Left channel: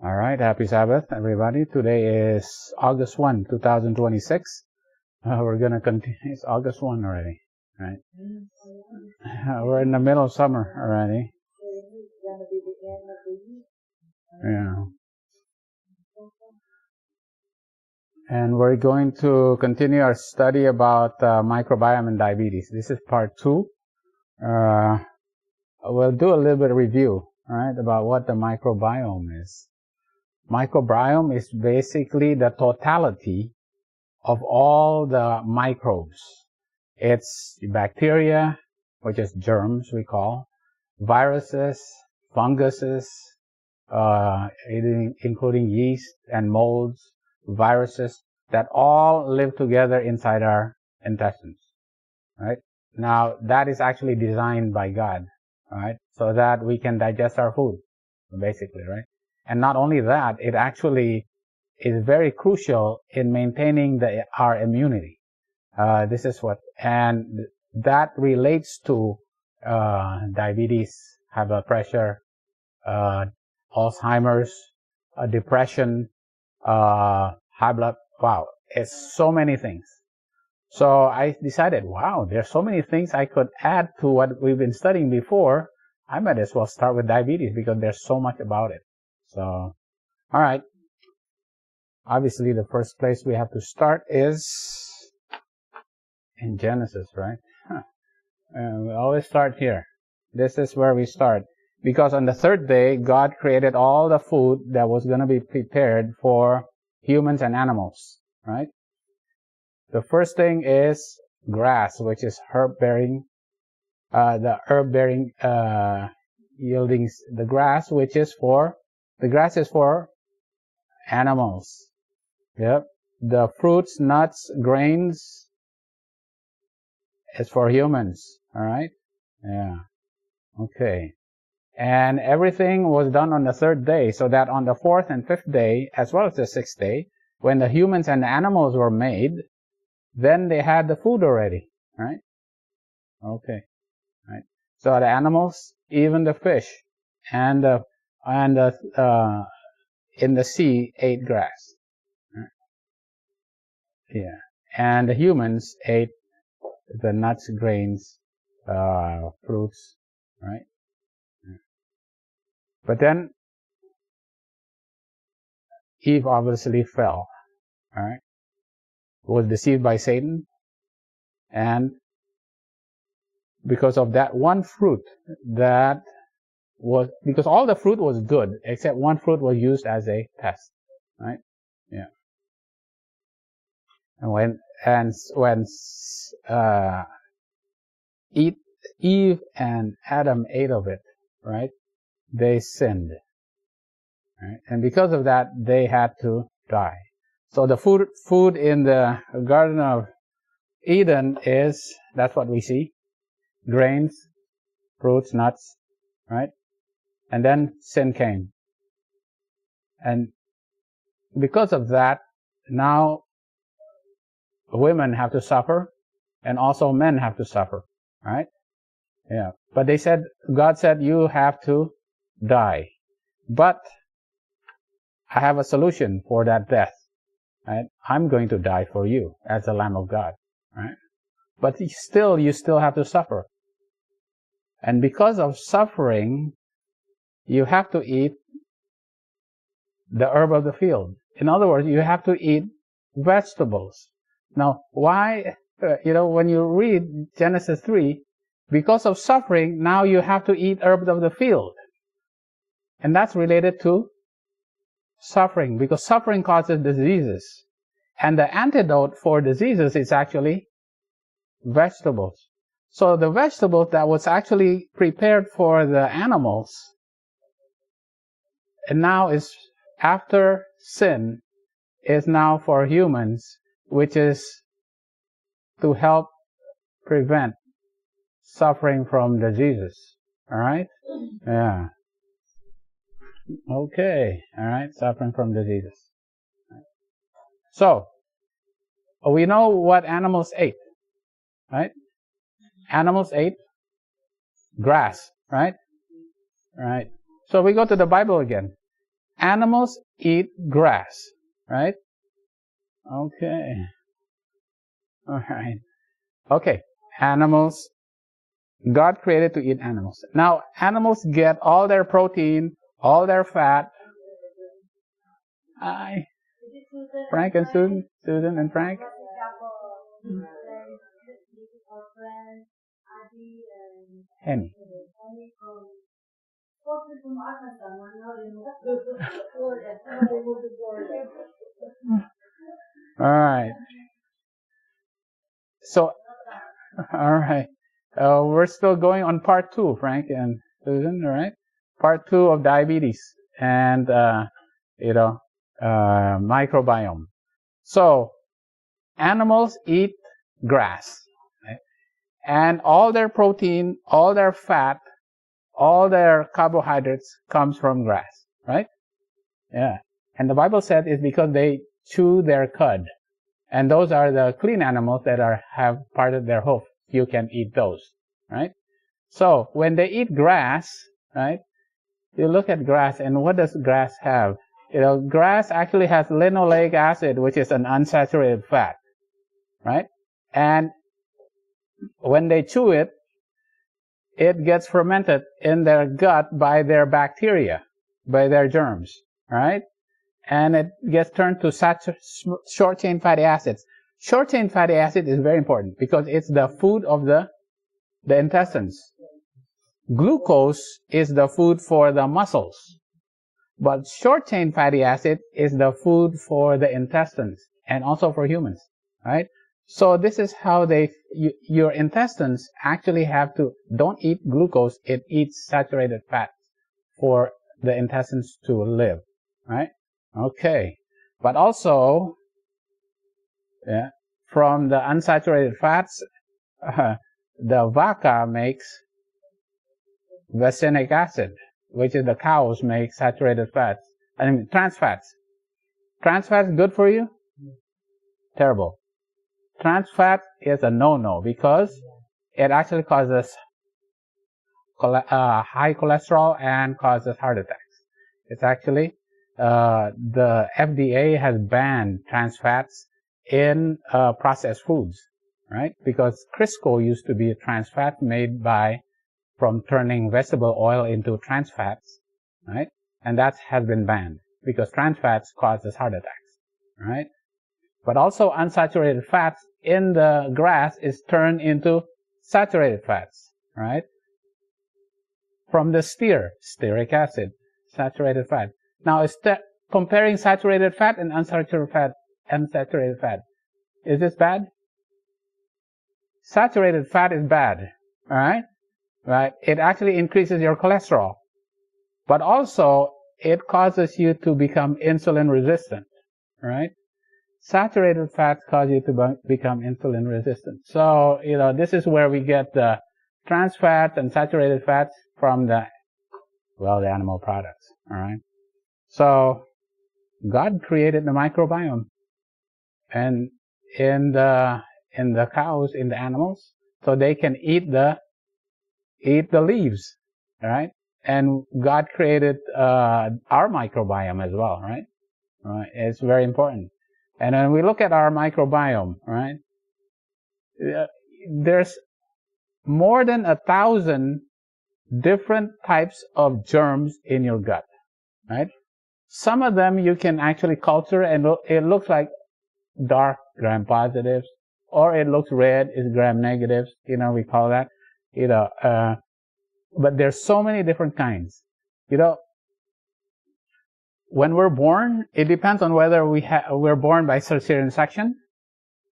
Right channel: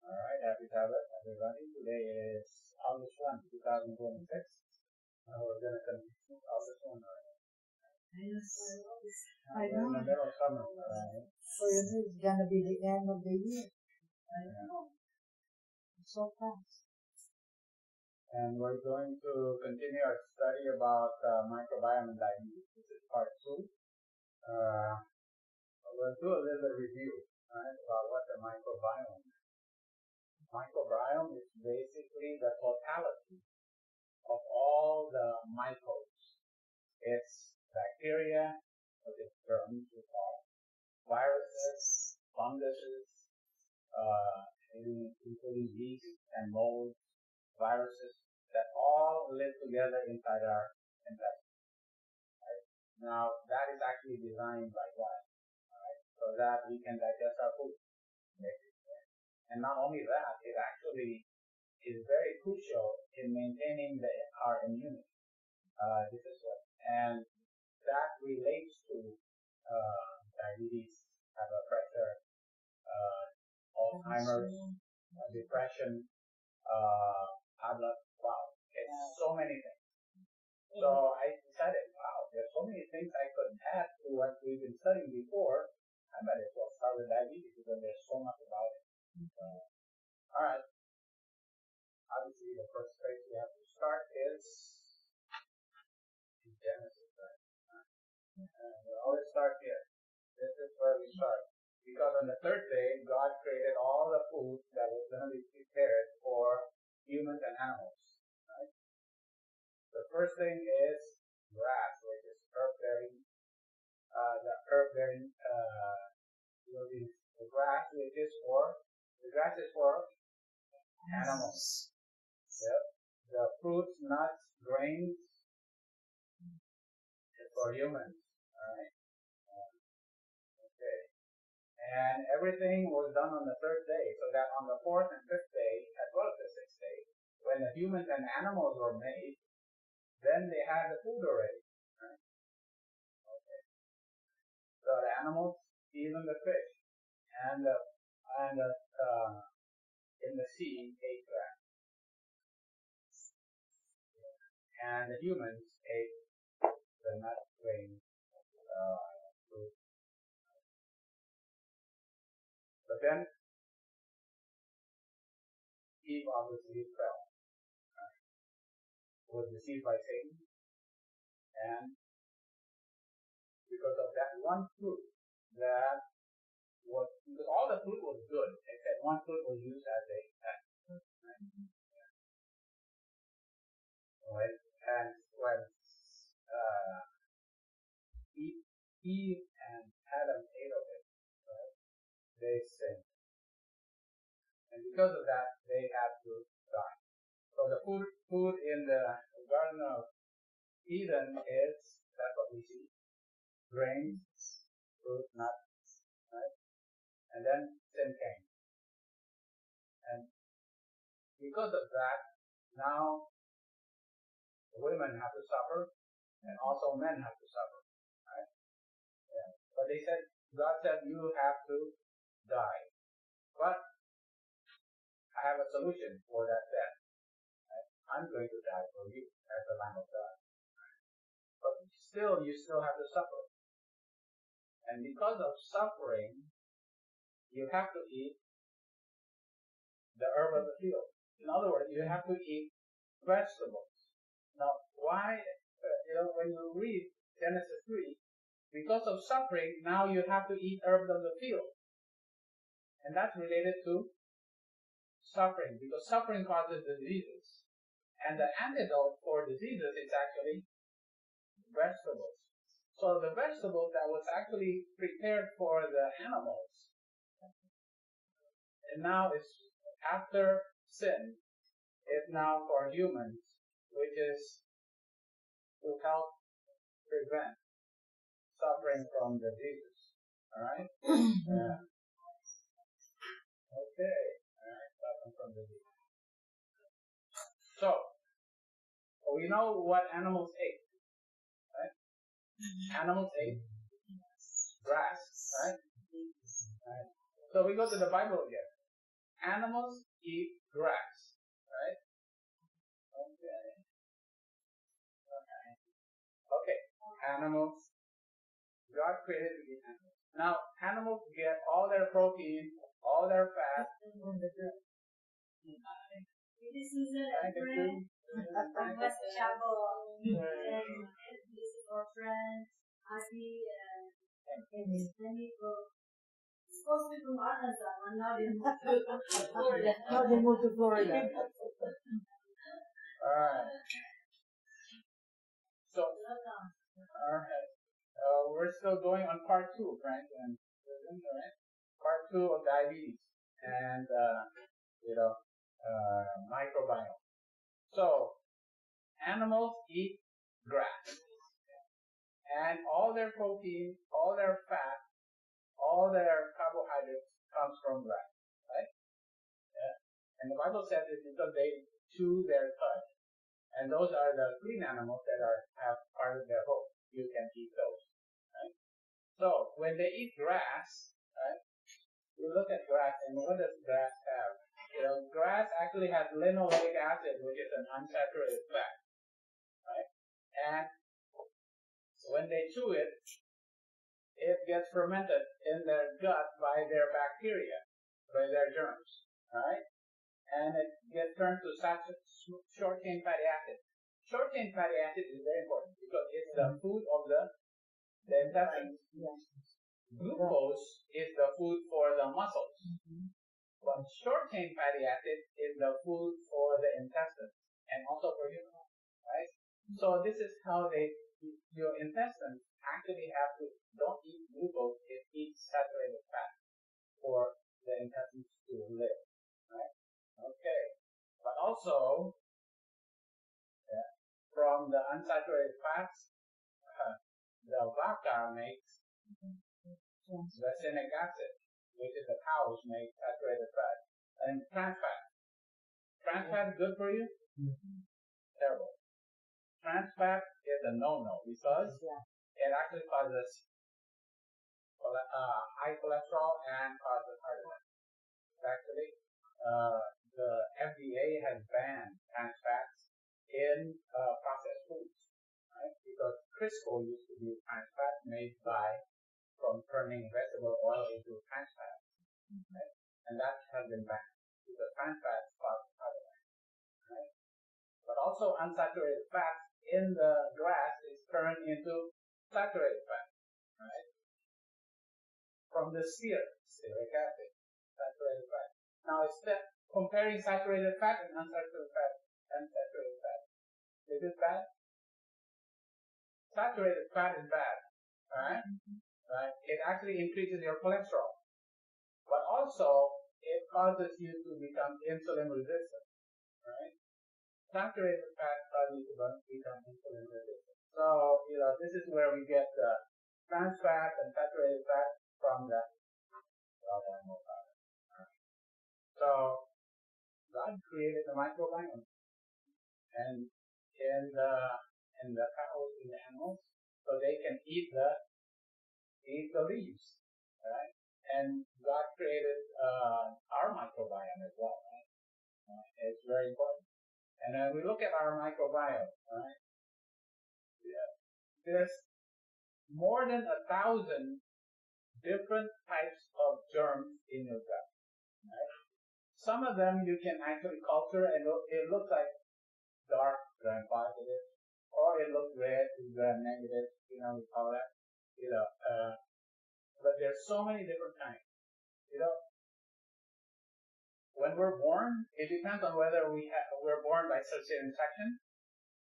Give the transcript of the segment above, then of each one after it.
All right, happy Sabbath, everybody. Today is August 1, 2026. We're going to continue. It's August 1 already, right? We're in the middle of summer already. So it's going to be the end of the year. Yeah. So fast. And we're going to continue our study about microbiome and diabetes. This is part 2. We'll do a little bit of review, right, about what the microbiome is. Microbiome is basically the totality of all the microbes. It's bacteria, which is germs we call, viruses, funguses, including yeast and molds, viruses, that all live together inside our intestines, right? Now, that is actually designed by God, right? So that we can digest our food, basically, right? And not only that, it actually is very crucial in maintaining our immunity. This is what, and that relates to diabetes, high blood pressure, Alzheimer's, depression, high blood. Wow, it's so many things. So I decided, wow, there's so many things I could add to what we've been studying before. I might as well start with diabetes because there's so much about it. So, all right. Obviously, the first place we have to start is in Genesis, right? We always start here. This is where we start. Because on the third day, God created all the food that was going to be prepared for humans and animals, right? The first thing is grass, which is herb-bearing, yielding the grass, which is for, the grass is for animals. Yep. The fruits, nuts, grains is for humans. All right? Yeah. Okay. And everything was done on the third day, so that on the fourth and fifth day, as well as the sixth day, when the humans and the animals were made, then they had the food already. Right? Okay. Right. So the animals, even the fish, and in the sea ate grass. Yeah, and the humans ate the nuts, grains, fruits, right? But then Eve obviously fell, right? Was deceived by Satan, and because of that one fruit because all the fruit was good, except one fruit was used as a test, right? Yeah. And when Eve and Adam ate of it, right? They sinned. Right? And because of that, they had to die. So the food in the Garden of Eden that's what we see. Grains, fruits, nuts, right? And then sin came. And because of that, now women have to suffer, and also men have to suffer, right? Yeah. But God said, you have to die. But I have a solution for that death. Right? I'm going to die for you as the Lamb of God. Right? But you still have to suffer. And because of suffering, you have to eat the herb of the field. In other words, you have to eat vegetables. Now, why, when you read Genesis 3, because of suffering, now you have to eat herbs of the field. And that's related to suffering, because suffering causes diseases. And the antidote for diseases is actually vegetables. So the vegetables that was actually prepared for the animals, and now is after sin, is now for humans, which is to help prevent suffering from diseases. All right? Yeah. Okay. All right. Suffering from diseases. So, we know what animals ate, right? Animals ate grass, right? Right. So we go to the Bible again. animals eat grass, right? Okay. All right. Okay. Animals. God created to eat animals. Now, animals get all their protein, all their fat. Hi. Frank and Susan. Susan and Frank. And this is our friend, Adi and Henny from, supposed to be from Arkansas, and now they moved to Florida. Now they moved to Florida. All right. So, all right. We're still going on part 2, Frank and Susan, all right? Part 2 of diabetes and, microbiome. So, animals eat grass, right? And all their protein, all their fat, all their carbohydrates comes from grass, right? Yeah. And the Bible said it's because they chew their cud. And those are the clean animals that have part of their hoof. You can eat those, right? So when they eat grass, right, you look at grass, and what does grass have? Grass actually has linoleic acid, which is an unsaturated fat, right? And when they chew it, it gets fermented in their gut by their bacteria, by their germs, right? And it gets turned to short-chain fatty acids. Short-chain fatty acid is very important because it's the food of the intestines. Glucose is the food for the muscles, but short-chain fatty acid is the food for the intestines and also for humans, right? So this is how your intestines actually don't eat glucose, it eats saturated fat for the intestines to live, right? Okay, but also, from the unsaturated fats, the vaca makes vaccinic acid, which is the cows make saturated fats. I mean, trans fats. Trans fats good for you? Terrible. Trans fat is a no-no because it actually causes high cholesterol and causes heart attacks. It's actually the FDA has banned trans fats in processed foods, right? Because Crisco used to be a trans fat made from turning vegetable oil into trans fats, right? And that has been banned because trans fats causes heart attacks, right? But also unsaturated fats in the grass is turned into saturated fats, right? From the stearic acid, saturated fat. Now, comparing saturated fat and unsaturated fat, is this bad? Saturated fat is bad, all right? Right? It actually increases your cholesterol, but also it causes you to become insulin resistant, right? Saturated fats cause you to become insulin resistant. So, this is where we get the trans fats and saturated fats from the animal products, all right? So, God created the microbiome, and in the cows, in the animals, so they can eat the leaves, right? And God created our microbiome as well, right? It's very important. And when we look at our microbiome, right, there's more than 1,000 different types of germs in your gut, right? Some of them you can actually culture, and it looks like dark gram-positives, or it looks red, is gram-negatives, we call that, but there's so many different kinds. When we're born, it depends on whether we're born by cesarean section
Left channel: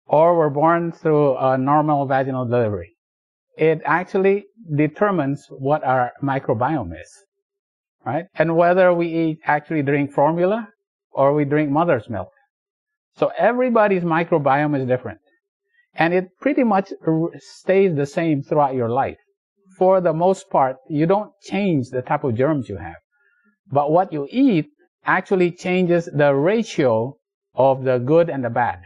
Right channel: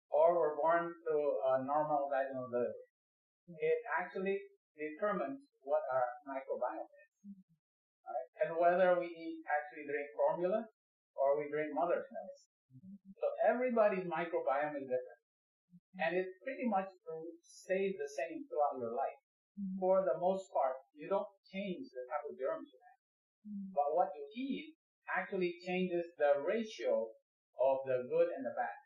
or we're born through a normal vaginal delivery. It actually determines what our microbiome is, right? And whether we actually drink formula or we drink mother's milk. So everybody's microbiome is different. And it pretty much stays the same throughout your life. For the most part, you don't change the type of germs you have. But what you eat actually changes the ratio of the good and the bad,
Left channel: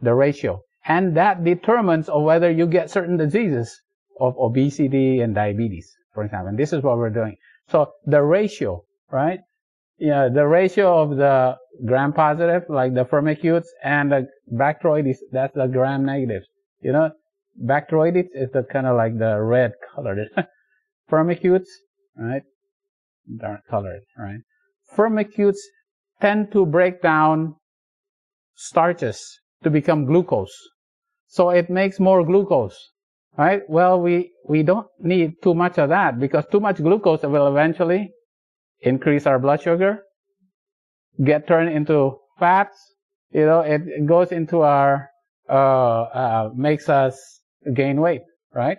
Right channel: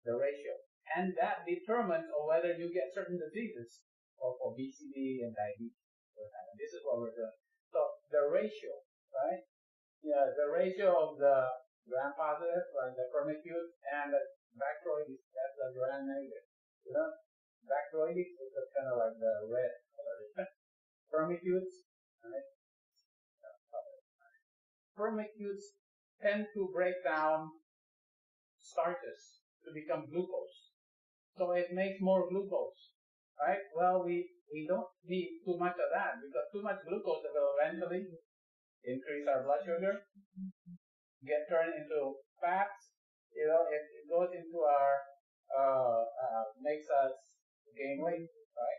the ratio. And that determines whether you get certain diseases of obesity and diabetes, for example. And this is what we're doing. So the ratio, right? Yeah, the ratio of the gram-positive, like the Firmicutes, and the Bacteroidetes, that's the gram-negatives. You know, Bacteroidetes is the kind of like the red colored. Firmicutes, right? Dark colored, right? Firmicutes tend to break down starches to become glucose. So it makes more glucose, right? Well, we don't need too much of that, because too much glucose will eventually increase our blood sugar, get turned into fats. You know, it goes into our, makes us gain weight, right?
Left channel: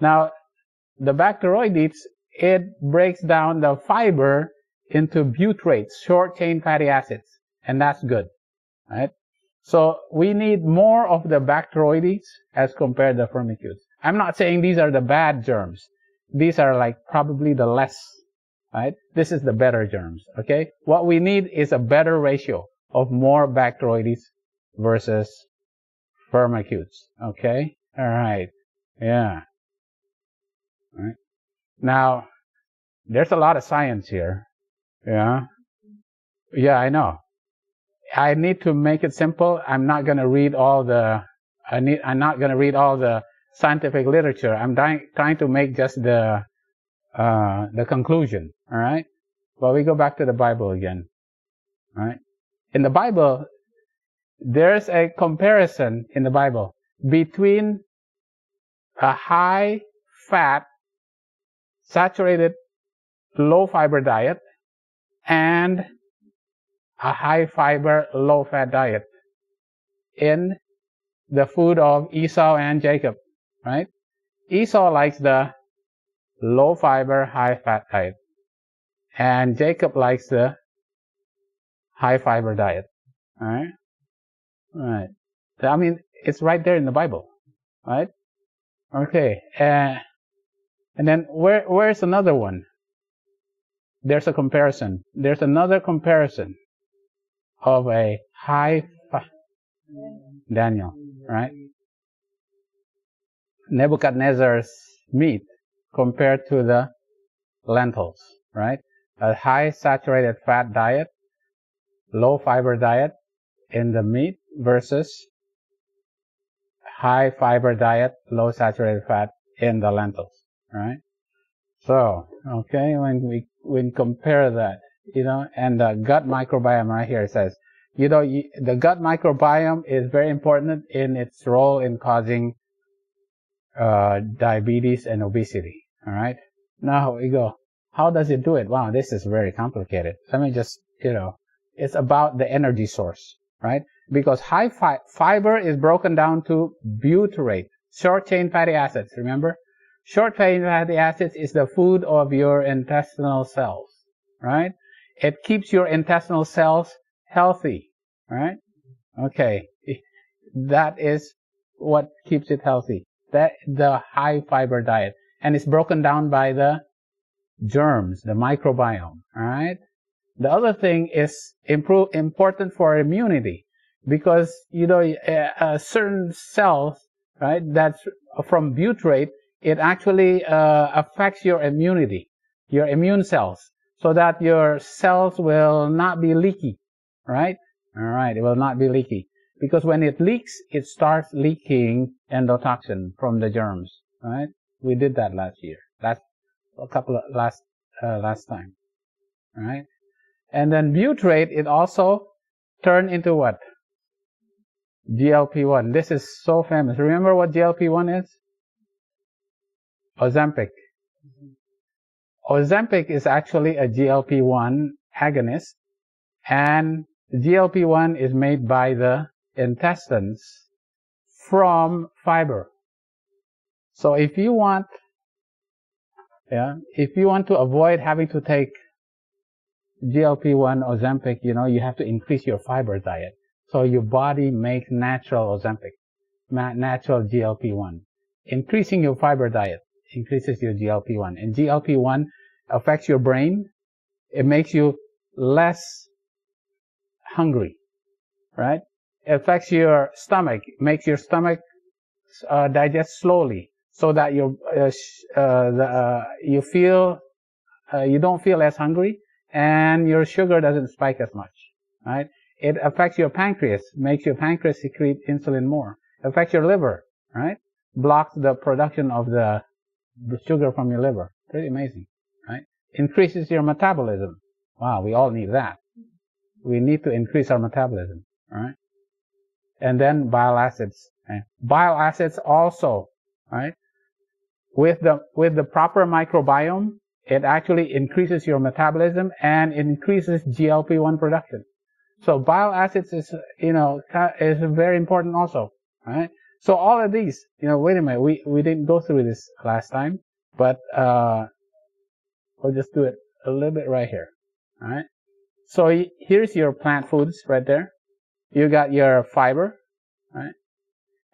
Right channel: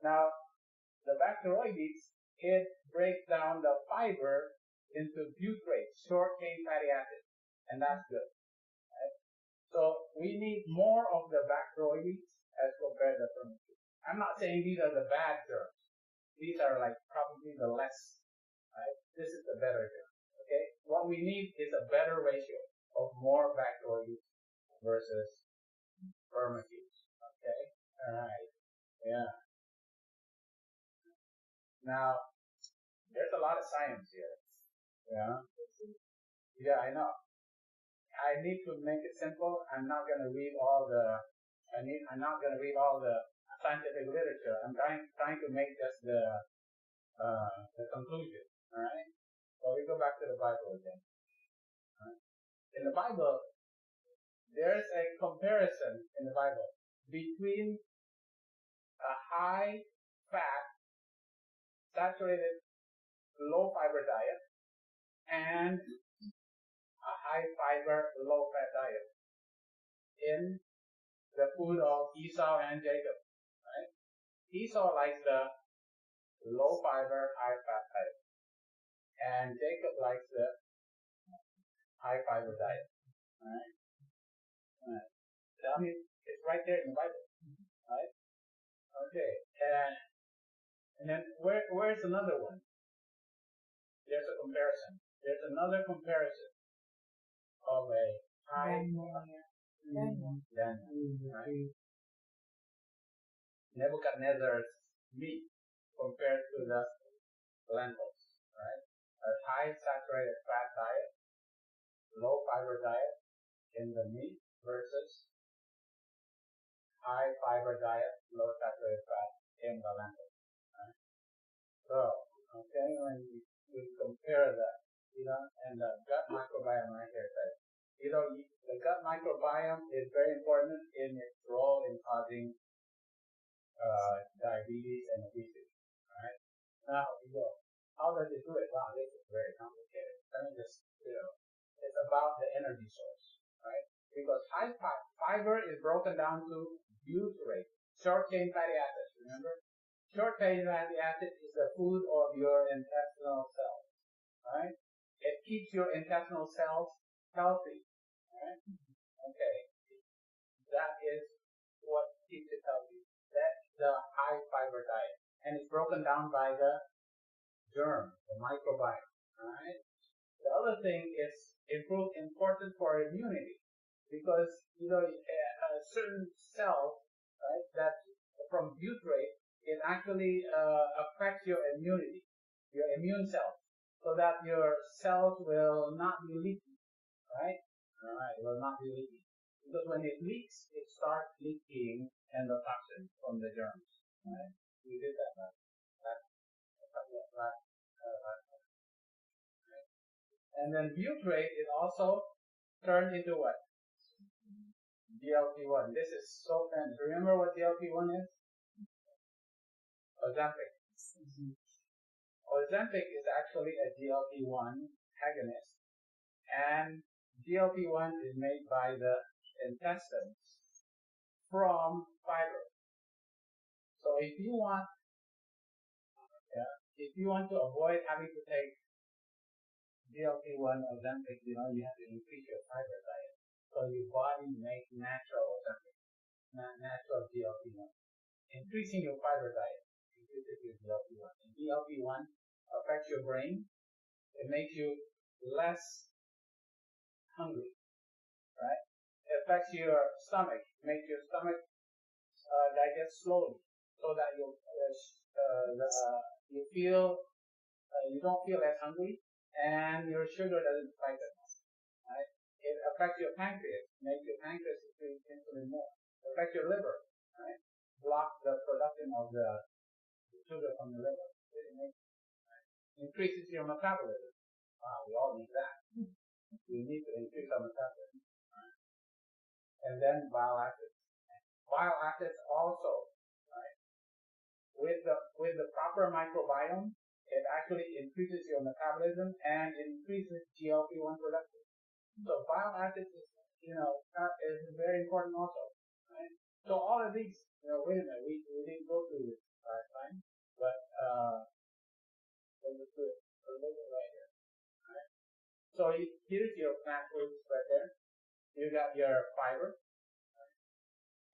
Now, the Bacteroidetes, it breaks down the fiber into butyrates, short-chain fatty acids, and that's good, right? So we need more of the Bacteroidetes as compared to Firmicutes. I'm not saying these are the bad germs. These are like probably the less, right? This is the better germs, okay? What we need is a better ratio of more Bacteroidetes versus Firmicutes, okay? All right, yeah. All right. Now, there's a lot of science here, yeah? Yeah, I know. I need to make it simple. I'm not going to read all the, I'm not going to read all the scientific literature. I'm trying to make just the conclusion, all right? But we go back to the Bible again, all right? In the Bible, there's a comparison in the Bible between a high-fat, saturated, low-fiber diet and a high-fiber, low-fat diet in the food of Esau and Jacob, right? Esau likes the low-fiber, high-fat diet, and Jacob likes the high-fiber diet, all right? All right. I mean, it's right there in the Bible, right? Okay, and then where's another one? There's a comparison. There's another comparison of a Daniel, right? Nebuchadnezzar's meat compared to the lentils, right? A high saturated fat diet, low fiber diet in the meat versus high fiber diet, low saturated fat in the lentils, right? So, okay, when we compare that, you know, and the gut microbiome right here says, you know, the gut microbiome is very important in its role in causing diabetes and obesity, all right? Now we go, how does it do it? Wow, this is very complicated. Let me just, you know, it's about the energy source, right? Because high fiber is broken down to butyrate, short-chain fatty acids, remember? Short-chain fatty acids is the food of your intestinal cells, right? It keeps your intestinal cells healthy, right? Okay, that is what keeps it healthy. That the high fiber diet, and it's broken down by the germs, the microbiome, all right? The other thing is important for immunity, because, you know, certain cells, right, that's from butyrate, it actually affects your immunity, your immune cells, so that your cells will not be leaky, right? All right, it will not be leaky. Because when it leaks, it starts leaking endotoxin from the germs, right? We did that last year, last time, right? And then butyrate, it also turned into what? GLP-1. This is so famous. Remember what GLP-1 is? Ozempic. Ozempic is actually a GLP-1 agonist, and GLP-1 is made by the intestines from fiber. So if you want to avoid having to take GLP-1 Ozempic, you know, you have to increase your fiber diet. So your body makes natural Ozempic, natural GLP-1. Increasing your fiber diet increases your GLP-1. And GLP-1 affects your brain. It makes you less hungry, right? It affects your stomach, makes your stomach digest slowly, so that you don't feel as hungry. and your sugar doesn't spike as much, right? It affects your pancreas, makes your pancreas secrete insulin more. It affects your liver, right? Blocks the production of the sugar from your liver. Pretty amazing, right? Increases your metabolism. Wow, we all need that. We need to increase our metabolism, right? And then bile acids. Right? Bile acids also, right? With the proper microbiome, it actually increases your metabolism and increases GLP-1 production. So bile acids is, is very important also, right? So all of these, wait a minute, we didn't go through this last time, but we'll just do it a little bit right here, all right? So here's your plant foods right there. You got your fiber, right?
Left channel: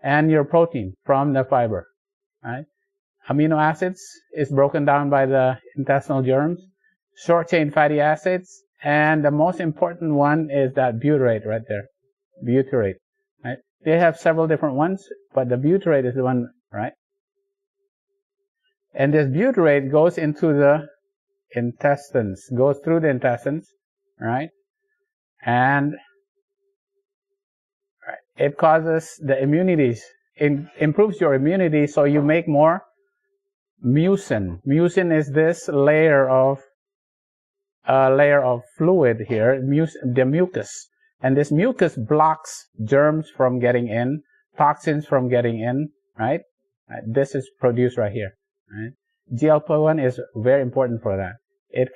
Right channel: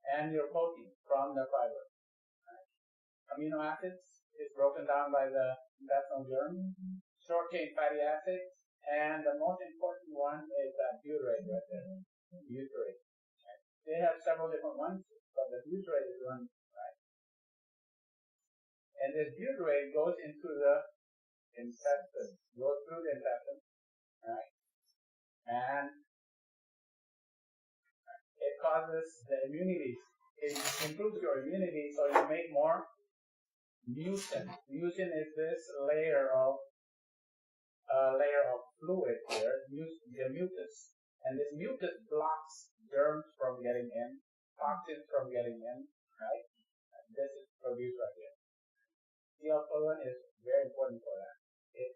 And your protein from the fiber, right? Amino acids is broken down by the intestinal germs, short-chain fatty acids, and the most important one is that butyrate right there, butyrate, right? They have several different ones, but the butyrate is the one, right? And this butyrate goes into the intestines, goes through the intestines, right? And it causes the immunity, it improves your immunity, so you make more mucin. Mucin is this layer of fluid here, the mucus. And this mucus blocks germs from getting in, toxins from getting in, right? This is produced right here, right? GLP-1 is very important for that. It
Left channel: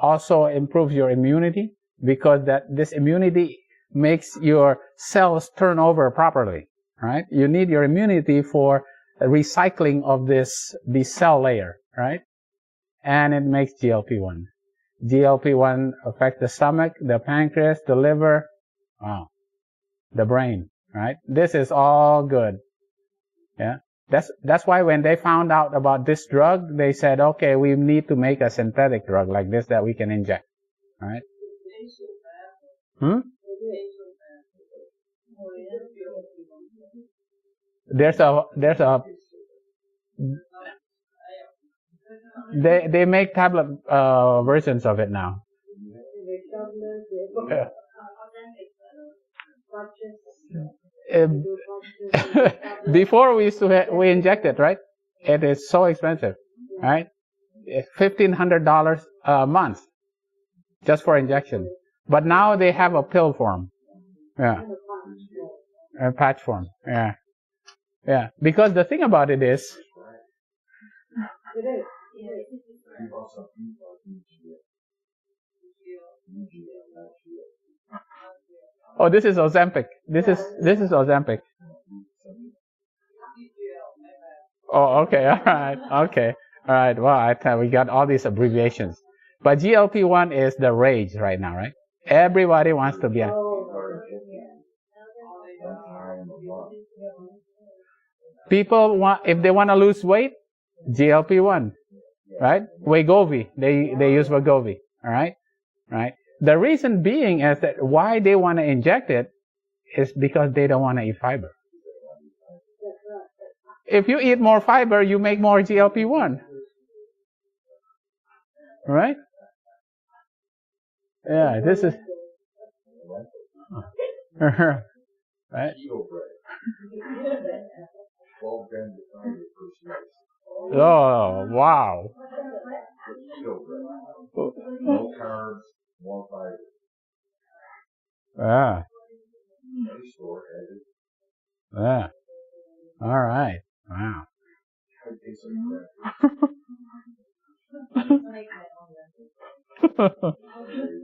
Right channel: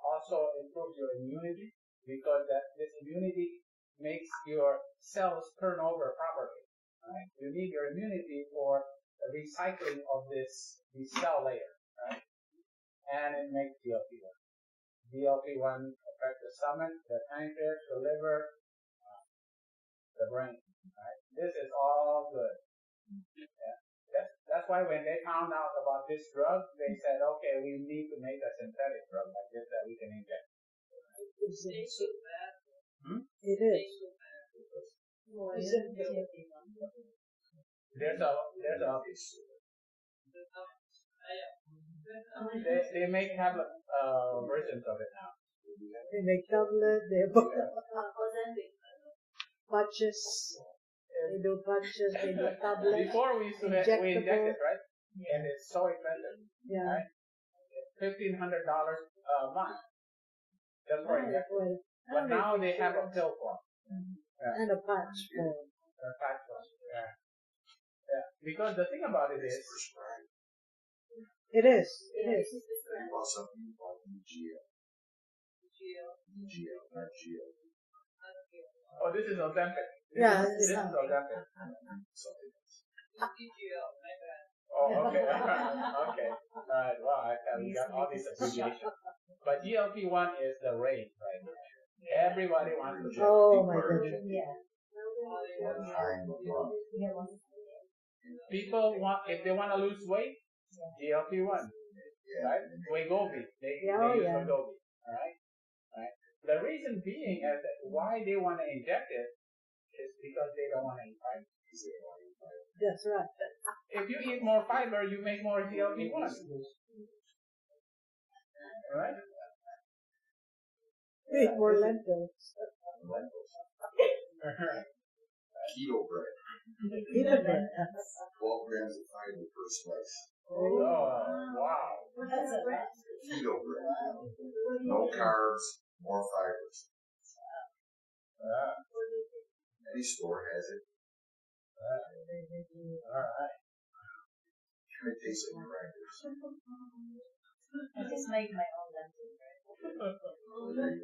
also improves your immunity because this immunity makes your cells turn over properly, right? You need your immunity for recycling of this cell layer, right? And it makes GLP-1. GLP-1 affects the stomach, the pancreas, the liver, the brain, right? This is all good. Yeah. That's why when they found out about this drug, they said, okay, we need to make a synthetic drug like this that we can inject, right? It is. They make tablet versions of it now. They make tablet, they have patches. Before we used to we inject it, right? It is so expensive, right? $1,500 a month just for injection. But now they have a pill form. Yeah. And a patch form. A patch form. Yeah. Yeah. Because the thing about it is. It is. Oh, this is Ozempic. This is Ozempic. Oh, okay. All right. Okay. All right. Well, we got all these abbreviations. But GLP-1 is the rage right now, right? Everybody wants to be on. Oh my goodness. People if they want to lose weight, GLP-1, right? Wegovy, they use Wegovy, all right? Right? The reason being is that why they want to inject it is because they don't want to eat fiber. That's right. If you eat more fiber, you make more GLP-1. Right? Yeah, this is right? Keto bread. 12 grams of fiber per slice. Oh, wow. Keto bread. No carbs, more fibers. Yeah. Any store has it. Yeah. All right. Wow. It tastes like crackers. Just make my own lentil.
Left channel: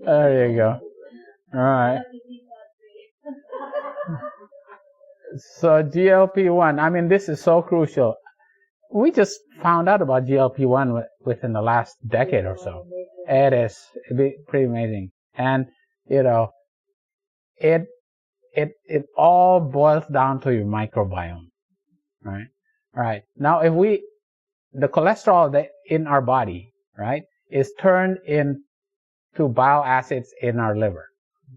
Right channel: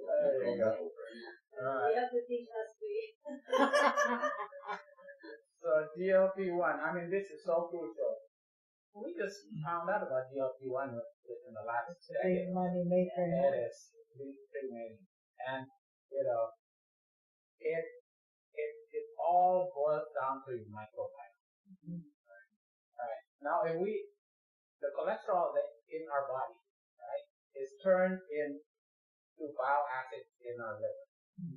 There you go. All right. So GLP-1, I mean, this is so crucial. We just found out about GLP-1 within the last decade or so. It'd be pretty amazing. And, it all boils down to your microbiome, right? Right. Now, the cholesterol that in our body, right, is turned into bile acids in our liver.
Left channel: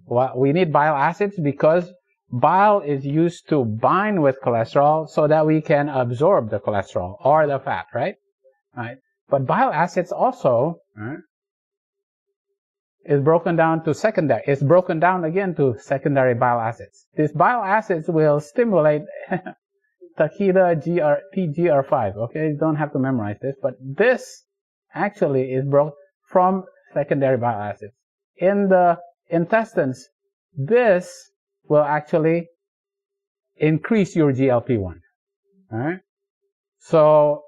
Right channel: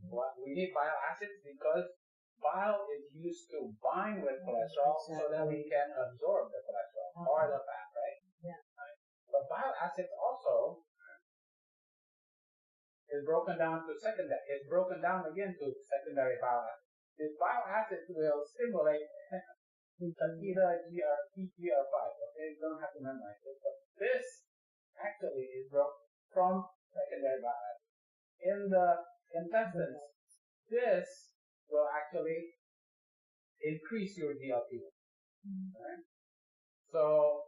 Well, we need bile acids because bile is used to bind with cholesterol so that we can absorb the cholesterol or the fat, right? Yeah. Right. But bile acids also, right, is broken down to secondary. It's broken down again to secondary bile acids. These bile acids will stimulate Takeda PGR5. Okay, you don't have to memorize this, but this actually is broken from secondary bile acids. In the intestines, this will actually increase your GLP-1. All right? So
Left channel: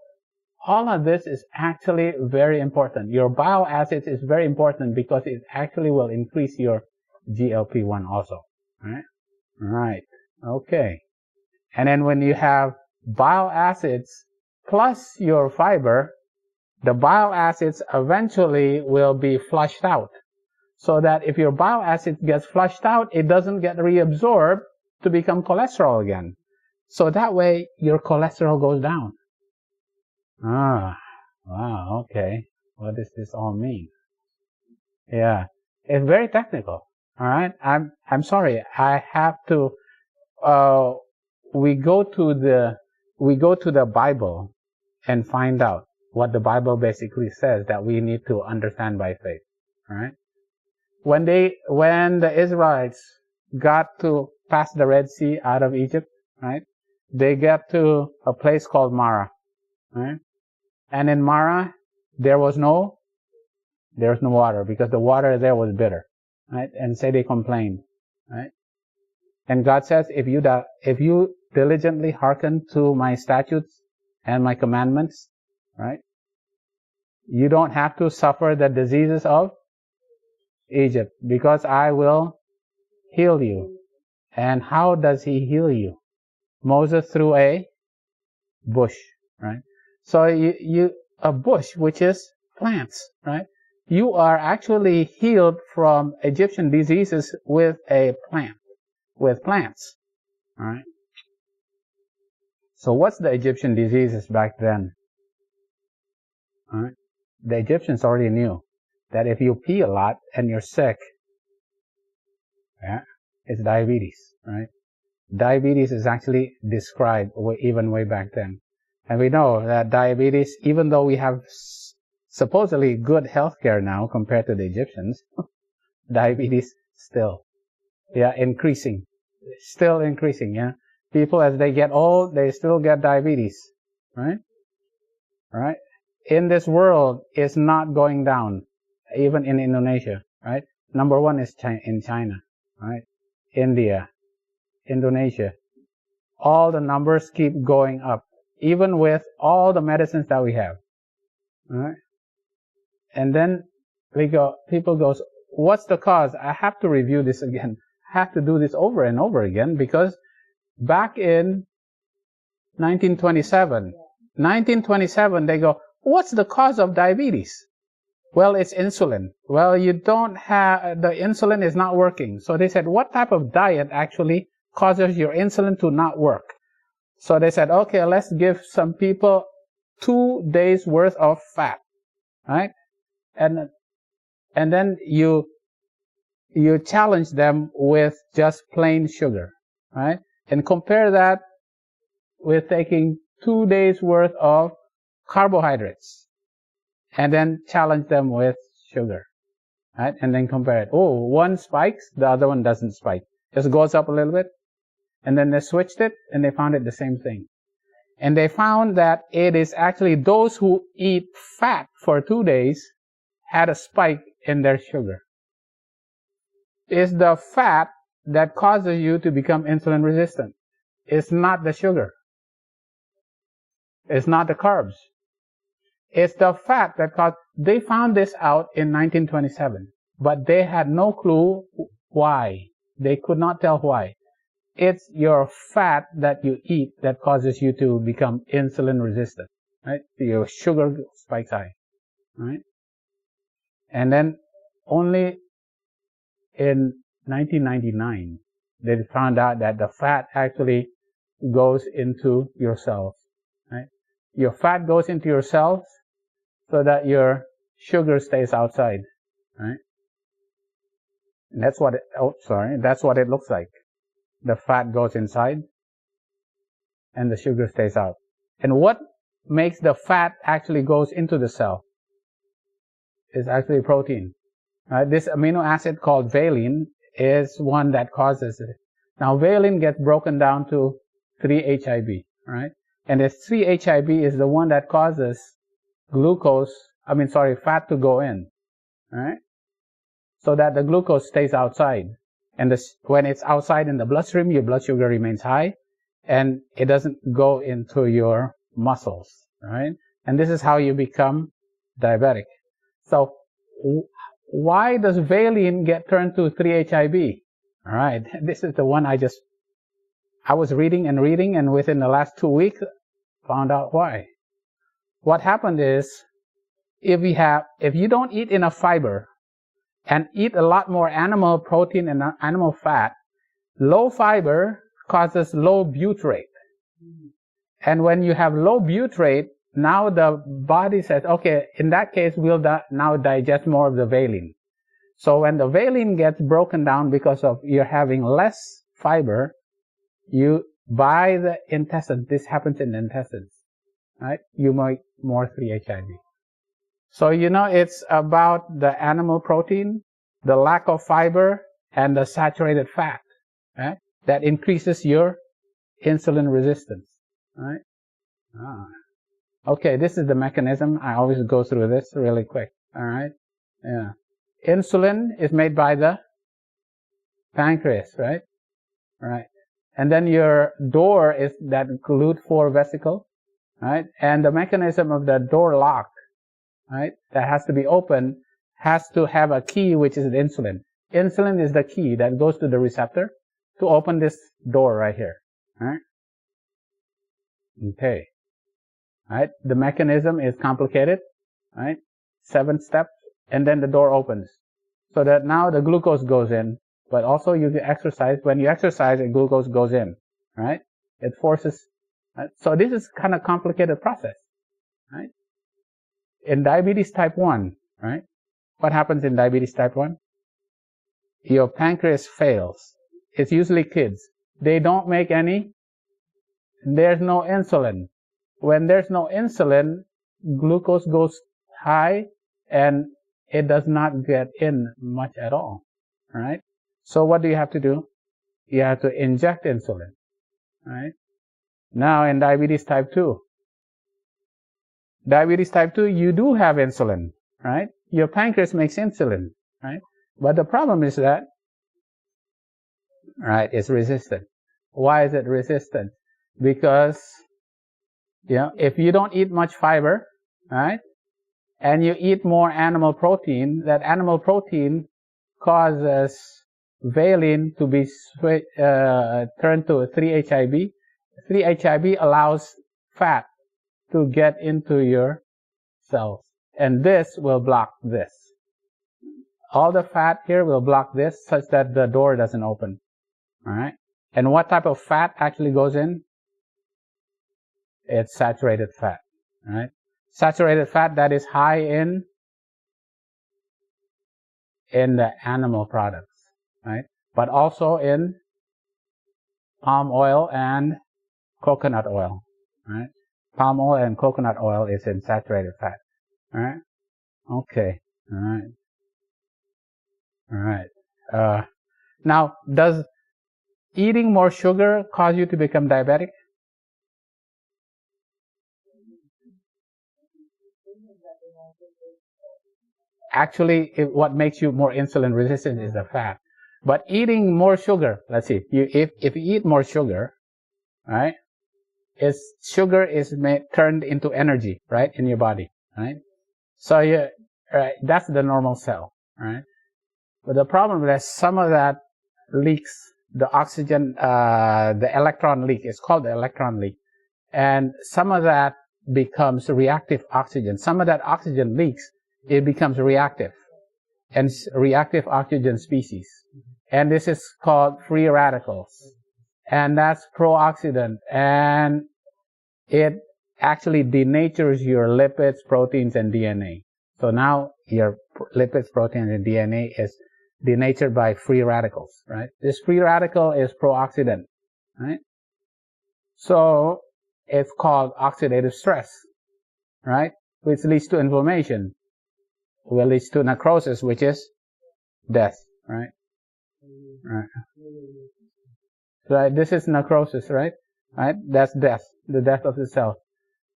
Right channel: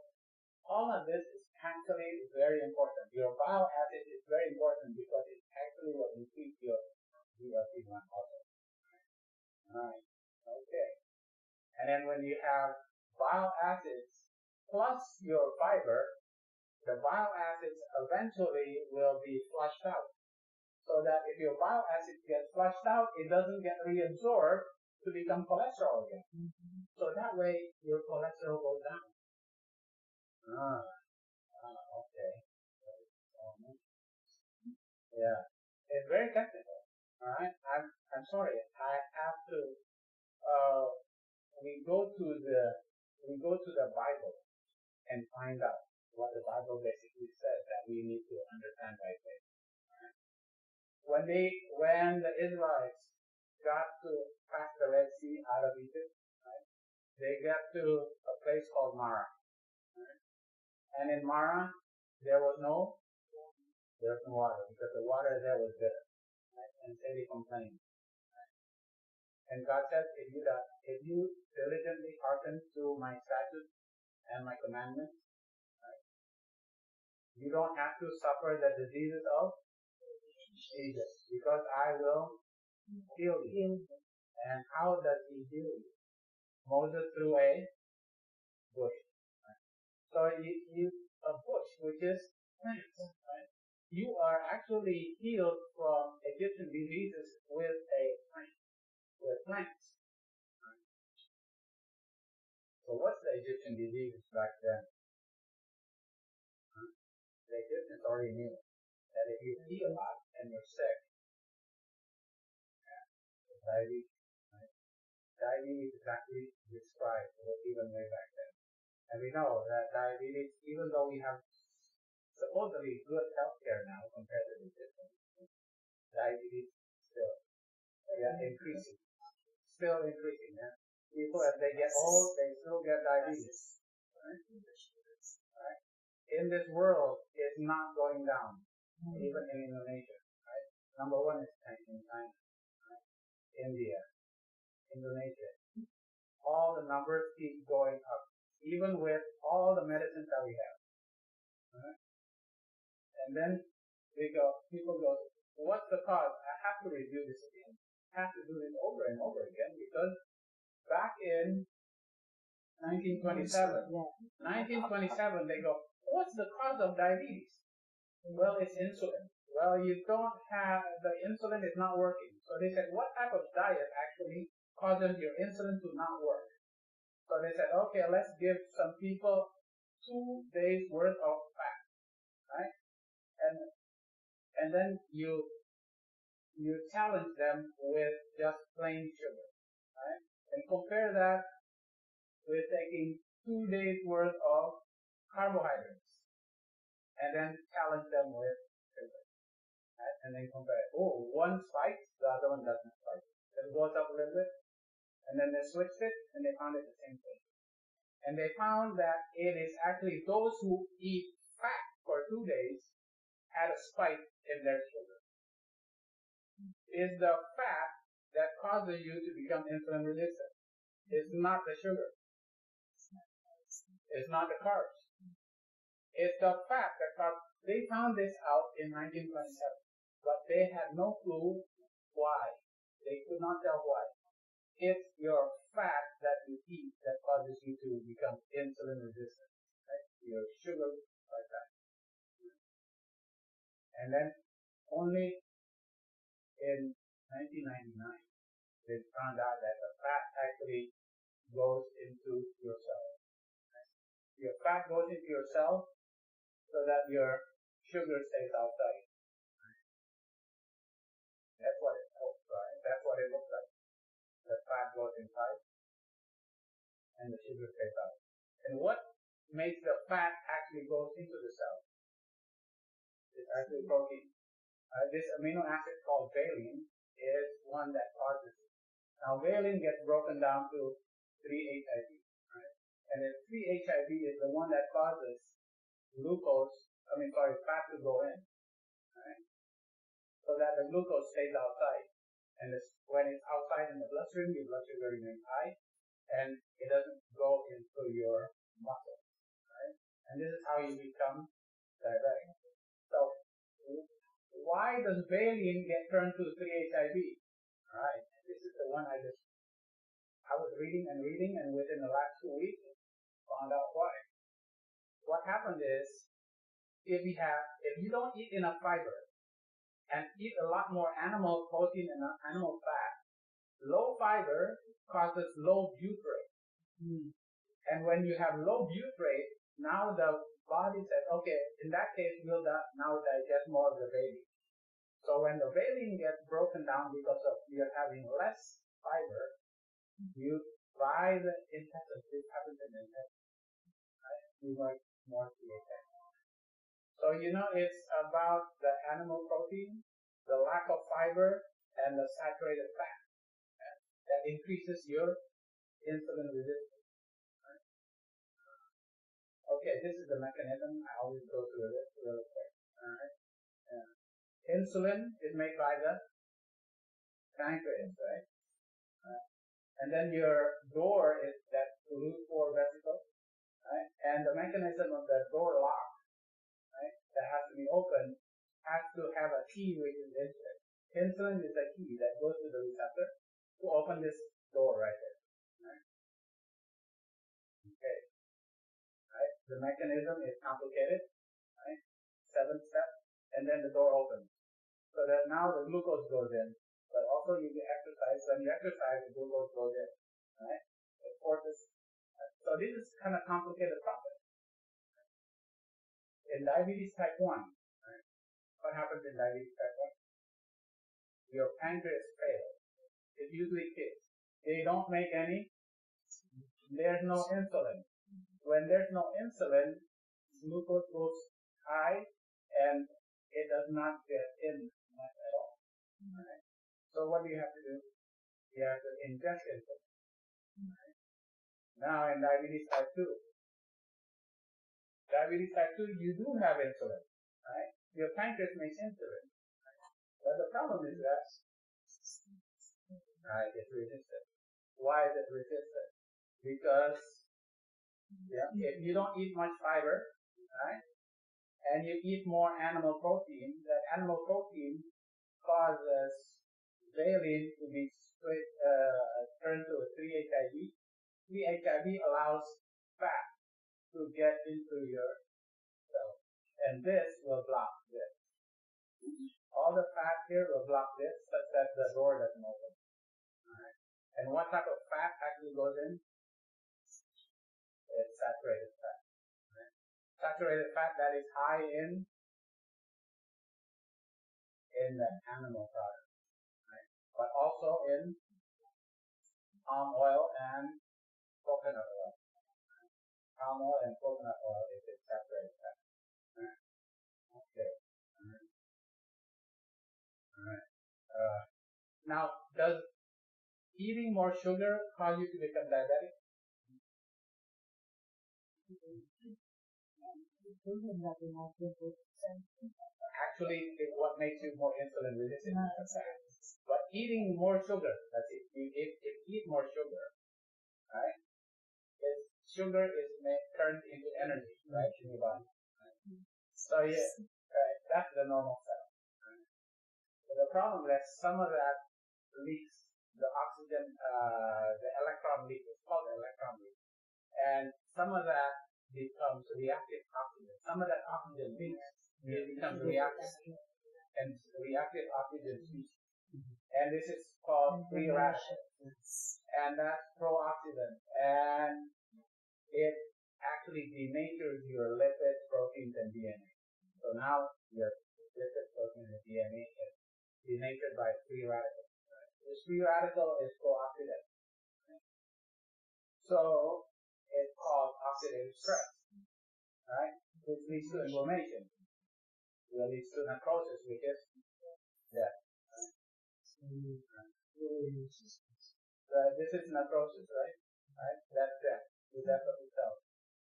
all of this is actually very important. Your bile acids is very important because it actually will increase your GLP-1 also. All right? Right. Okay. And then when you have bile acids plus your fiber, the bile acids eventually will be flushed out. So that if your bile acid gets flushed out, it doesn't get reabsorbed to become cholesterol again. So that way, your cholesterol goes down. Ah, wow, okay. What does this all mean? Yeah, it's very technical. All right, I'm sorry. I have to. We go to the Bible and find out what the Bible basically says that we need to understand by faith. All right. When the Israelites got to pass the Red Sea out of Egypt, right? They got to a place called Marah, right? And in Marah, there was no water because the water there was bitter, right? And say they complained, right? And God says, if you diligently hearken to my statutes and my commandments, right? You don't have to suffer the diseases of Egypt, because I will heal you. And how does he heal you? Moses threw a bush, right? So a bush, which is plants, right? You are actually healed from Egyptian diseases with a plant, with plants, all right? So what's the Egyptian diseases back then? All right? The Egyptians already knew that if you pee a lot and you're sick, yeah, it's diabetes, right? Diabetes is actually described even way back then. And we know that diabetes, even though we have supposedly good healthcare now compared to the Egyptians, diabetes still, yeah, increasing. Still increasing, yeah. People, as they get old, they still get diabetes, right? Right? In this world, it's not going down, even in Indonesia, right? Number one is in China, right? India, Indonesia. All the numbers keep going up, even with all the medicines that we have, right? And then people goes, what's the cause? I have to review this again. I have to do this over and over again, because back in 1927, they go, what's the cause of diabetes? Well, it's insulin. Well, you don't have, the insulin is not working. So they said, what type of diet actually causes your insulin to not work? So they said, okay, let's give some people 2 days worth of fat, right? And then you challenge them with just plain sugar, right? And compare that with taking 2 days worth of carbohydrates, and then challenge them with sugar, right? And then compare it. Oh, one spikes, the other one doesn't spike. Just goes up a little bit. And then they switched it, and they found it the same thing. And they found that it is actually those who eat fat for 2 days had a spike in their sugar. It's the fat that causes you to become insulin resistant. It's not the sugar. It's not the carbs. It's the fat that caused. They found this out in 1927, but they had no clue why. They could not tell why. It's your fat that you eat that causes you to become insulin resistant, right? Your sugar spikes high, right? And then only in 1999, they found out that the fat actually goes into your cells, right? Your fat goes into your cells so that your sugar stays outside, right? And that's what it looks like. The fat goes inside and the sugar stays out. And what makes the fat actually goes into the cell is actually protein, Right? This amino acid called valine is one that causes it. Now, valine gets broken down to 3-HIB, right? And this 3-HIB is the one that causes fat to go in, right? So that the glucose stays outside. And when it's outside in the bloodstream, your blood sugar remains high, and it doesn't go into your muscles, right? And this is how you become diabetic. So why does valine get turned to 3-HIB? All right, this is the one I was reading, and within the last 2 weeks, found out why. What happened is, if you don't eat enough fiber and eat a lot more animal protein and animal fat, low fiber causes low butyrate. And when you have low butyrate, now the body says, okay, in that case, we'll now digest more of the valine. So when the valine gets broken down because of you're having less fiber, by the intestines, this happens in the intestines, right? You make more 3-HIB. So, it's about the animal protein, the lack of fiber, and the saturated fat, right? That increases your insulin resistance, right? Okay, this is the mechanism. I always go through this really quick, all right? Yeah. Insulin is made by the pancreas, right? Right. And then your door is that GLUT4 vesicle, right? And the mechanism of the door lock, right, that has to be open, has to have a key, which is the insulin. Insulin is the key that goes to the receptor to open this door right here, right? Okay. Right? The mechanism is complicated, right? 7 steps, and then the door opens. So that now the glucose goes in, but also you exercise. When you exercise, the glucose goes in, right? It forces, right? So this is kind of complicated process, right? In diabetes type 1, right? What happens in diabetes type 1? Your pancreas fails. It's usually kids. They don't make there's no insulin. When there's no insulin, glucose goes high and it does not get in much at all, right? So what do you have to do? You have to inject insulin, right? Now in diabetes type 2, you do have insulin, right? Your pancreas makes insulin, right? But the problem is that, right, it's resistant. Why is it resistant? Because, if you don't eat much fiber, right, and you eat more animal protein, that animal protein causes valine to be turned to 3-HIB. 3-HIB allows fat to get into your cells, and this will block this. All the fat here will block this such that the door doesn't open, all right? And what type of fat actually goes in? It's saturated fat, right? Saturated fat that is high in the animal products, right? But also in palm oil and coconut oil, right? Palm oil and coconut oil is in saturated fat, all right? Okay, all right. All right. Now, does eating more sugar cause you to become diabetic? Actually, what makes you more insulin resistant is the fat. But eating more sugar, let's see, if you eat more sugar, right, sugar is turned into energy, right, in your body, right? So right, that's the normal cell, right? But the problem is some of that leaks, the oxygen, the electron leak. It's called the electron leak. And some of that becomes reactive oxygen. Some of that oxygen leaks, it becomes reactive, and reactive oxygen species. And this is called free radicals. And that's pro-oxidant. And it actually denatures your lipids, proteins, and DNA. So now your lipids, proteins, and DNA is denatured by free radicals, right? This free radical is pro-oxidant, right? So it's called oxidative stress, right? Which leads to inflammation, which leads to necrosis, which is death, right? Right. Right. This is necrosis, right? Right. That's death, the death of the cell.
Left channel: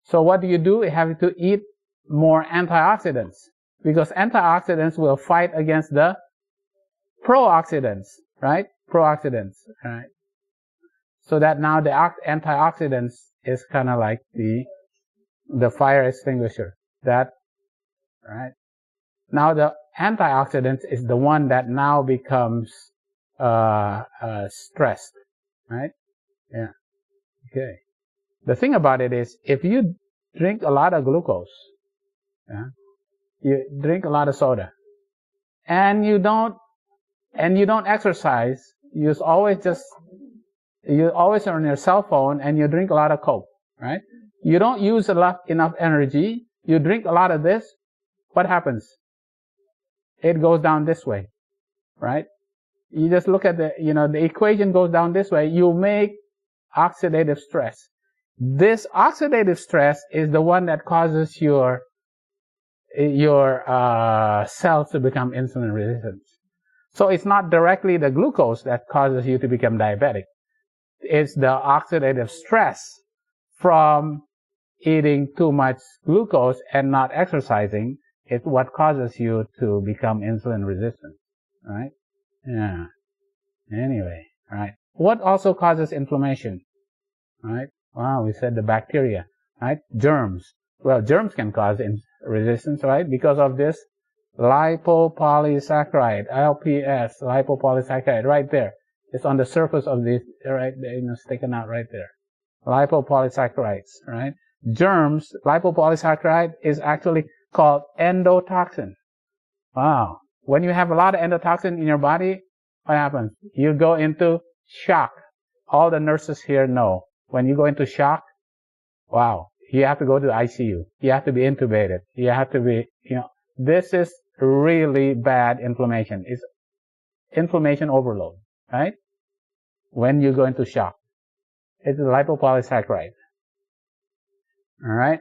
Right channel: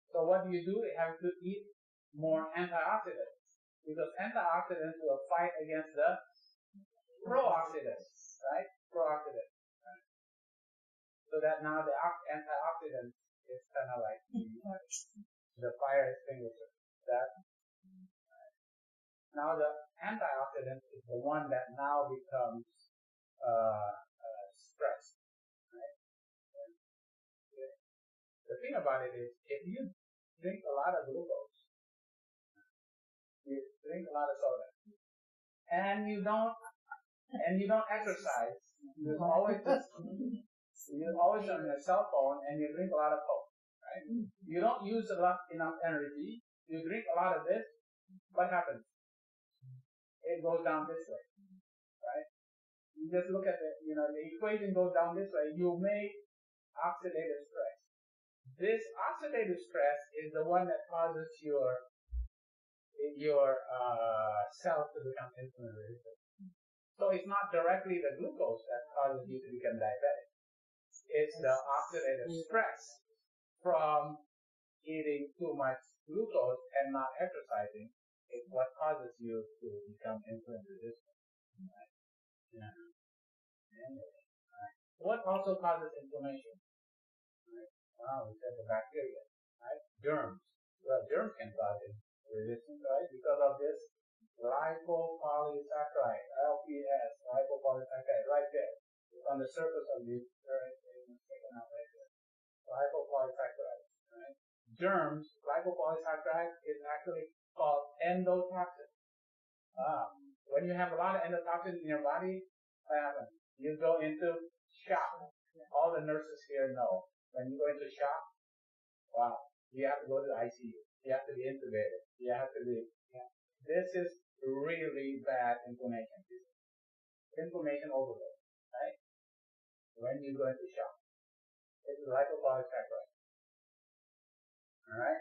So what do? You have to eat more antioxidants, because antioxidants will fight against the pro-oxidants, right? Pro-oxidants, right? So that now the antioxidants is kind of like the fire extinguisher. That, right? Now the antioxidant is the one that now becomes stressed, right? Yeah. Okay. The thing about it is, if you drink a lot of glucose, yeah, you drink a lot of soda, and you don't exercise, you're always on your cell phone, and you drink a lot of Coke, right? You don't use enough energy. You drink a lot of this. What happens? It goes down this way, right? You just look at the equation goes down this way. You make oxidative stress. This oxidative stress is the one that causes your cells to become insulin resistant. So it's not directly the glucose that causes you to become diabetic. It's the oxidative stress from eating too much glucose and not exercising. It's what causes you to become insulin resistant, right? Yeah. Anyway, right. What also causes inflammation, right? Wow, we said the bacteria, right? Germs. Well, germs can cause resistance, right? Because of this lipopolysaccharide, LPS, lipopolysaccharide, right there. It's on the surface of this, right there, sticking out right there. Lipopolysaccharides, right? Germs, lipopolysaccharide is actually called endotoxin. Wow. When you have a lot of endotoxin in your body, what happens? You go into shock. All the nurses here know. When you go into shock, wow, you have to go to the ICU. You have to be intubated. You have to be, this is really bad inflammation. It's inflammation overload, right? When you go into shock. It's a lipopolysaccharide. All right?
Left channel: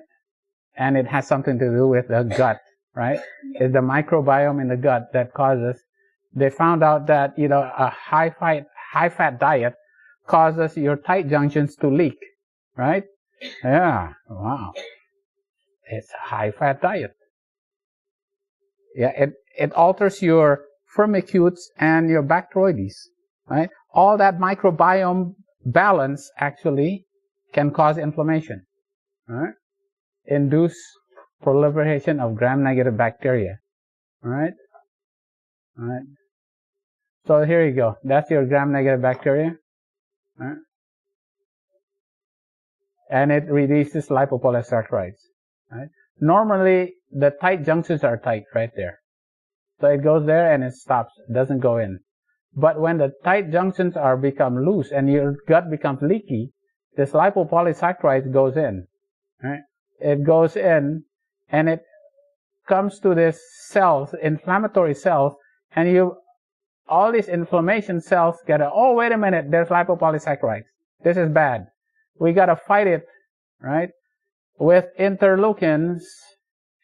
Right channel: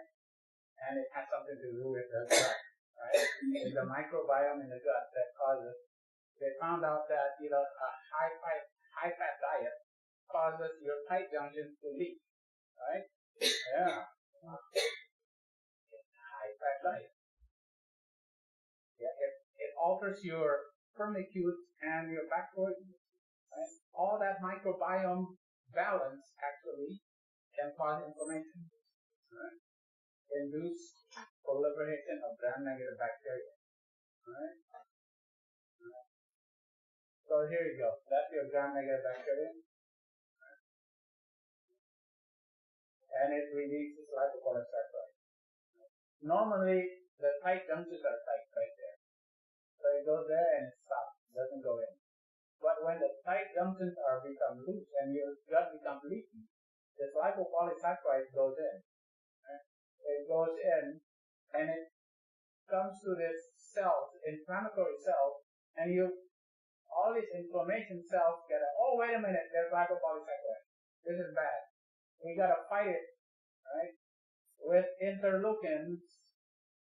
And it has something to do with the gut, right? It's the microbiome in the gut that causes. They found out that, a high-fat diet causes your tight junctions to leak, right? Yeah, wow. It's a high-fat diet. Yeah, it alters your Firmicutes and your Bacteroidetes, right? All that microbiome balance actually can cause inflammation, right? Induce proliferation of gram-negative bacteria, right? Right. So here you go. That's your gram-negative bacteria, right? And it releases lipopolysaccharides, right? Normally, the tight junctions are tight right there. So it goes there and it stops. It doesn't go in. But when the tight junctions become loose and your gut becomes leaky, this lipopolysaccharide goes in, right? It goes in and it comes to this cells, inflammatory cells, and all these inflammation cells oh, wait a minute, there's lipopolysaccharides. This is bad. We gotta fight it, right? With interleukins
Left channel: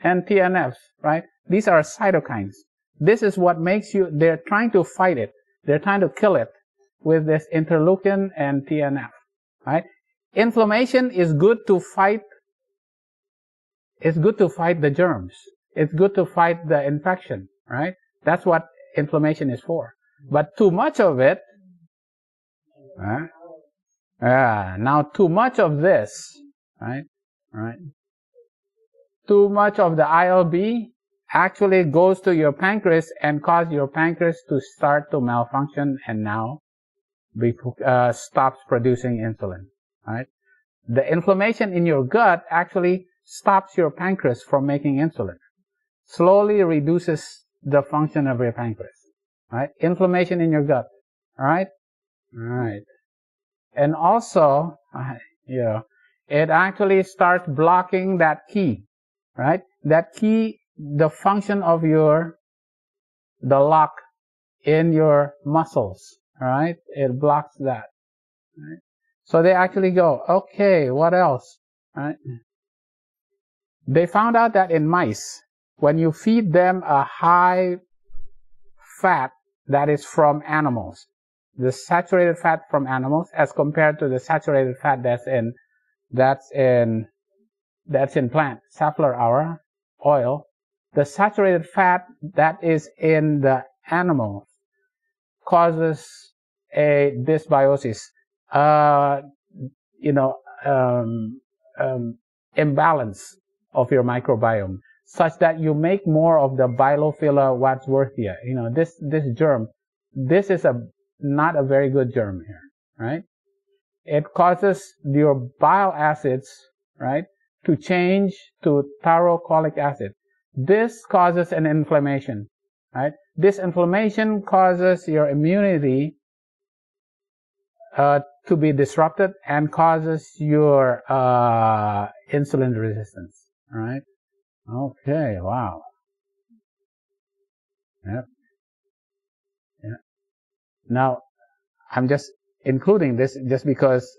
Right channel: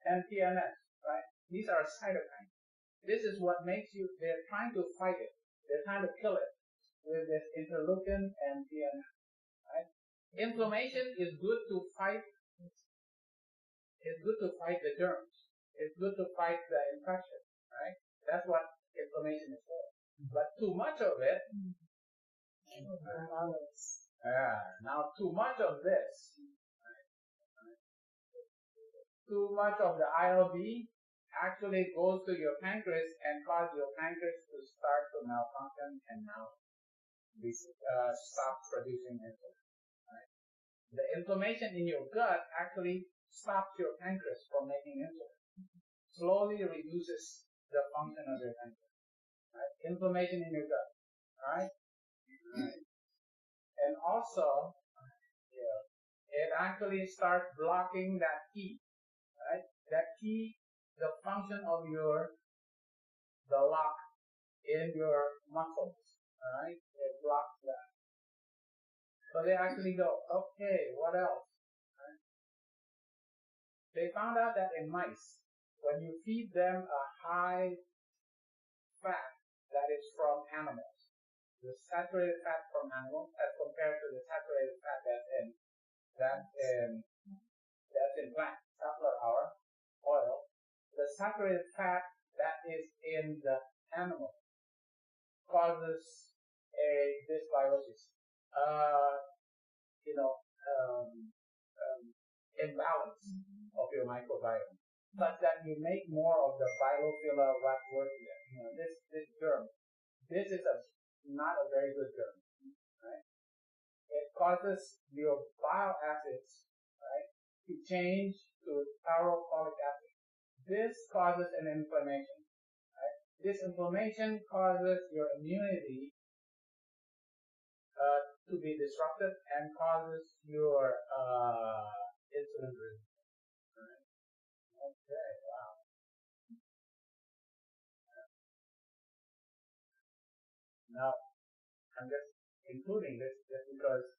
and TNFs, right? These are cytokines. This is what makes they're trying to fight it. They're trying to kill it with this interleukin and TNF, right? Inflammation is good to fight. It's good to fight the germs. It's good to fight the infection, right? That's what inflammation is for. But too much of it, now too much of this, right? Right. Too much of the ILB actually goes to your pancreas and cause your pancreas to start to malfunction and now stops producing insulin, right? The inflammation in your gut actually stops your pancreas from making insulin, slowly reduces the function of your pancreas, right? Inflammation in your gut, all right? All right. And also, it actually starts blocking that key, right? That key, the function of the lock in your muscles, all right? It blocks that, right? So they actually go, okay, what else, right? They found out that in mice, when you feed them a high-fat that is from animals. The saturated fat from animals as compared to the saturated fat that's in plant, safflower oil. The saturated fat that is in the animal causes a dysbiosis, imbalance of your microbiome, such that you make more of the Bilophila wadsworthia. This germ, this is not a very good germ here, right? It causes your bile acids, right, to change to thyrocholic acid. This causes an inflammation, right? This inflammation causes your immunity to be disrupted and causes your insulin resistance, right? Okay, wow. Yep. Yeah. Now, I'm just including this just because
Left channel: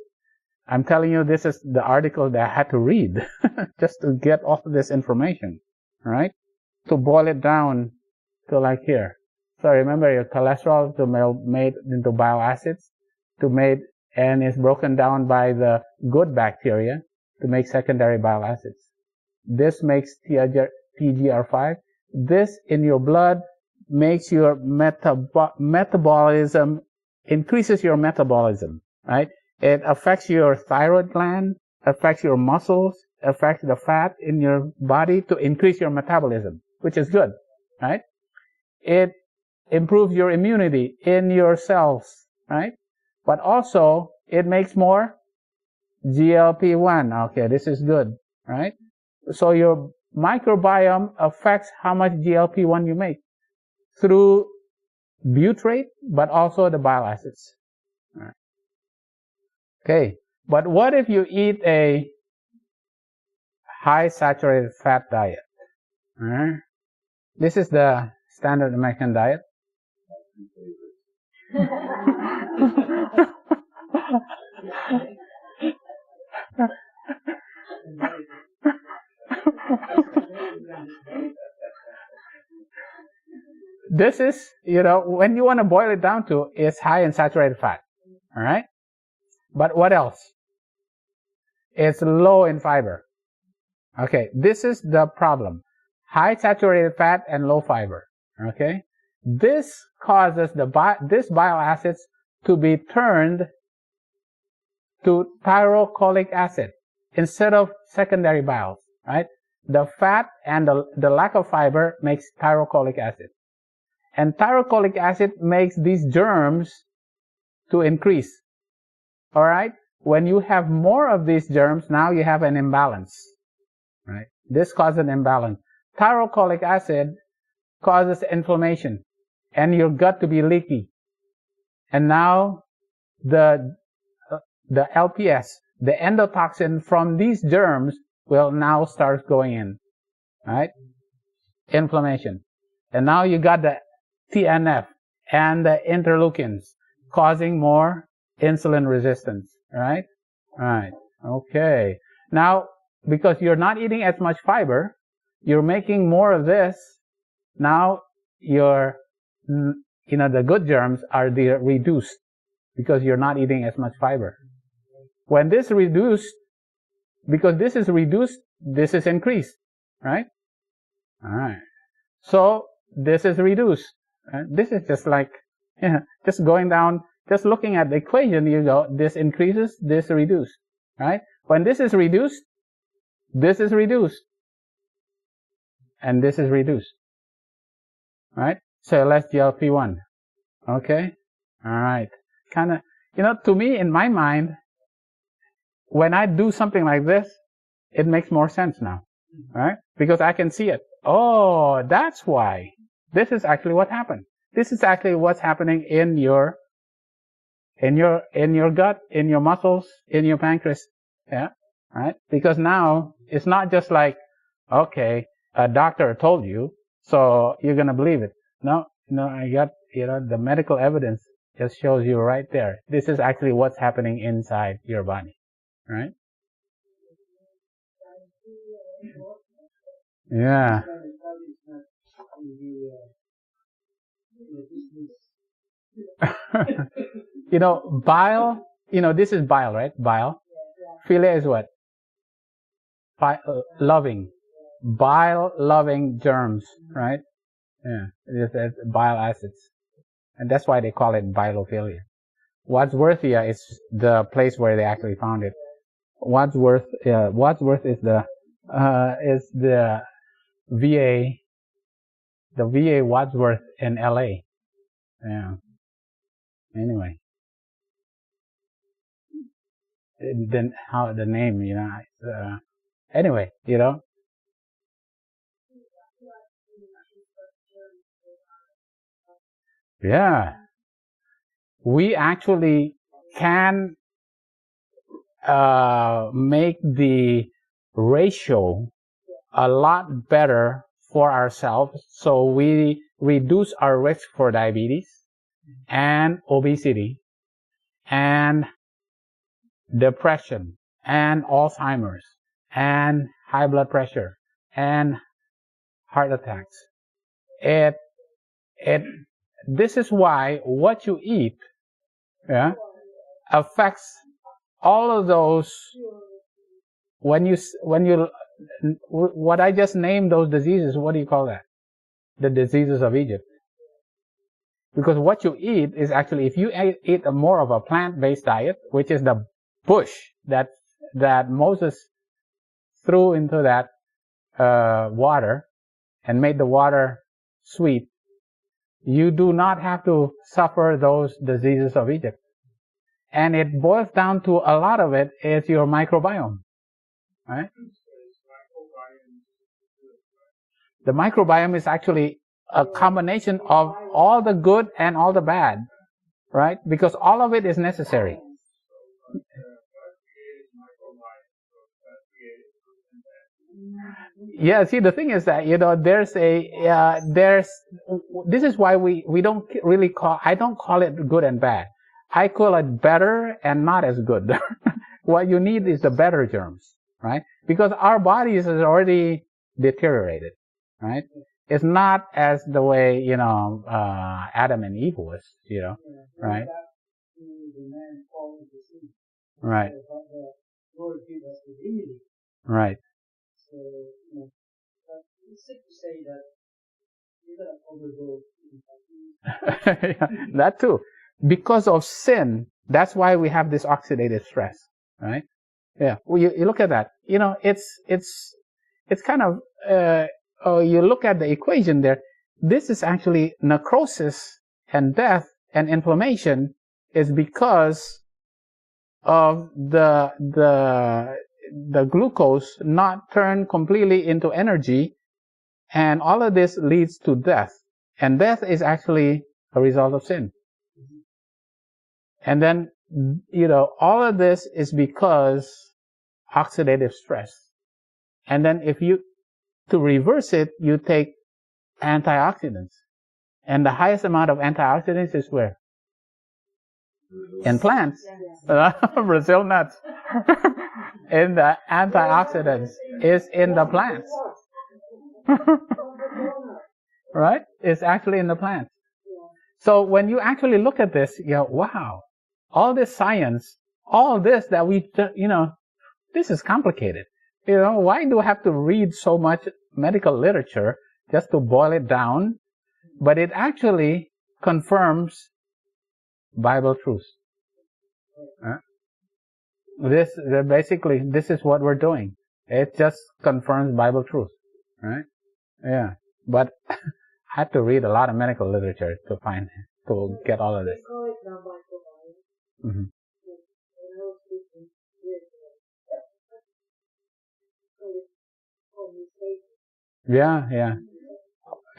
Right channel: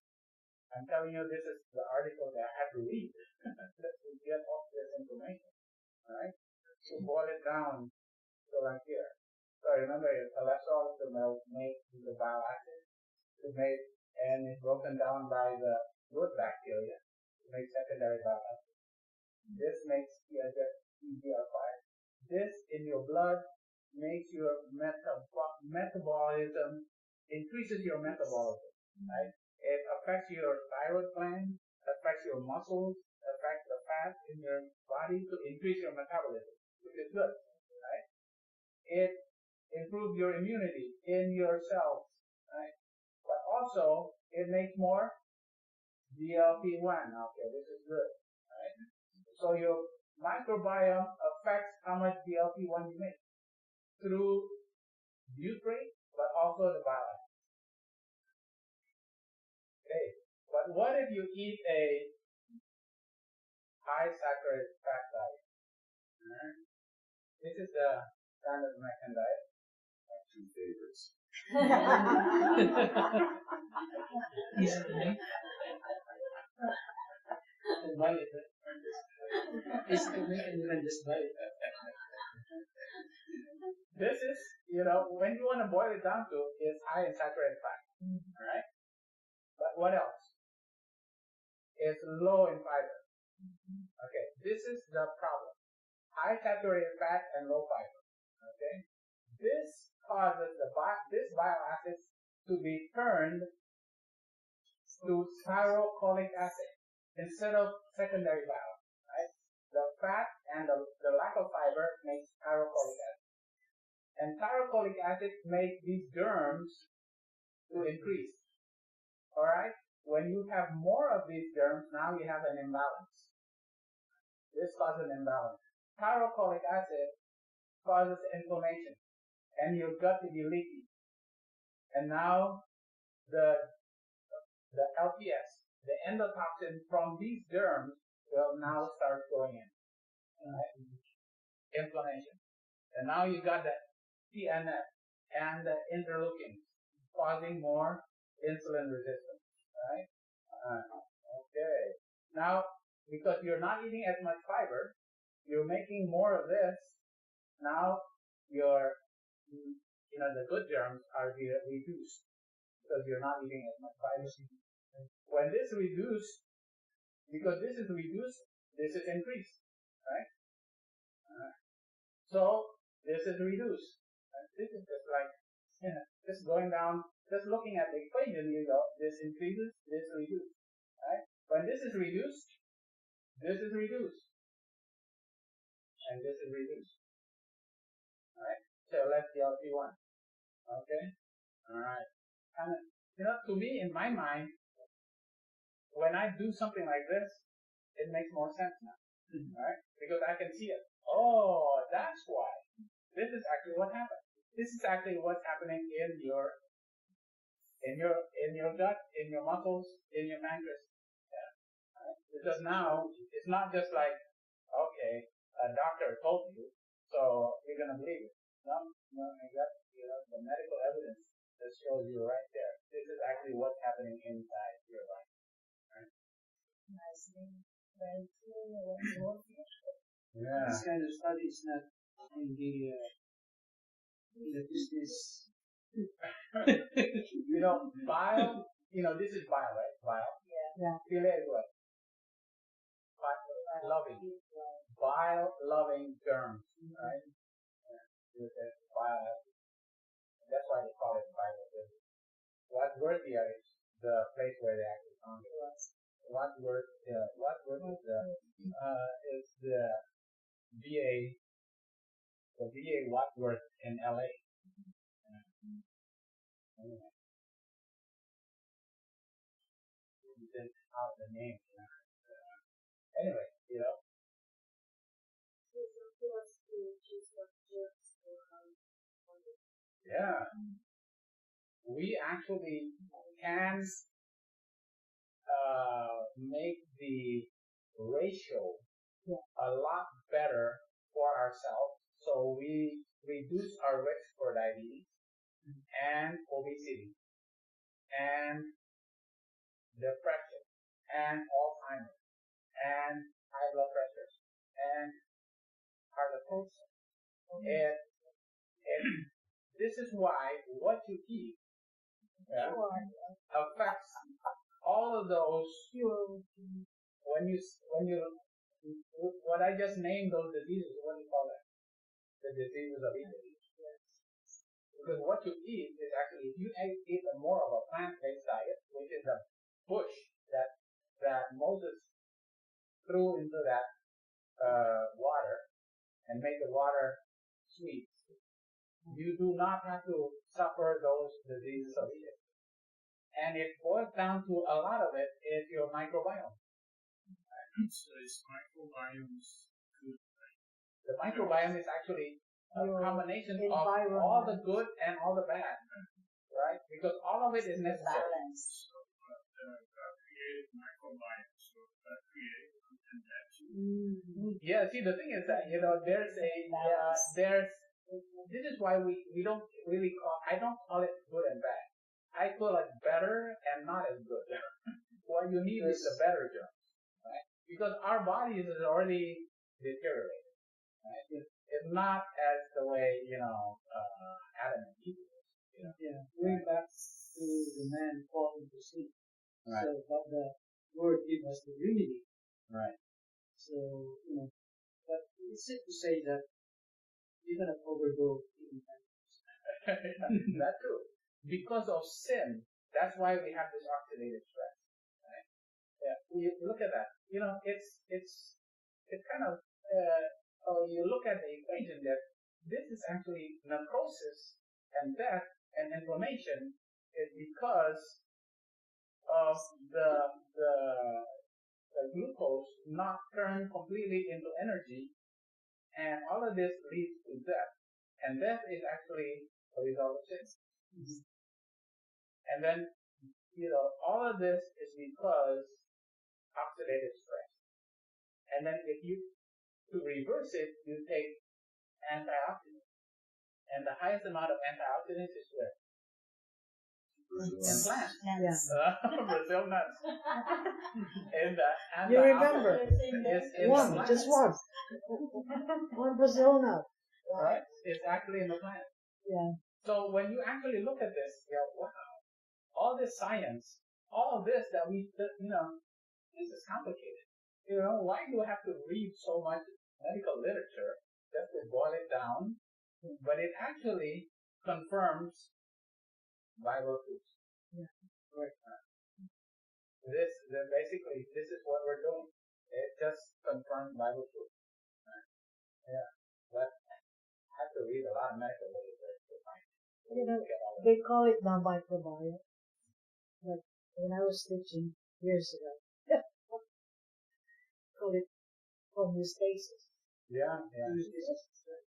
I'm telling you this is the article that I had to read just to get all of this information, right? To boil it down to like here. So remember, your cholesterol is made into bile acids, and is broken down by the good bacteria to make secondary bile acids. This makes TGR5. This in your blood makes your metabolism, increases your metabolism, right? It affects your thyroid gland, affects your muscles, affects the fat in your body to increase your metabolism, which is good, right? It improves your immunity in your cells, right? But also, it makes more GLP-1. Okay, this is good, right? So your microbiome affects how much GLP-1 you make through butyrate, but also the bile acids. All right. Okay, but what if you eat a high saturated fat diet? All right. This is the standard American diet. Two favorites. This is, when you want to boil it down to, it's high in saturated fat. All right. But what else? It's low in fiber. Okay, this is the problem. High saturated fat and low fiber. Okay, this causes this bile acids to be turned to thyrocholic acid instead of secondary bile. Right? The fat and the lack of fiber makes thyrocholic acid, and thyrocholic acid makes these germs to increase. All right. When you have more of these germs, now you have an imbalance. Right? This causes an imbalance. Thyrocholic acid causes inflammation and your gut to be leaky. And now the LPS, the endotoxin from these germs will now start going in. Right? Inflammation. And now you got the TNF and the interleukins causing more insulin resistance. Right? Right. Okay. Now, because you're not eating as much fiber, you're making more of this. Now, the good germs are reduced because you're not eating as much fiber. When this reduced, because this is reduced, this is increased, right? All right. So this is reduced. Right? This is just like, just going down, just looking at the equation, you go, this increases, this reduced, right? When this is reduced, this is reduced, and this is reduced, right? So less GLP-1, okay? All right. Kind of, to me, in my mind, when I do something like this, it makes more sense now, right? Because I can see it. Oh, that's why. This is actually what happened. This is actually what's happening in your gut, in your muscles, in your pancreas, yeah, right? Because now it's not just like, okay, a doctor told you, so you're gonna believe it. No, I got, the medical evidence just shows you right there. This is actually what's happening inside your body, right? Yeah. This kind of study is not in the Bile, this is bile, right? Bile. Yeah. Philia is what? Loving. Bile loving germs, right? Yeah. It's bile acids. And that's why they call it biophilia. Wadsworthia is the place where they actually found it. Wadsworth is the VA, the VA Wadsworth in LA. Yeah. Anyway, then how the name, anyway, Yeah. We actually can make the ratio a lot better for ourselves, so we reduce our risk for diabetes and obesity and depression and Alzheimer's and high blood pressure and heart attacks. This is why what you eat affects all of those. What I just named those diseases, what do you call that? The diseases of Egypt. Because what you eat is actually, if you eat more of a plant-based diet, which is the bush that Moses threw into that water and made the water sweet, you do not have to suffer those diseases of Egypt. And it boils down to, a lot of it is your microbiome, right? So is microbiome good, right? The microbiome is actually a combination of all the good and all the bad, right? Because all of it is necessary. God created microbiome, so God created good and bad. Yeah, see, the thing is that, this is why we don't really I don't call it good and bad. I call it better and not as good. What you need is the better germs, right? Because our bodies is already deteriorated, right? It's not as the way, Adam and Eve was, right? Back to the man falling to sin. Right. So, but the Lord gave us the remedy. Right. So, but it's safe to say that you're going to overdose in Yeah, that too. Because of sin, that's why we have this oxidative stress, right? Yeah. Well, you look at that. It's kind of, you look at the equation there. This is actually necrosis and death and inflammation is because of the glucose not turned completely into energy, and all of this leads to death. And death is actually a result of sin. And then, all of this is because oxidative stress. And then to reverse it, you take antioxidants. And the highest amount of antioxidants is where? In plants. Yeah. Brazil nuts. And the antioxidants is in the plants. Brazil nut. Right? It's actually in the plants. Yeah. So when you actually look at this, wow, all this science, all this that this is complicated. Why do I have to read so much medical literature just to boil it down? But it actually confirms Bible truth. This is what we're doing. It just confirms Bible truth, right? Yeah. But I had to read a lot of medical literature to get all of this. They call it now microbiome. Mm-hmm. But when I was teaching years ago, call it homeostasis. Yeah.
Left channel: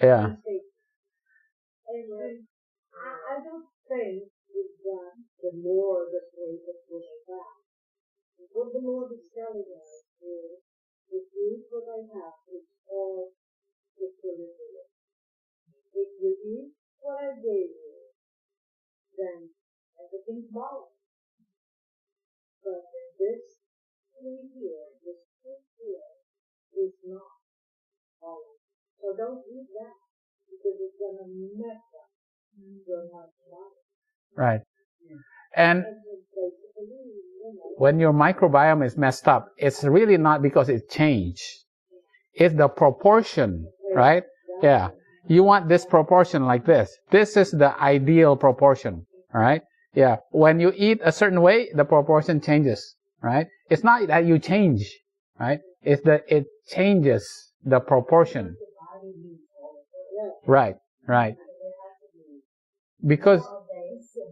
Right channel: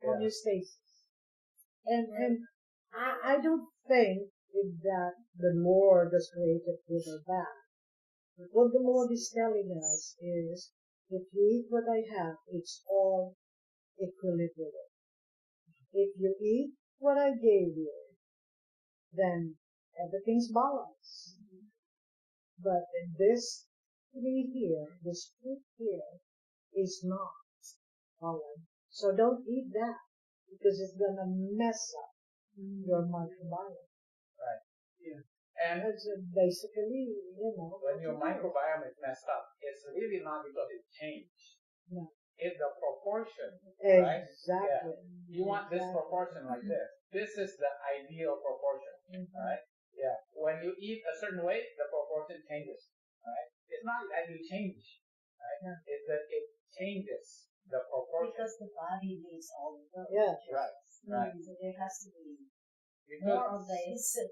Homeostasis. And I don't think that the Lord has created good or bad. But what the Lord is telling us is, if you eat what I have, it's all equilibrium. If you eat what I gave you, then everything's balanced. But this tree here, this fruit here, is not balanced. So don't eat that, because it's gonna mess up your microbiome. Right. Yeah. And That's basically, when your microbiome is messed up, it's really not because it changed. Yeah. It's the proportion, right? Exactly. Yeah. You want this proportion like this. This is the ideal proportion, all right? Yeah. When you eat a certain way, the proportion changes, right? It's not that you change, right? It's that it changes the proportion. Because the body needs all of those. Yeah. Right, right. So there has to be Because more of this and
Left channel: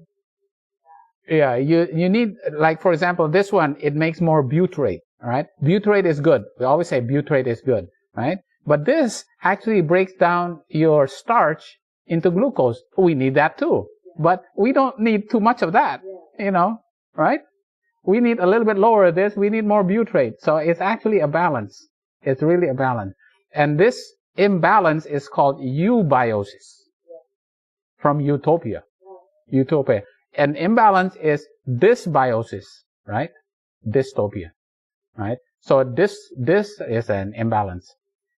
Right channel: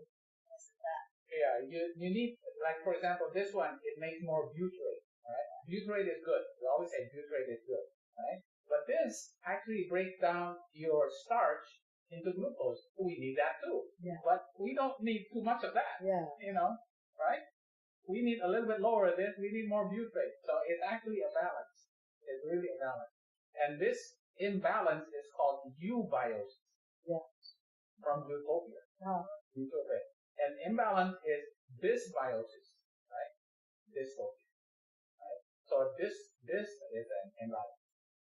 less of that. yeah, you need, like, for example, this one, it makes more butyrate, all right? Butyrate is good. We always say butyrate is good, right? But this actually breaks down your starch into glucose. We need that too. Yeah. But we don't need too much of that, Yeah. Right? We need a little bit lower of this. We need more butyrate. So it's actually a balance. It's really a balance. And this imbalance is called eubiosis. Yeah. From utopia. Wow. Utopia. And imbalance is dysbiosis, right? Dystopia, right? So this is an imbalance.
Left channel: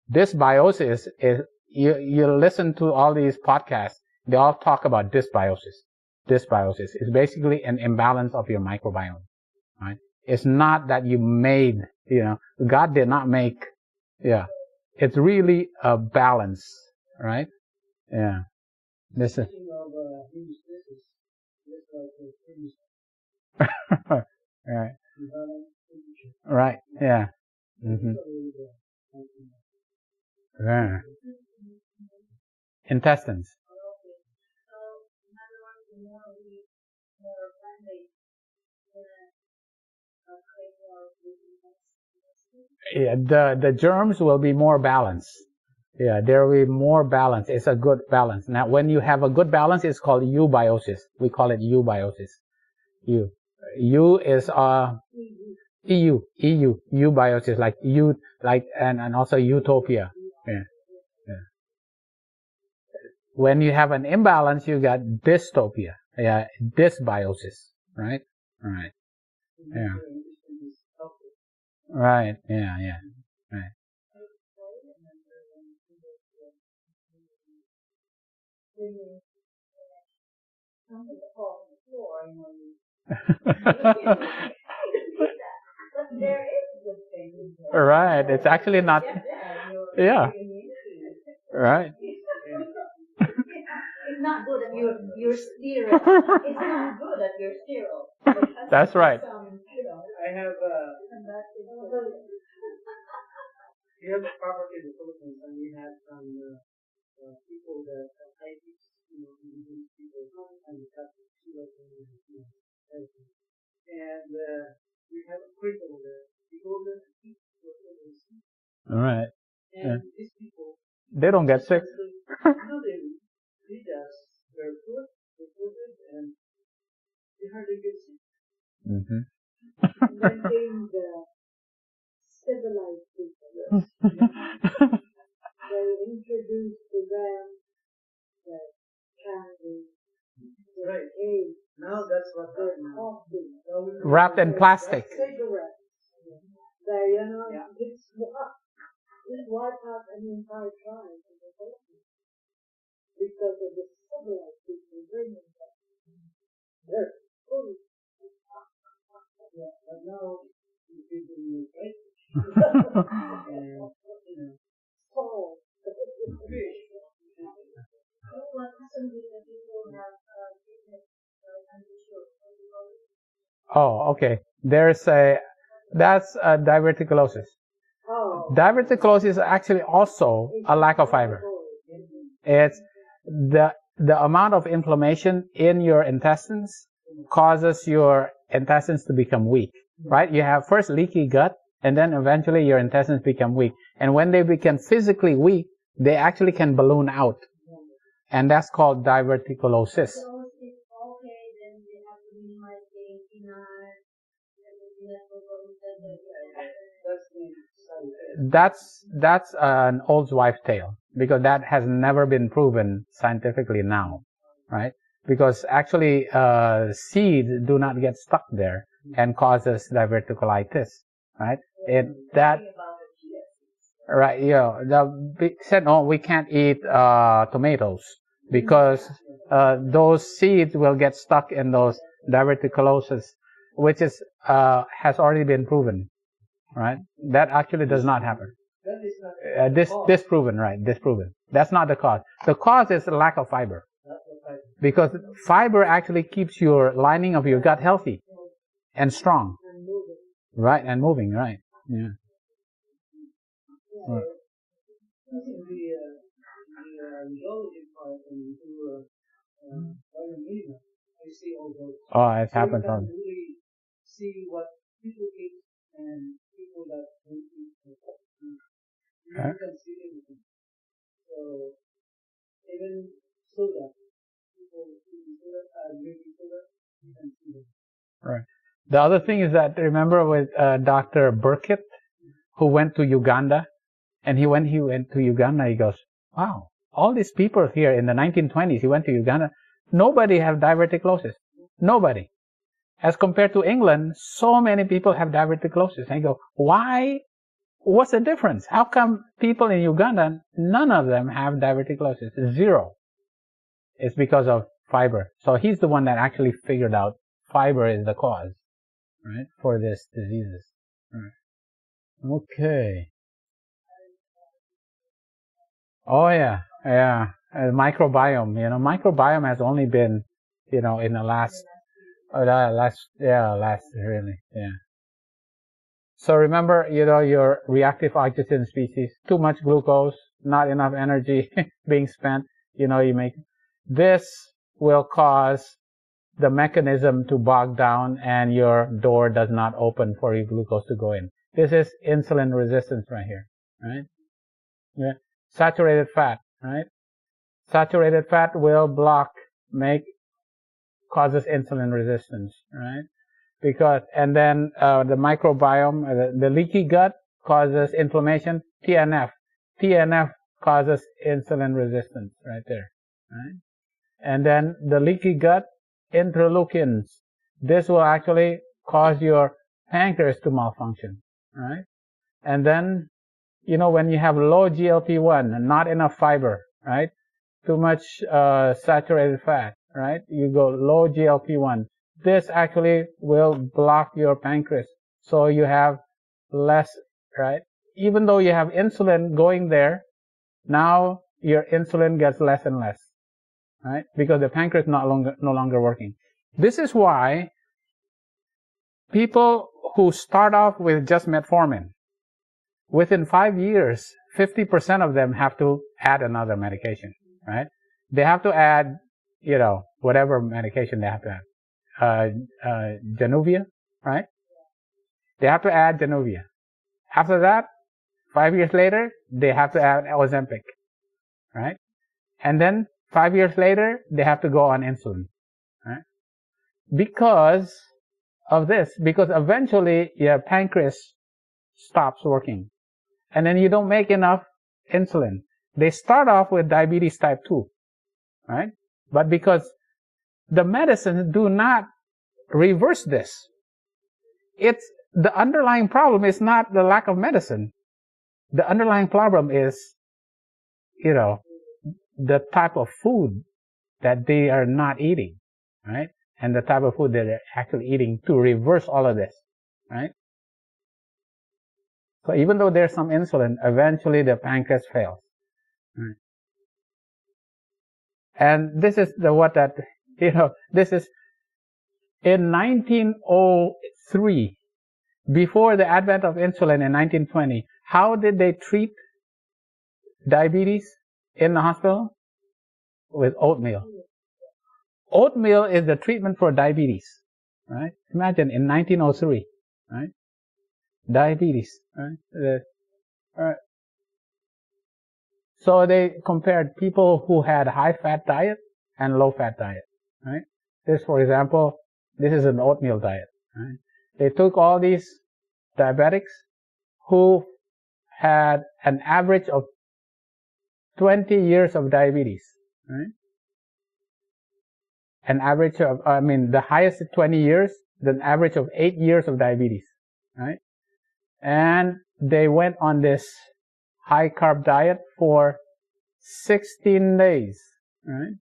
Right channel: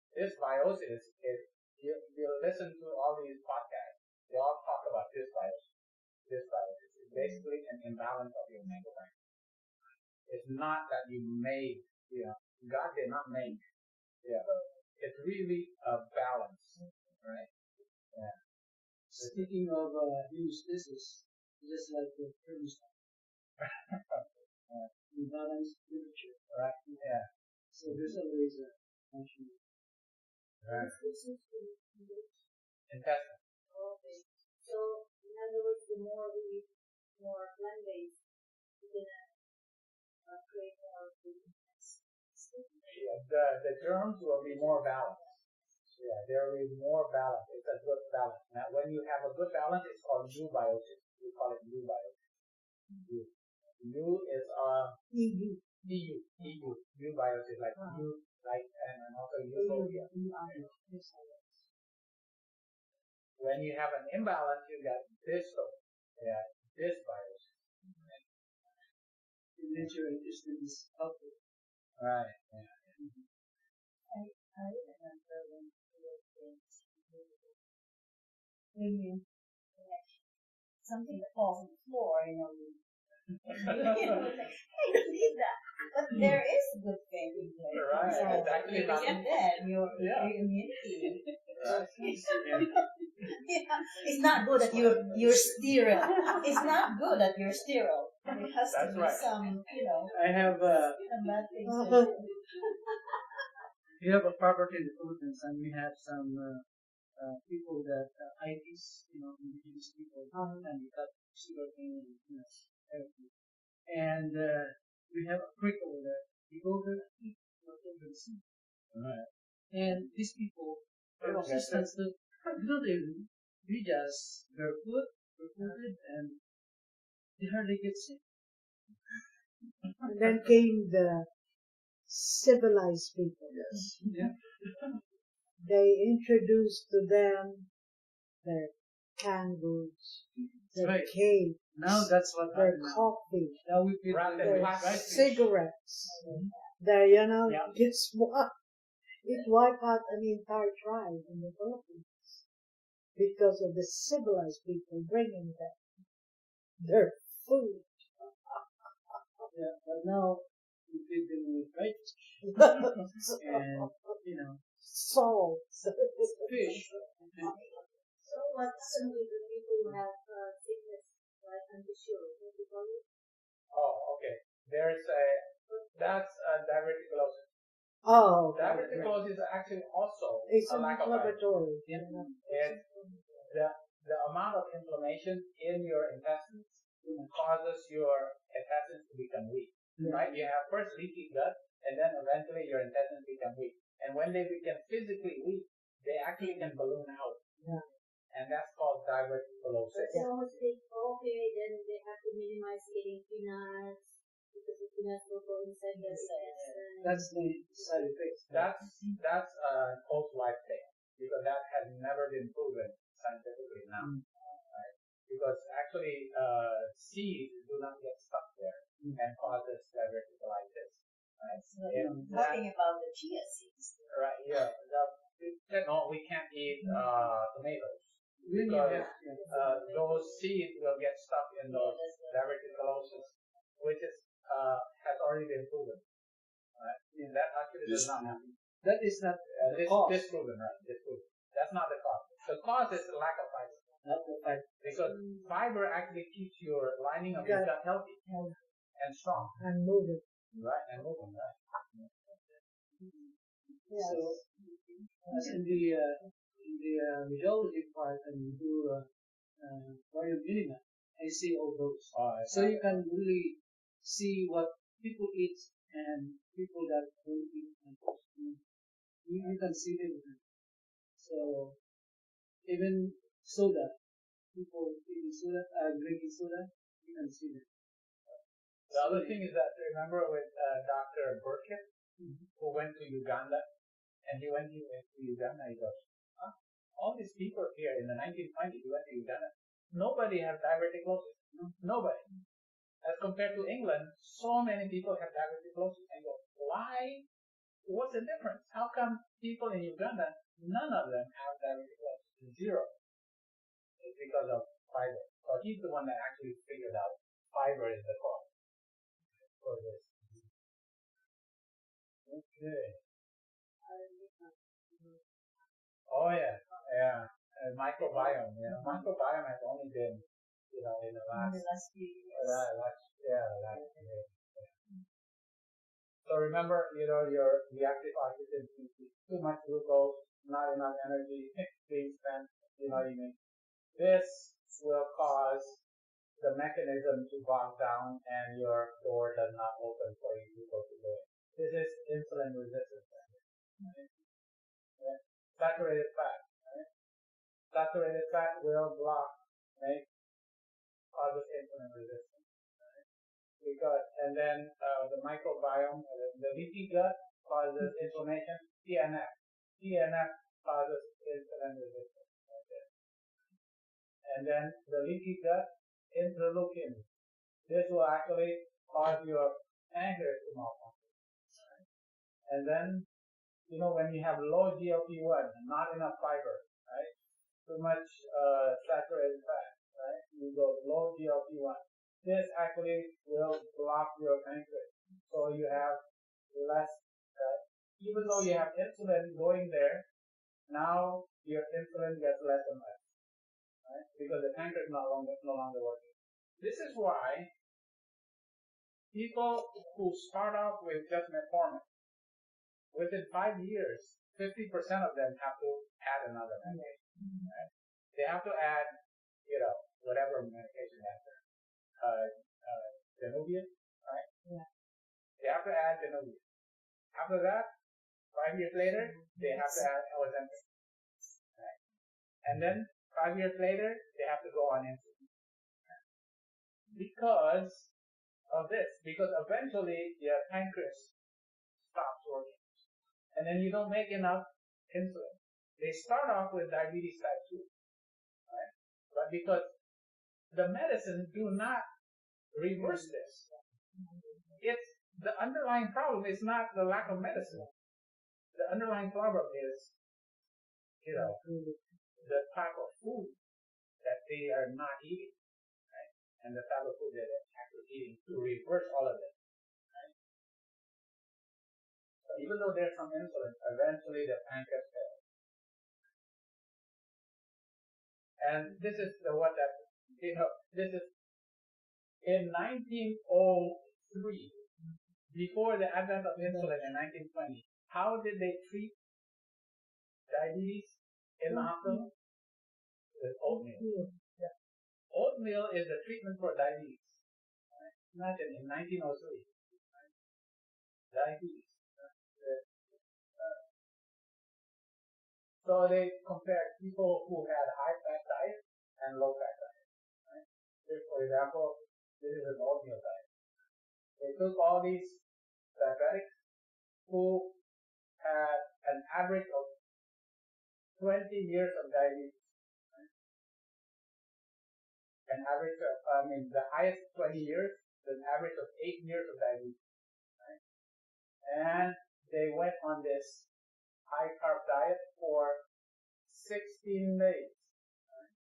Dysbiosis is, you listen to all these podcasts, they all talk about dysbiosis. Dysbiosis is basically an imbalance of your microbiome, right? It's not that you made, God did not make, it's really a balance, right? Yeah. Speaking of hemostasis, just like the thermostat, Right. the balance temperature. Right. Yeah. So there's always a function of Yeah. Intestines. Okay. So in other words, the more we eat more plant-based, we're gonna create more gluten. Yeah, the germs will be more balanced. Yeah, there will be more balance. It's a good balance. Now, when you have a good balance, it's called eubiosis. We call it eubiosis. U is eubiosis, and also utopia. Yeah. When you have an imbalance, you got dystopia. Yeah, dysbiosis. Right. Right. Yeah. Right. Yeah. Right. I remember when we were kids, when you something that falls on the floor, we believe that. But there is good thing in there. Right. So It's actually not. Your immunity. Right. It's not good that you're sterile. It's not good that you're sterile. There has That's to be right. some, I have some bad things. we have a property in the Philippines, and we have some people that ITs, indigenous people, and got sugarcane and everything. And we have a creek over there. We go there and eat whatever we see. All right. And these people, they don't get sick. They just barefooted, and they hardly get sick. Mm-hmm. And then came the civilized people. Yes. They introduced to them their canned goods, their cake, now that's what their coffee, Wrapped in plastic. cigarettes. There, it's what it wiped out an entire tribe in the Philippines because of the civilized people bringing them their food. Yeah, but now we feed them with rice and salt, fish. So what happens with the people who have sickness like anti-show? What do you call it? Oh, okay. That's diverticulosis. Oh. Diverticulosis is actually also a lack of fiber. It's the amount of inflammation in your intestines causes your intestines to become weak, right? You have first leaky gut, and then eventually your intestines become weak. And when they become physically weak, they actually can balloon out. And that's called diverticulosis. So okay, then they have to minimize eating peanuts because the peanuts will go inside the That's the side effect. That's an old wives' tale, because that has never been proven scientifically now, right? Because actually seeds do not get stuck there and causes diverticulitis, right? Talking about the chia seeds. Right, said, no, we can't eat tomatoes. because those seeds will get stuck in those diverticulosis, which is has already been proven, right? That actually does not happen. That is not Disproven, right? Disproven. That's not the cause. The cause is the lack of fiber. Not the fiber. Because fiber actually keeps your lining of your gut healthy and strong. And moving. Right, and moving, right. Yeah. Yeah. As in the radiology part and we do biomedia, I see all those. Oh, it So happens you all. can really see what people eat and people that don't eat. You can see the difference. So even soda, people eating soda, drinking soda, you can see them. Right. The other thing is that, remember with Dr. Burkitt, who went to Uganda, and he went to Uganda, he goes, wow, all these people here in the 1920s, he went to Uganda, nobody have diverticulosis. Nobody. As compared to England, so many people have diverticulosis. And I go, why? What's the difference? How come people in Uganda, none of them have diverticulosis? Zero. It's because of fiber. So he's the one that actually figured out fiber is the cause, right, for this diseases. Right. Okay. Oh yeah, yeah. Microbiome. Microbiome has only been, in the last really, yeah. So remember, your reactive oxygen species, too much glucose, not enough energy being spent, you make, this will cause the mechanism to bog down and your door does not open for your glucose to go in. This is insulin resistance right here, right? Yeah. Saturated fat, right? Saturated fat will causes insulin resistance, right? And then the microbiome, the leaky gut causes inflammation, TNF. TNF causes insulin resistance right there, right? And then the leaky gut, interleukins. This will actually cause your pancreas to malfunction, right? And then, when you have low GLP-1, not enough fiber, right? Too much saturated fat, right? You go low GLP-1. This actually will block your pancreas. So you have less, right? Even though you have insulin going there, now your insulin gets less and less, right? Because the pancreas is no longer working. This is why people who start off with just metformin, within 5 years, 50% of them have to add another medication, right? They have to add, whatever medication they have to add. Januvia, right? Yeah. They have to add Januvia. After that, 5 years later, they have to add Ozempic, right? And then 5 years later, they have to go on insulin, right? Because of this, because eventually your pancreas stops working. And then you don't make enough insulin. They start off with diabetes type 2, right? But because the medicines do not reverse this, it's the underlying problem is not the lack of medicine. The underlying problem is, the type of food that they are not eating, right? And the type of food that they're actually eating to reverse all of this, right? So even though there's some insulin, eventually the pancreas fails. Right? And this is this is in 1903, before the advent of insulin in 1920, how did they treat diabetes in the hospital? With oatmeal. Oatmeal is the treatment for diabetes, right? Imagine in 1903, right? Diabetes, right? Right. So they compared people who had high-fat diet and low-fat diet, right? This, for example, this is an oatmeal diet, right? They took all these diabetics who had an average of 20 years of diabetes, right? An average of, the highest is 20 years, the average of 8 years of diabetes, right? And they went on this high carb diet for 16 days, right?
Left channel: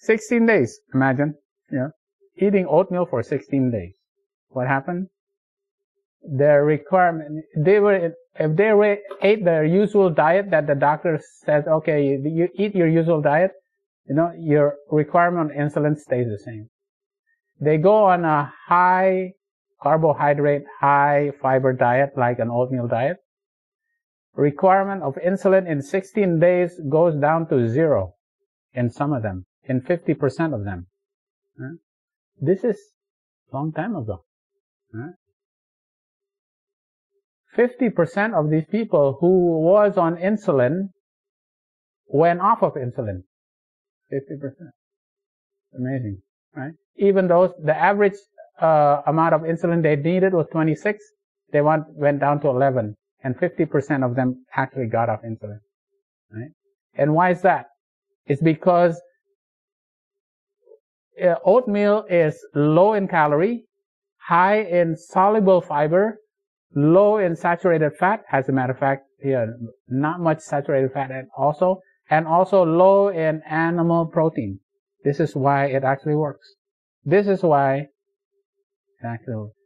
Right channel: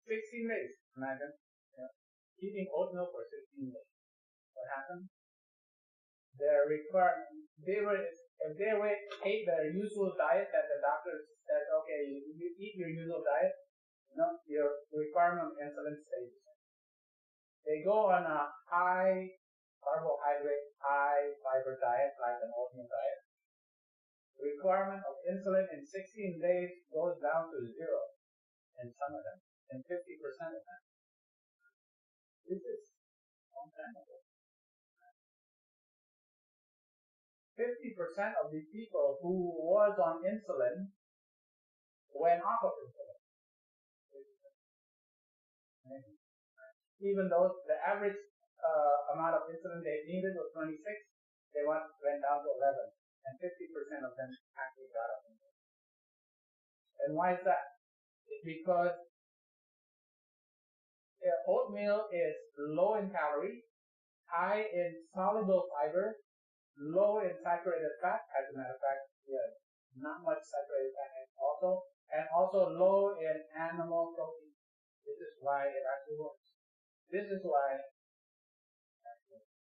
16 days, imagine, eating oatmeal for 16 days. What happened? Their requirement, if they ate their usual diet that the doctor says, okay, you eat your usual diet, your requirement on insulin stays the same. They go on a high carbohydrate, high fiber diet like an oatmeal diet. Requirement of insulin in 16 days goes down to 0 in some of them, in 50% of them. This is a long time ago. 50% of these people who was on insulin went off of insulin. 50%. Amazing, right? Even though the average amount of insulin they needed was 26, they went down to 11, and 50% of them actually got off insulin, right? And why is that? It's because oatmeal is low in calorie, high in soluble fiber, low in saturated fat. As a matter of fact, not much saturated fat, and also low in animal protein. This is why it actually works. This is why it actually works.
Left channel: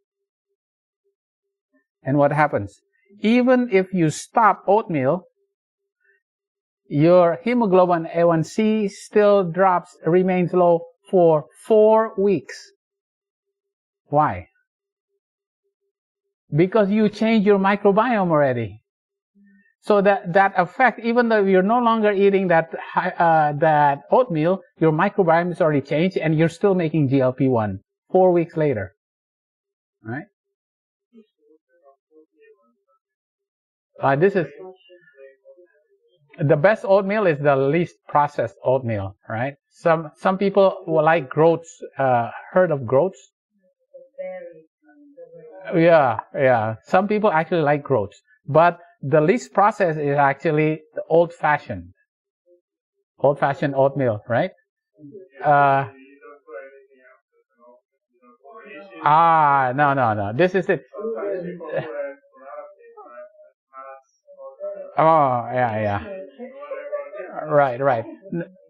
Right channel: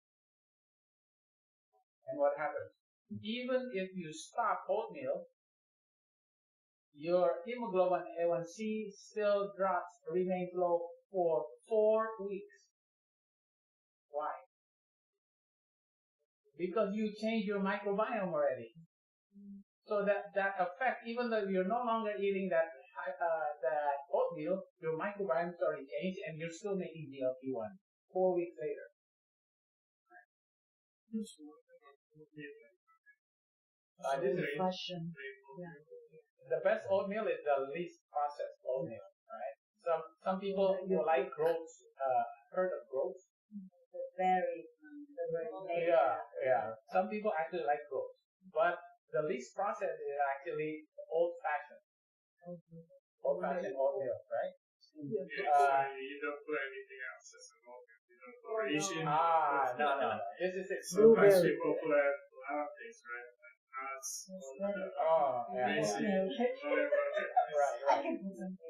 And what happens? Even if you stop oatmeal, your hemoglobin A1C still remains low for 4 weeks. Why? Because you change your microbiome already. So that effect, even though you're no longer eating that oatmeal, your microbiome is already changed, and you're still making GLP-1 4 weeks later, right? This is the best oatmeal is the least processed oatmeal, right? Some people will like groats. Heard of groats? Yeah. Some people actually like groats, but the least processed is actually the old-fashioned oatmeal, right? No. This is it. Oh, yeah. Right.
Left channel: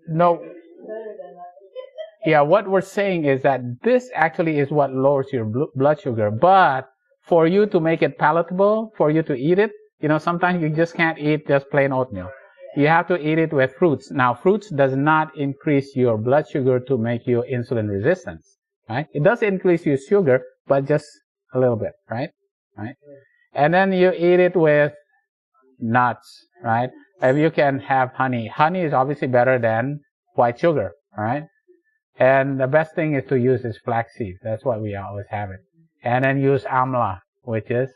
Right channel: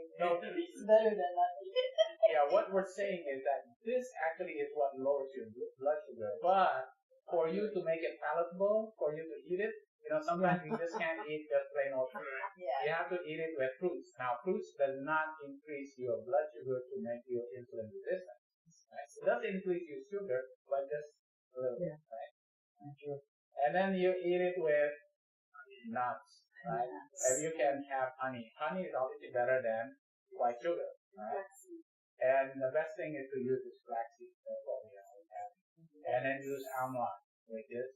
No. Yeah, what we're saying is that this actually is what lowers your blood sugar. But for you to make it palatable, for you to eat it, sometimes you just can't eat just plain oatmeal. You have to eat it with fruits. Now, fruits does not increase your blood sugar to make you insulin resistant, right? It does increase your sugar, but just a little bit, right? And then you eat it with nuts, right? If you can have honey. Honey is obviously better than white sugar, right? And the best thing is to use is flaxseed. That's why we always have it. And then use amla, which is,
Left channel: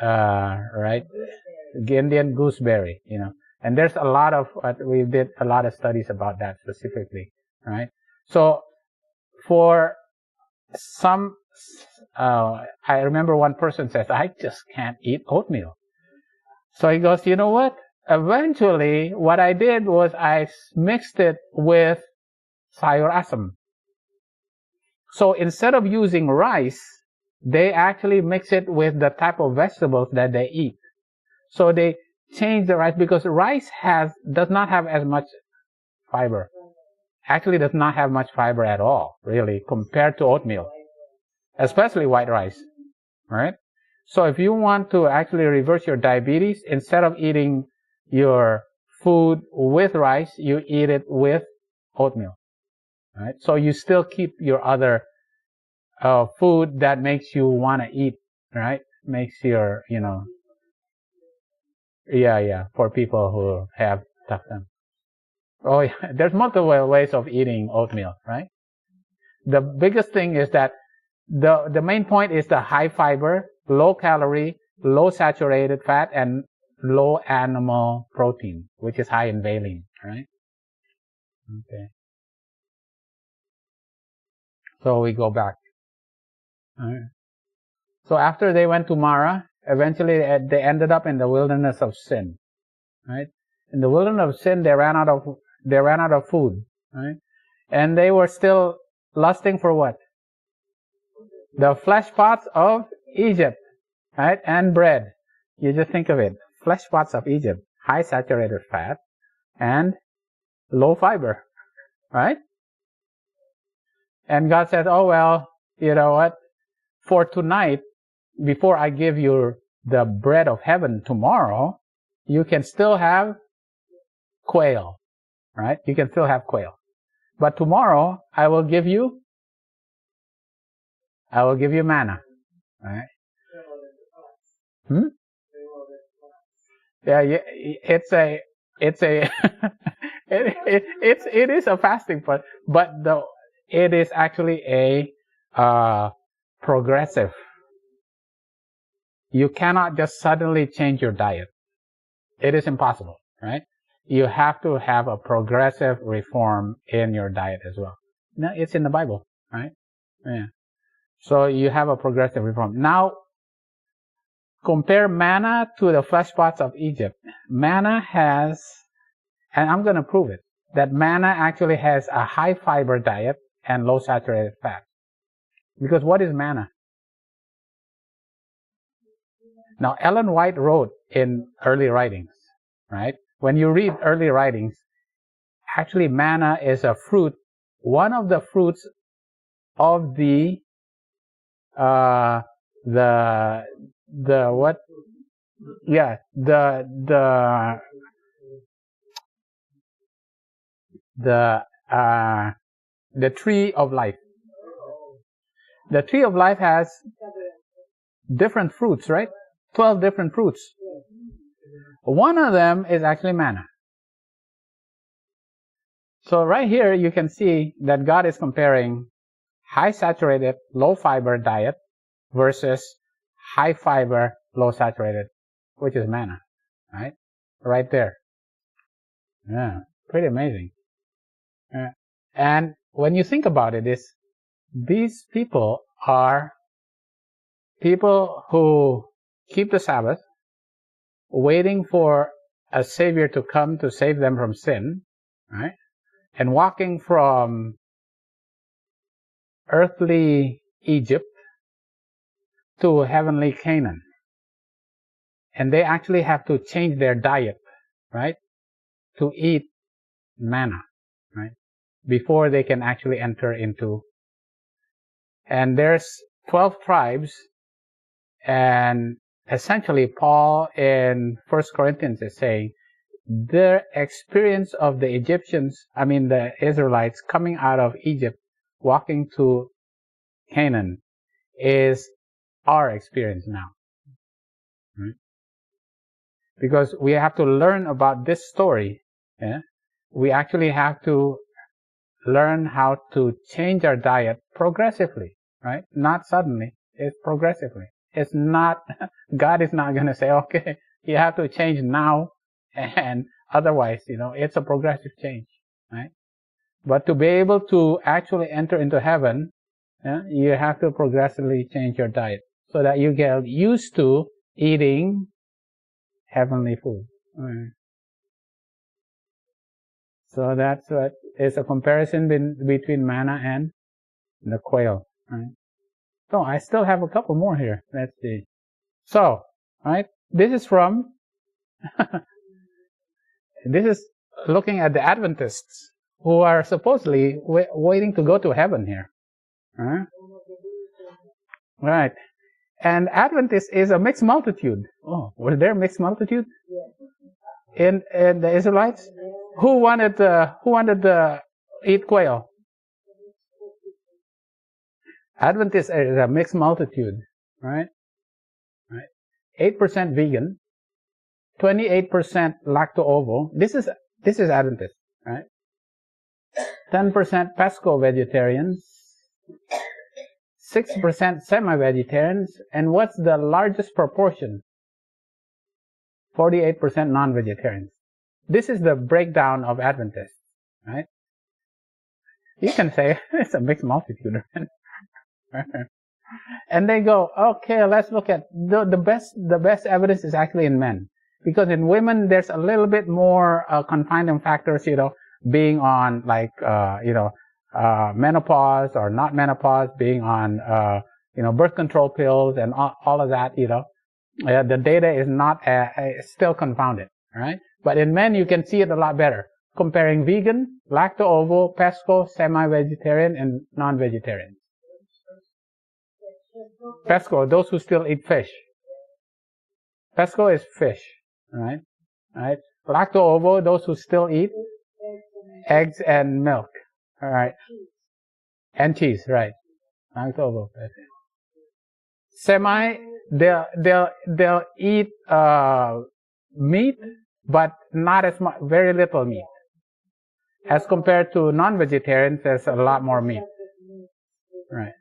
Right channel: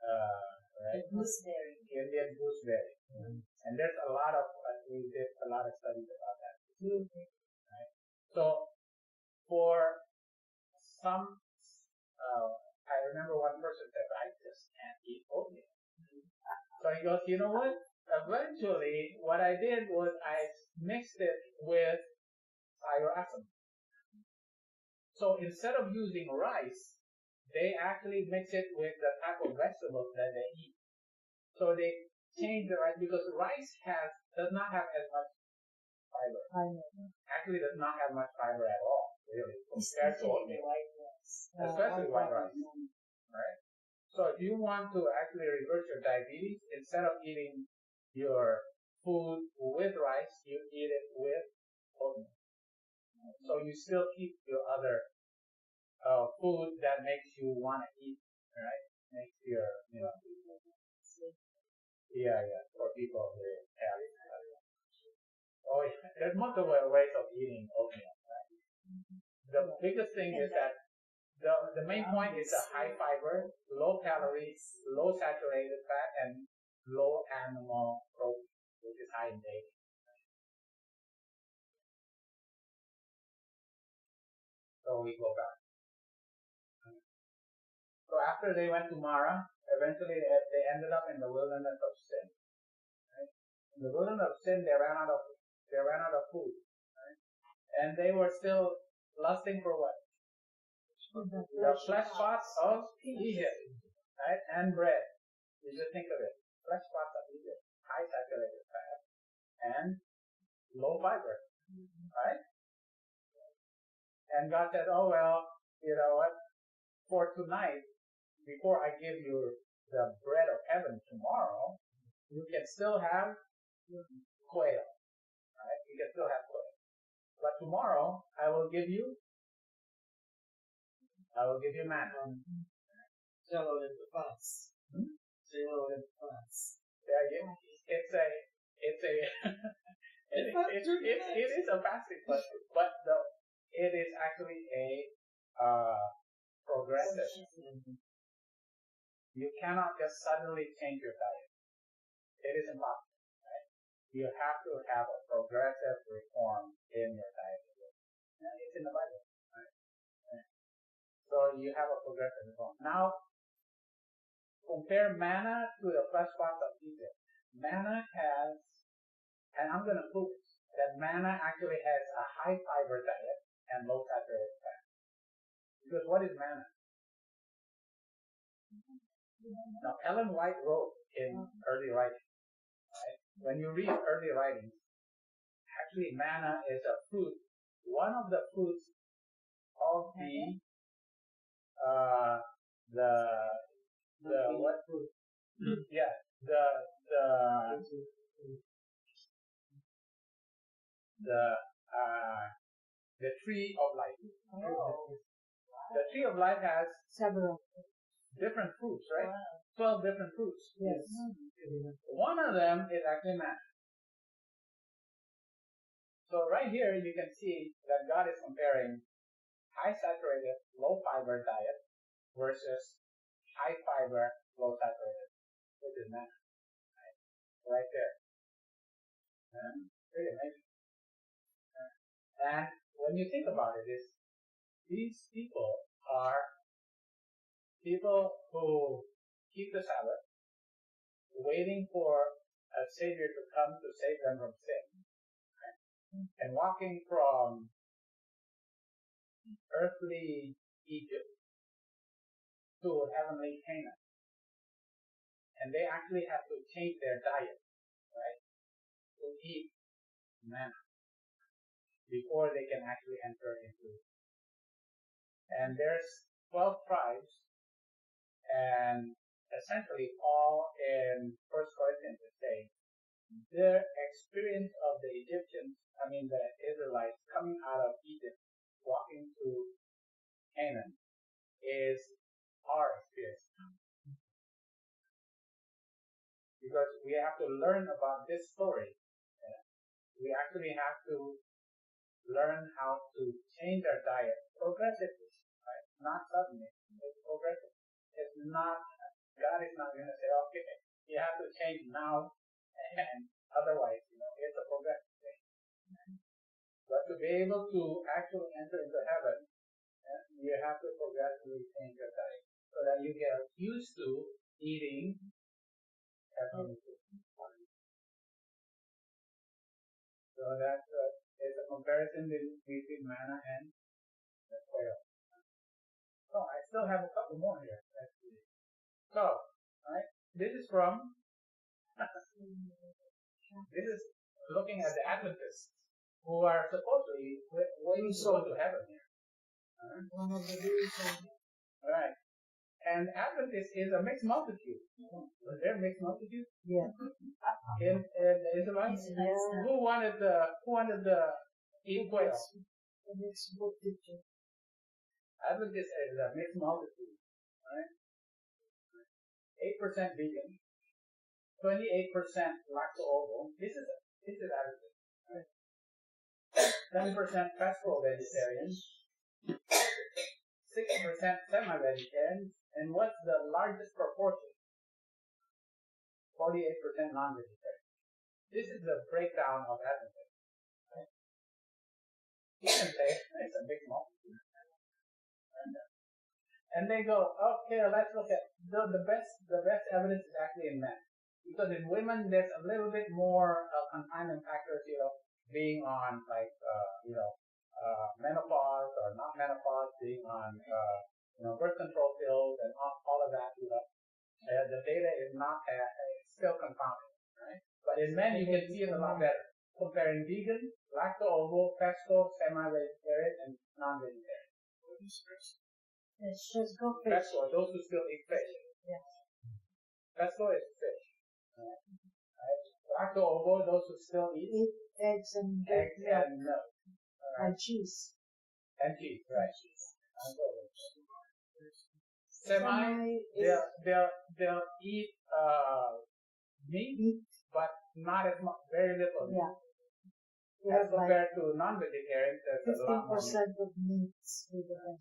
right? Indian gooseberry, And there's we did a lot of studies about that specifically, right? So for some, I remember one person says, I just can't eat oatmeal. So he goes, you know what? Eventually, what I did was I mixed it with sayur-asam. So instead of using rice, they actually mix it with the type of vegetables that they eat. So they change the rice because rice does not have as much fiber. Actually does not have much fiber at all, really, compared to oatmeal, especially white rice, right? So if you want to actually reverse your diabetes, instead of eating your food with rice, you eat it with oatmeal, right? So you still keep your other food that makes you want to eat, right? Makes your, for people who have tough time. Oh, yeah. There's multiple ways of eating oatmeal, right? The biggest thing is that the main point is the high fiber, low calorie, low saturated fat, and low animal protein, which is high in valine, right? Okay. So we go back. All right. So after they went to Mara, eventually they ended up in the wilderness of sin, right? In the wilderness of sin, they ran out of food, right? And they were still lusting for what? The flesh pots of Egypt, right? And bread. You just think of it. Flesh pots of Egypt, high saturated fat, and low fiber, right? And God said, oh, well, you know what? For tonight, before I give you the bread of heaven tomorrow, you can still have quail, right? You can still have quail. But tomorrow, I will give you manna, right? Yeah, it is a fasting, but it is actually a progressive. You cannot just suddenly change your diet. It is impossible, right? You have to have a progressive reform in your diet as well. No, it's in the Bible, right? Yeah. So you have a progressive reform. Now, compare manna to the flesh pots of Egypt. Manna has, and I'm going to prove it, that manna actually has a high fiber diet and low saturated fat. Because what is manna? Now, Ellen White wrote in early writings, right? When you read early writings, actually manna is a fruit, one of the fruits of the what? Yeah, the tree of life. The tree of life has different fruits, right? 12 different fruits. One of them is actually manna. So right here you can see that God is comparing high saturated, low fiber diet versus high fiber, low saturated, which is manna, right? Right there. Yeah, pretty amazing. And when you think about it, these people are people who keep the Sabbath, waiting for a Savior to come to save them from sin, right? And walking from earthly Egypt to heavenly Canaan. And they actually have to change their diet, right? To eat manna, right? Before they can actually enter into. And there's 12 tribes, and essentially Paul in 1 Corinthians is saying their experience of the the Israelites coming out of Egypt, walking to Canaan, is our experience now. Right? Because we have to learn about this story. Yeah? We actually have to learn how to change our diet progressively, right? Not suddenly. It's progressively. It's not, God is not going to say, okay, you have to change now, and otherwise, it's a progressive change, right? But to be able to actually enter into heaven, you have to progressively change your diet so that you get used to eating heavenly food. Right. So that's what is a comparison between manna and the quail. Right? So I still have a couple more here. Let's see. So, right, this is from, this is looking at the Adventists who are supposedly waiting to go to heaven here. Right. And Adventist is a mixed multitude. Oh, was there a mixed multitude? Yeah. In the Israelites? Yes. Who wanted to eat quail? Adventist is a mixed multitude, right? 8% vegan, 28% lacto-ovo. This is Adventist, right? 10% pesco-vegetarian, 6% semi-vegetarians, and what's the largest proportion? 48% non-vegetarians. This is the breakdown of Adventists, right? You can say it's a mixed multitude. And they go, okay, let's look at the best evidence is actually in men, because in women there's a little bit more confining factors, being on menopause or not menopause, being on birth control pills and all of that. The data is not still confounded, right? But in men you can see it a lot better. comparing vegan, lacto-ovo, pesco, semi-vegetarian, and non-vegetarian. Pesco, those who still eat fish. Pesco is fish, right? Right. Lacto-ovo, those who still eat eggs and milk. All right. And cheese, right? Lacto-ovo. Semi, they'll eat meat, but not as much, very little meat. As compared to non-vegetarians, there's a lot more meat. Right.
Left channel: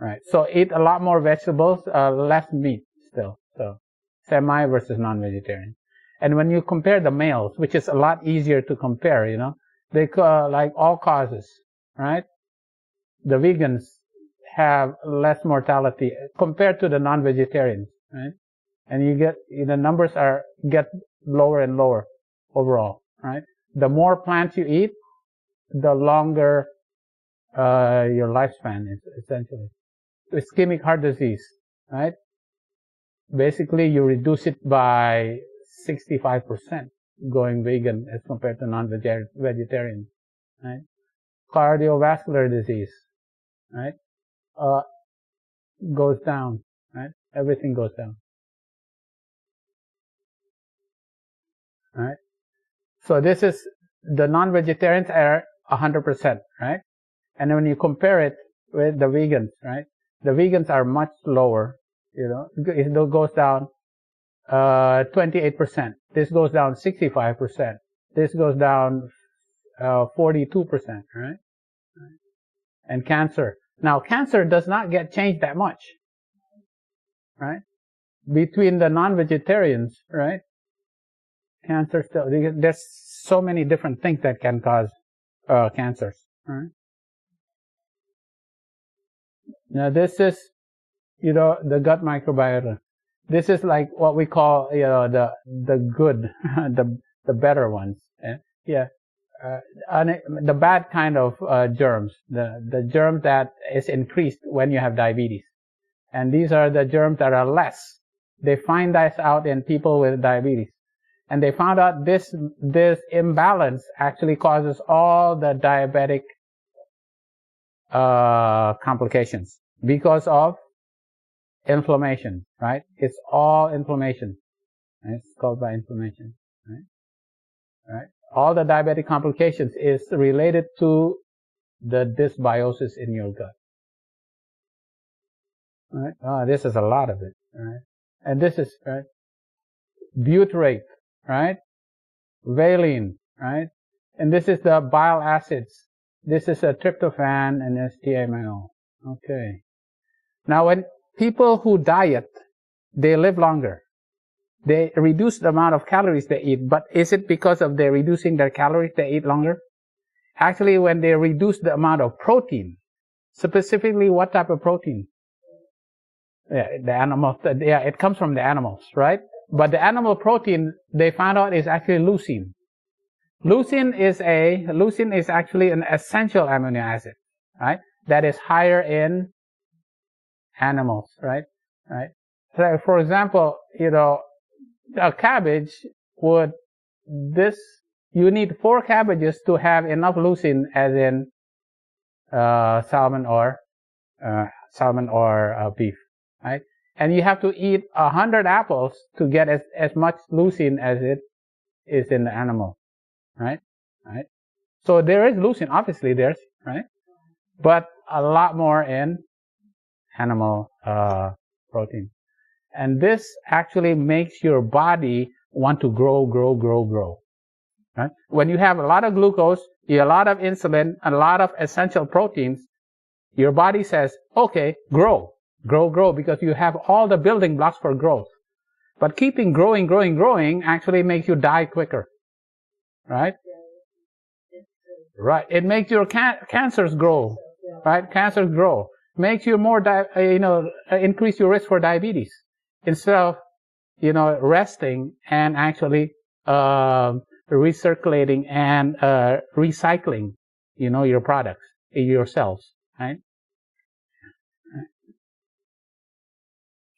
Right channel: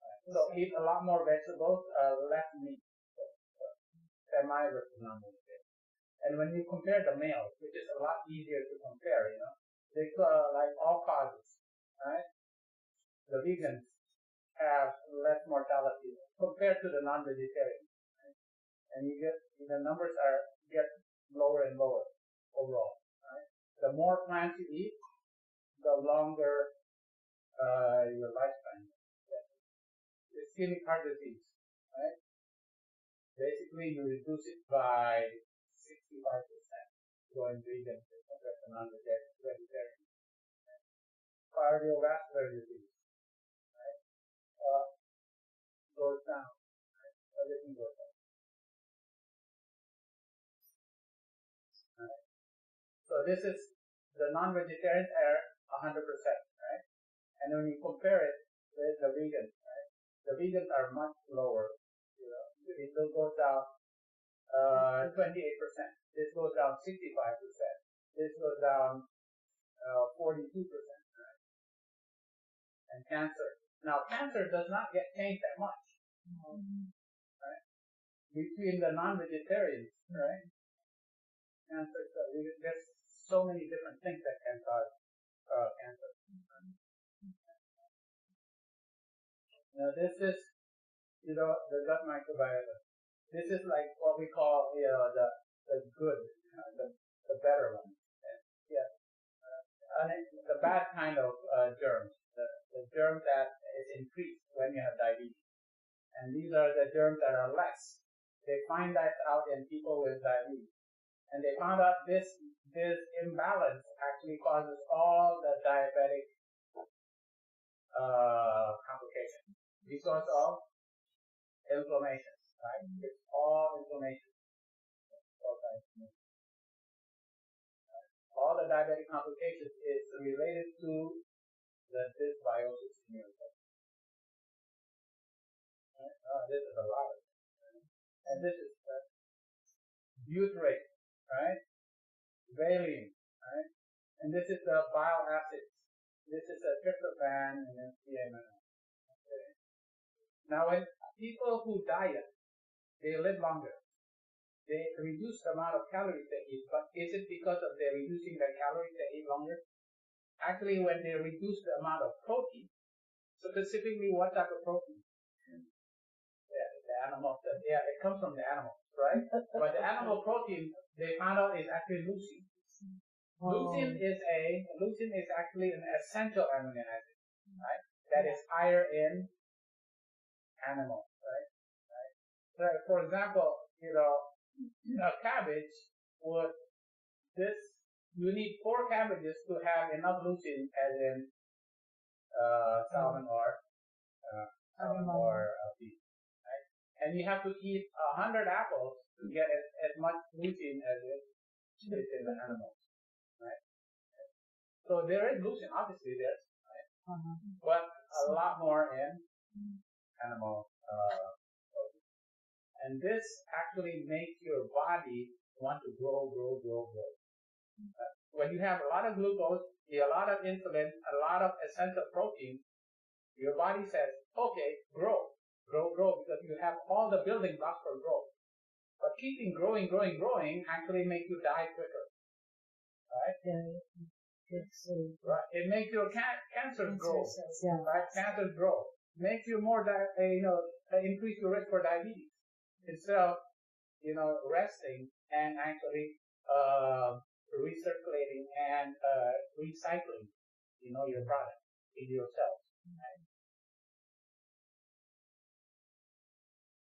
Right. So eat a lot more vegetables, less meat still. So semi versus non-vegetarian. And when you compare the males, which is a lot easier to compare, you know, they like all causes, right? The vegans have less mortality compared to the non-vegetarians, right? And you get, the numbers get lower and lower overall, right? The more plants you eat, the longer your lifespan is, essentially. Ischemic heart disease, right? Basically, you reduce it by 65% going vegan as compared to non-vegetarian, right? Cardiovascular disease, right? Goes down, right? Everything goes down, right? So this is, the non-vegetarians are 100%, right? And then when you compare it with the vegans, right? The vegans are much lower, it goes down 28%. This goes down 65%. This goes down 42%, right? And cancer. Now, cancer does not get changed that much, right? Between the non-vegetarians, right? Cancer still, there's so many different things that can cause cancers, right? Now, this is, the gut microbiota. This is like what we call, the good, the better ones. Yeah. The bad kind of germs, the germ that is increased when you have diabetes. And these are the germs that are less. They find this out in people with diabetes. And they found out this imbalance actually causes all the diabetic complications because of inflammation, right? It's all inflammation. Right? It's caused by inflammation, right? Right? All the diabetic complications is related to the dysbiosis in your gut. Right? This is a lot of it, right? And this is, right? Butyrate, right? Valine, right? And this is the bile acids. This is a tryptophan and amino. Okay. Now, when people who diet, they live longer. They reduce the amount of calories they eat, but is it because of they're reducing their calories they eat longer? Actually, when they reduce the amount of protein, specifically what type of protein? Yeah, the animal. Yeah, it comes from the animals, right? But the animal protein they found out is actually leucine. Leucine is actually an essential amino acid, right? That is higher in animals, right? Right. So, for example, a cabbage you need 4 cabbages to have enough leucine as in salmon or beef, right? And you have to eat 100 apples to get as much leucine as it is in the animal, right? Right. So there is leucine, obviously there's, right? But a lot more in animal protein. And this actually makes your body want to grow. Right? When you have a lot of glucose, a lot of insulin, a lot of essential proteins, your body says, okay, grow, because you have all the building blocks for growth. But keeping growing actually makes you die quicker. Right? Right. It makes your cancers grow. Right? Cancers grow. Makes you more, increase your risk for diabetes. Instead of, resting and actually recirculating and recycling, your products, your cells, right?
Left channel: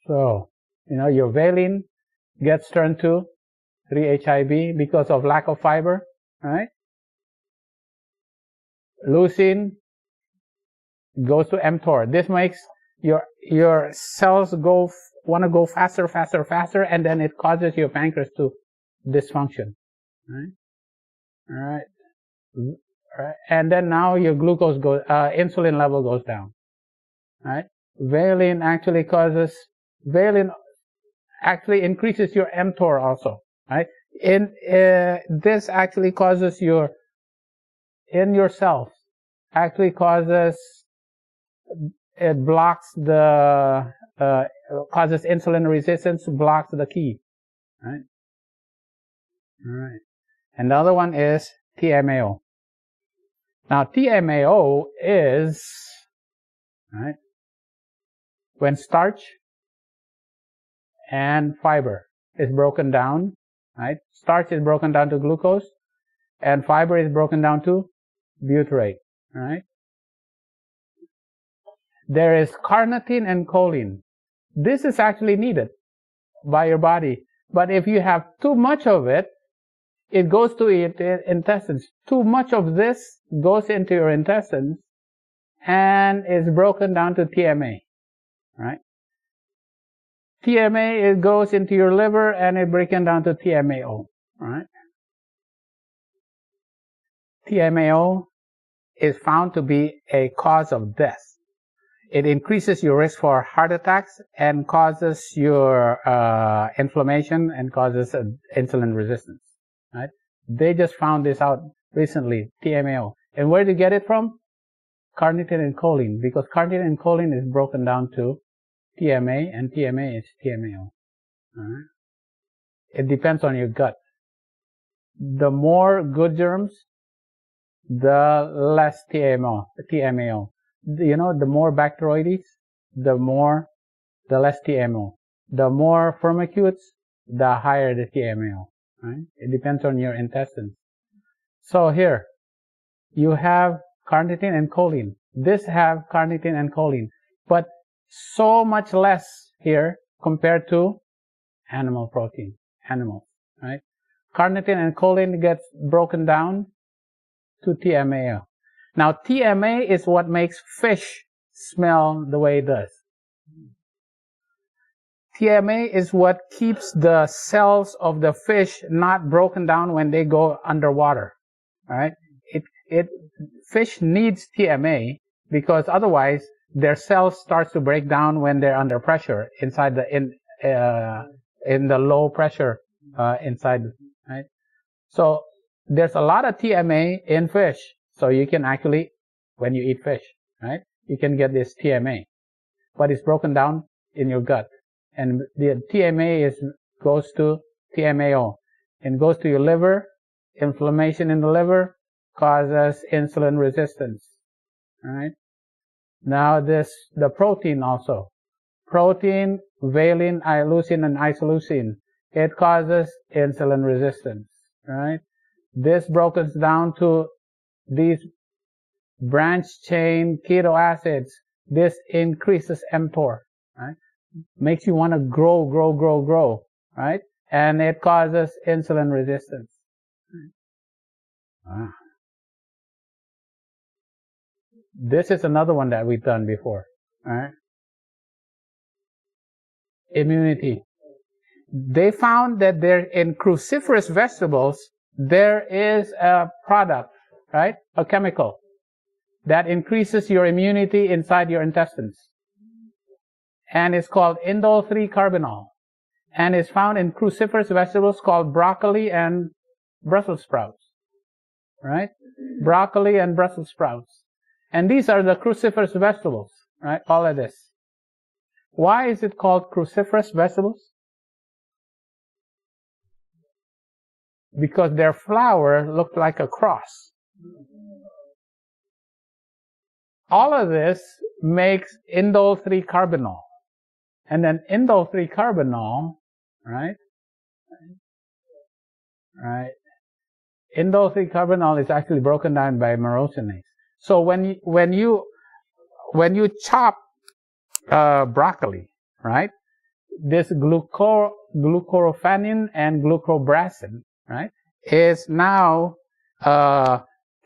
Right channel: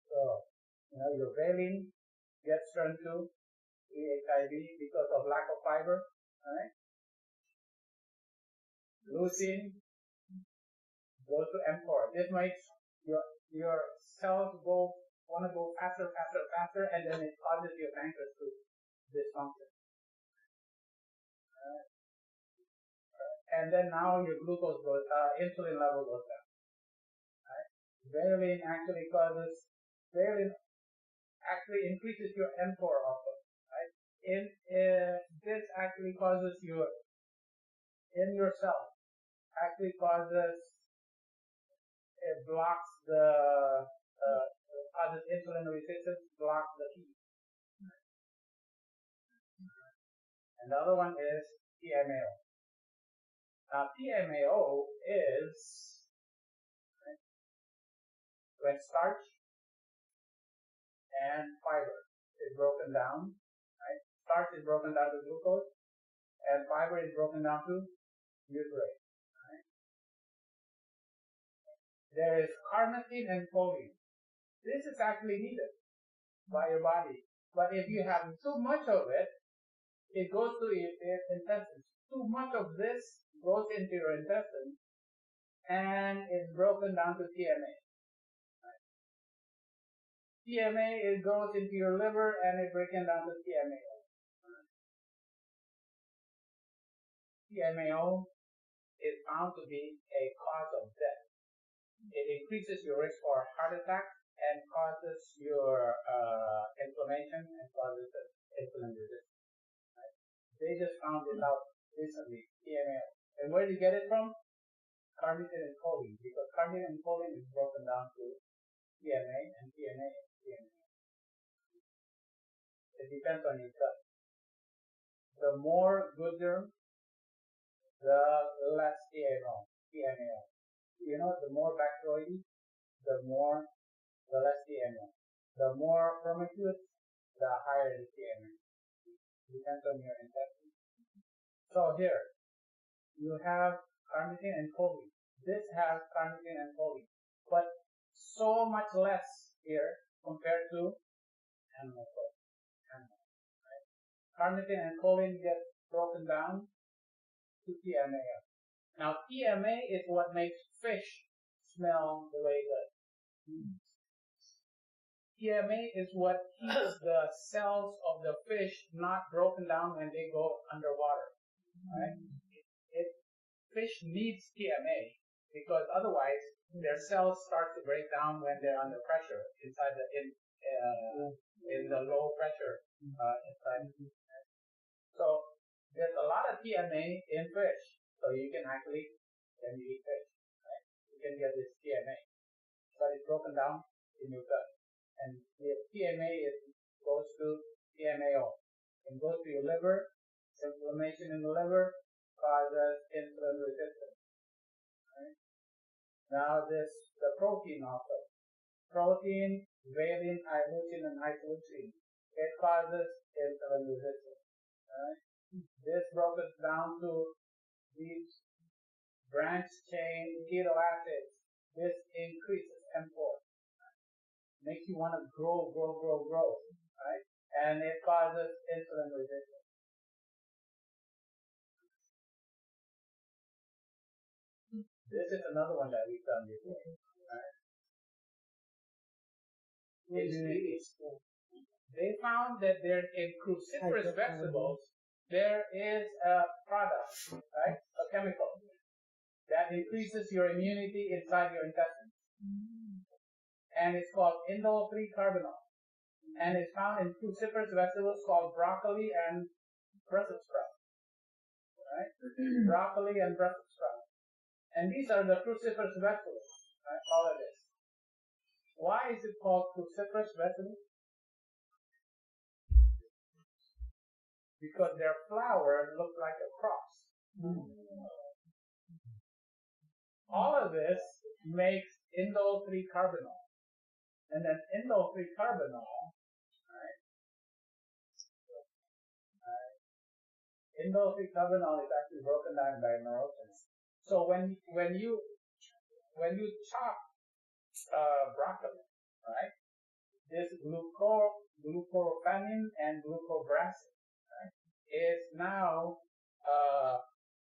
So, your valine gets turned to 3-HIB because of lack of fiber, right? leucine goes to mTOR. This makes your cells want to go faster, faster, faster, and then it causes your pancreas to dysfunction. Right? All right. All right. And then now your insulin level goes down. Right? Valine actually increases your mTOR also. Right? This actually causes in your cells, actually causes, it blocks causes insulin resistance, blocks the key. Right? All right. And the other one is TMAO. Now, TMAO is, right, when starch and fiber is broken down, right? Starch is broken down to glucose, and fiber is broken down to butyrate, right? There is carnitine and choline. This is actually needed by your body. But if you have too much of it, it goes to your intestines. Too much of this goes into your intestines and is broken down to TMA, right? TMA, it goes into your liver and it's broken down to TMAO, right? TMAO is found to be a cause of death. It increases your risk for heart attacks and causes your inflammation and causes insulin resistance, right? They just found this out recently, TMAO. And where did you get it from? Carnitine and choline, because carnitine and choline is broken down to TMA, and TMA is TMAO. All right? It depends on your gut. The more good germs, the less TMAO. You know, the more Bacteroidetes, the less TMAO. The more Firmicutes, the higher the TMAO. Right? It depends on your intestines. So here, you have carnitine and choline. This have carnitine and choline, but so much less here compared to animal protein, animals, right? Carnitine and choline gets broken down to TMAO. Now, TMA is what makes fish smell the way it does. TMA is what keeps the cells of the fish not broken down when they go underwater, right? Fish needs TMA because otherwise their cells starts to break down when they're under pressure inside in the low pressure inside, right? So there's a lot of TMA in fish. So you can actually, when you eat fish, right, you can get this TMA, but it's broken down in your gut. And the TMA goes to TMAO and goes to your liver. Inflammation in the liver causes insulin resistance. All right. Now the protein also. Protein, valine, leucine, and isoleucine. It causes insulin resistance. Right. This broken down to these branch chain keto acids. This increases mTOR. Right. Makes you want to grow, right? And it causes insulin resistance. Wow. This is another one that we've done before, all right? Immunity. They found that in cruciferous vegetables, there is a product, right? A chemical that increases your immunity inside your intestines. And it's called indole 3-carbinol. And it's found in cruciferous vegetables called broccoli and Brussels sprouts. Right? Broccoli and Brussels sprouts. And these are the cruciferous vegetables. Right? All of this. Why is it called cruciferous vegetables? Because their flower looked like a cross. All of this makes indole 3-carbinol. And then indole 3-carbinol, right? Right. Indole 3-carbinol is actually broken down by myrosinase. So when you chop broccoli, right? This glucorophanin and glucobrasin, right, is now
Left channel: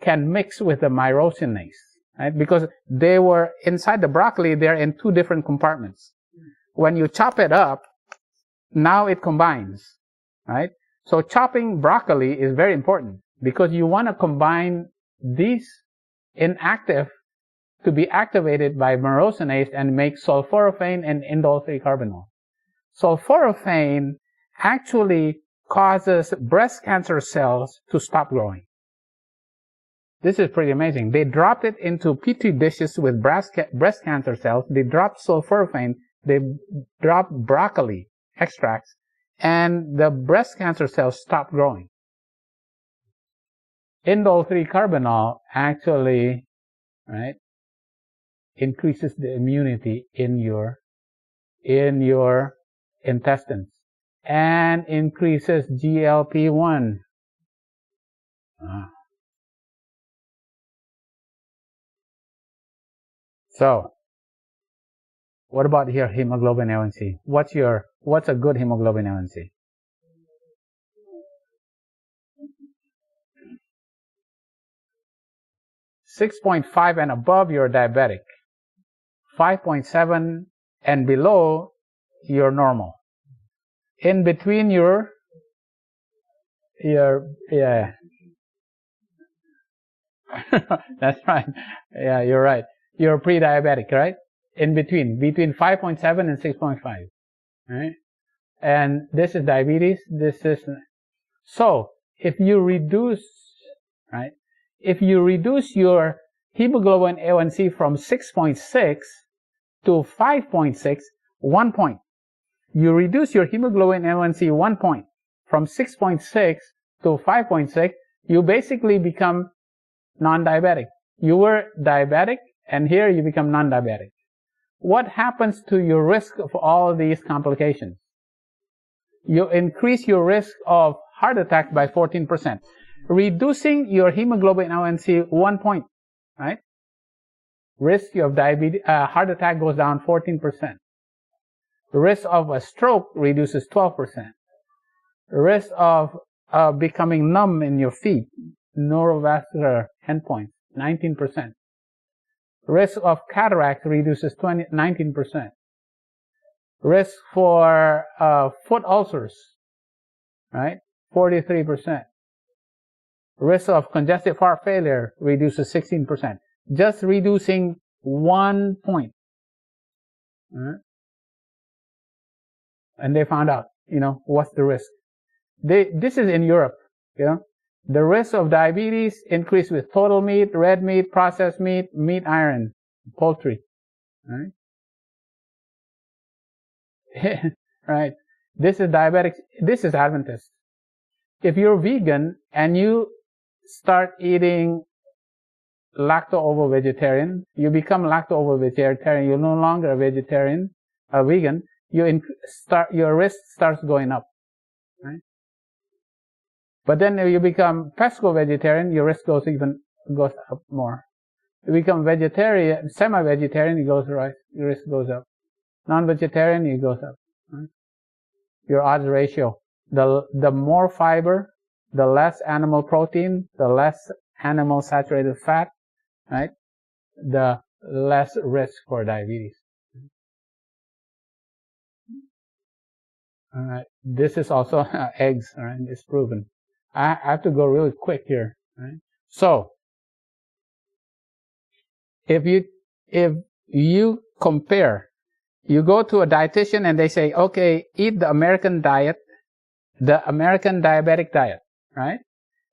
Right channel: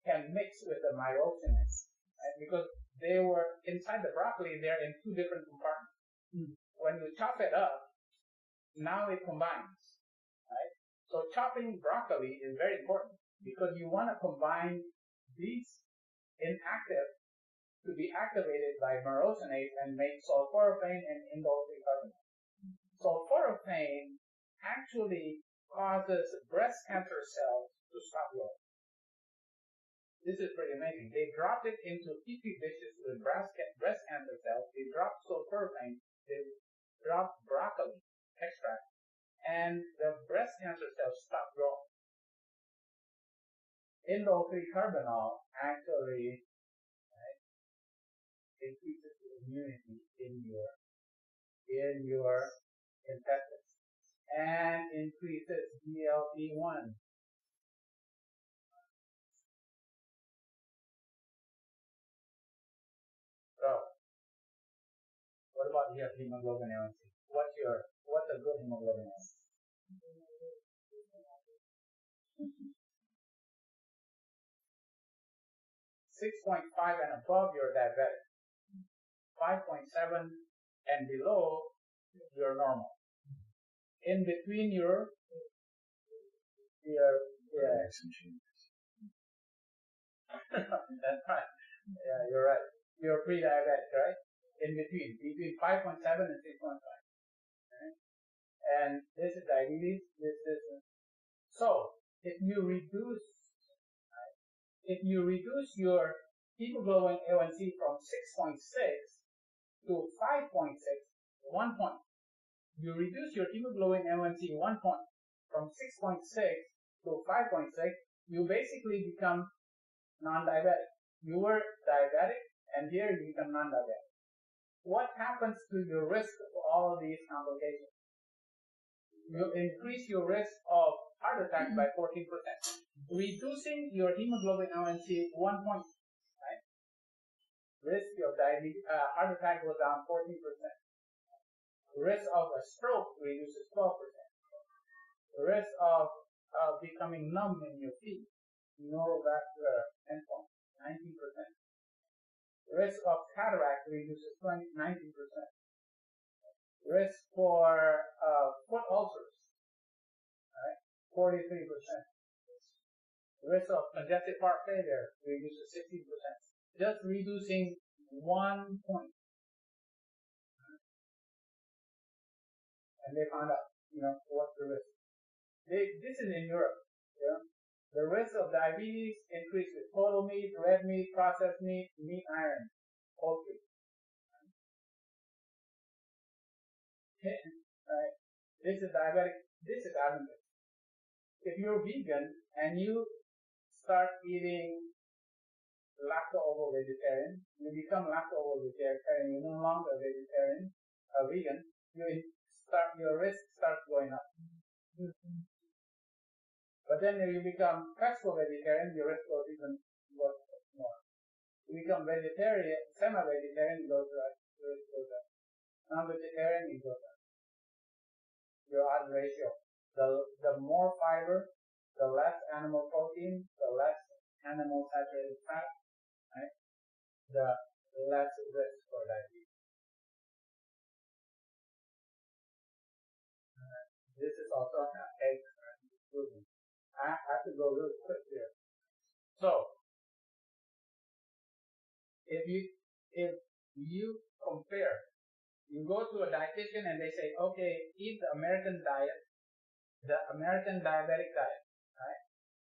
can mix with the myrosinase, right? Because they were inside the broccoli, they're in two different compartments. When you chop it up, now it combines, right? So chopping broccoli is very important because you want to combine these inactive to be activated by myrosinase and make sulforaphane and indole 3-carbinol. Sulforaphane actually causes breast cancer cells to stop growing. This is pretty amazing. They dropped it into petri dishes with breast cancer cells. They dropped sulforaphane. They dropped broccoli extracts, and the breast cancer cells stopped growing. Indole 3-carbinol actually, right, increases the immunity in your intestines and increases GLP-1. So, what about your hemoglobin A1C? What's a good hemoglobin A1C? .5 and above, you're diabetic. 5.7 and below, you're normal. In between, you're yeah. That's right. Yeah, you're right. You're pre-diabetic, right? In between 5.7 and 6.5, right? And this is diabetes. This is so. If you reduce, right? If you reduce your hemoglobin A1C from 6.6 to 5.6, 1 point. You reduce your hemoglobin A1C 1 point from 6.6 to 5.6. You basically become non-diabetic. You were diabetic, and here you become non-diabetic. What happens to your risk of all these complications? You increase your risk of heart attack by 14%. Reducing your hemoglobin A1C 1 point, right? Risk of diabetes, heart attack goes down 14%. Risk of a stroke reduces 12%. Risk of becoming numb in your feet, neurovascular endpoints, 19%. Risk of cataract reduces 19%. Risk for foot ulcers, right? 43%. Risk of congestive heart failure reduces 16%. Just reducing 1 point. Right? And they found out, what's the risk. This is in Europe, The risk of diabetes increased with total meat, red meat, processed meat, meat iron, poultry. Right? Right. This is diabetic. This is Adventist. If you're vegan and you start eating lacto-ovo-vegetarian, you become lacto-ovo-vegetarian, you're no longer a vegetarian, a vegan, your risk starts going up. Right? But then if you become pesco-vegetarian, your risk goes up more. You become vegetarian, semi-vegetarian, your risk goes up. Non-vegetarian, it goes up. Right? Your odds ratio. The more fiber, the less animal protein, the less animal saturated fat, right? The less risk for diabetes. All right. This is also eggs, all right? It's proven. I have to go really quick here, right? So, if you compare, you go to a dietitian and they say, okay, eat the American diet, the American diabetic diet, right?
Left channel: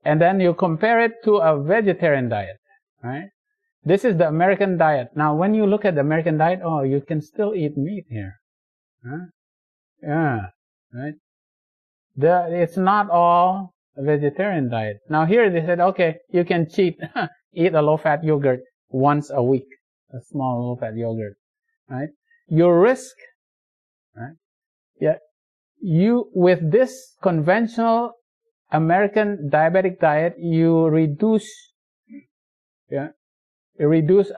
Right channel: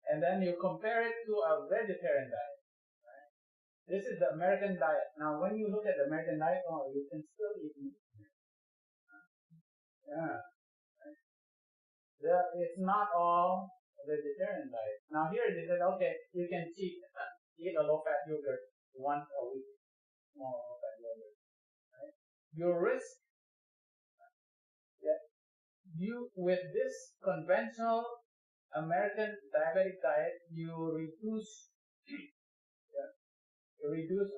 And then you compare it to a vegetarian diet, right? This is the American diet. Now, when you look at the American diet, oh, you can still eat meat here. Huh? Yeah, right? It's not all a vegetarian diet. Now here they said, okay, you can cheat, eat a low-fat yogurt once a week, a small low-fat yogurt, right? Your risk, right? Yeah, with this conventional American diabetic diet, you reduce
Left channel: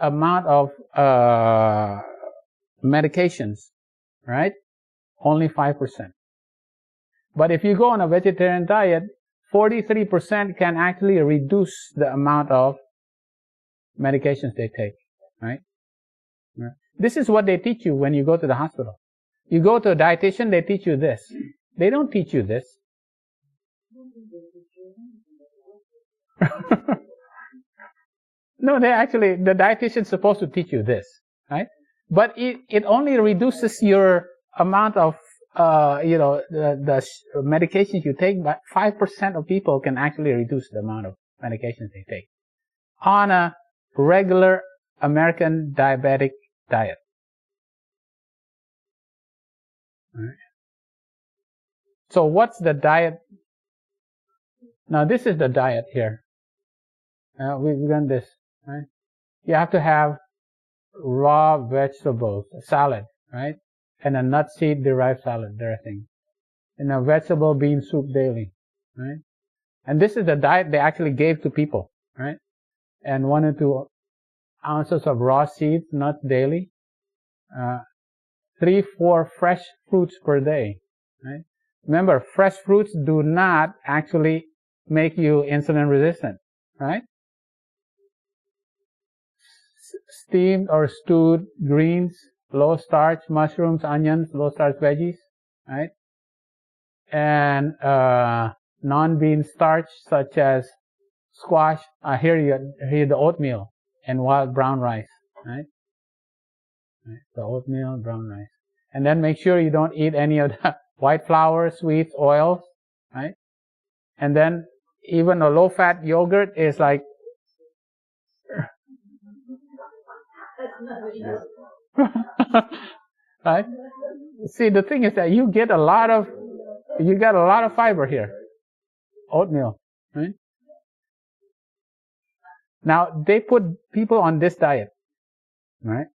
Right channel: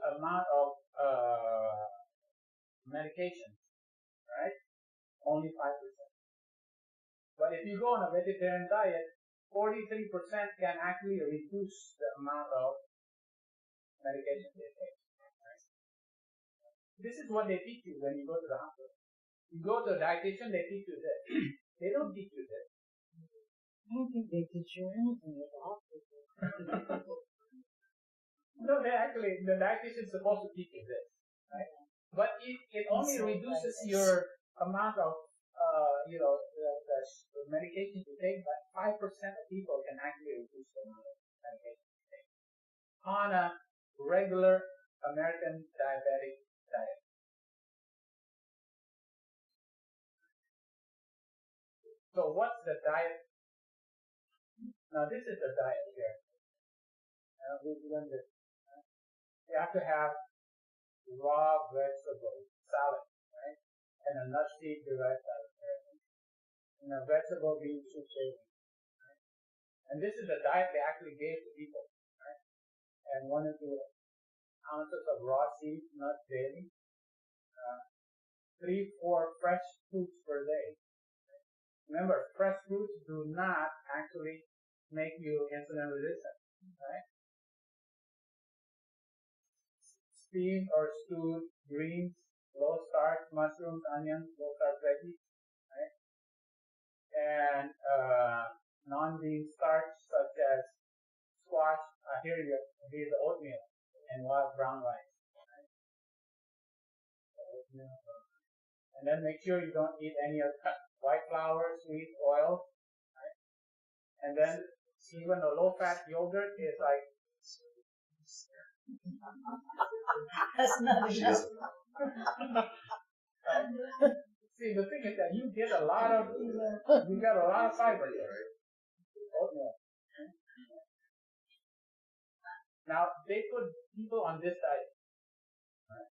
amount of medications, right? Only 5%. But if you go on a vegetarian diet, 43% can actually reduce the amount of medications they take, right? This is what they teach you when you go to the hospital. You go to a dietitian, they teach you this. They don't teach you this. I don't think they teach you anything at the hospital. No, the dietitian's supposed to teach you this, right? But it only reduces your amount of, the medications you take, but 5% of people can actually reduce the amount of medications they take on a regular American diabetic diet. All right. So what's the diet? Now this is the diet here. We've done this, right? You have to have raw vegetables, salad, right? And a nut seed derived salad dressing. And a vegetable bean soup daily, right? And this is the diet they actually gave to people, right? And 1 or 2 ounces of raw seeds, nuts daily. 3-4 fresh fruits per day, right? Remember, fresh fruits do not actually make you insulin resistant, right? Steamed or stewed greens, low starch mushrooms, onions, low starch veggies, right? And non-bean starch such as squash. Here the oatmeal and wild brown rice, right? The oatmeal, brown rice. And then make sure you don't eat any of the white flour, sweets, oils, right? And then even a low-fat yogurt is like That's not enough. right? See, the thing is that you get a lot of fiber here. Oatmeal, right? Now they put people on this diet, right?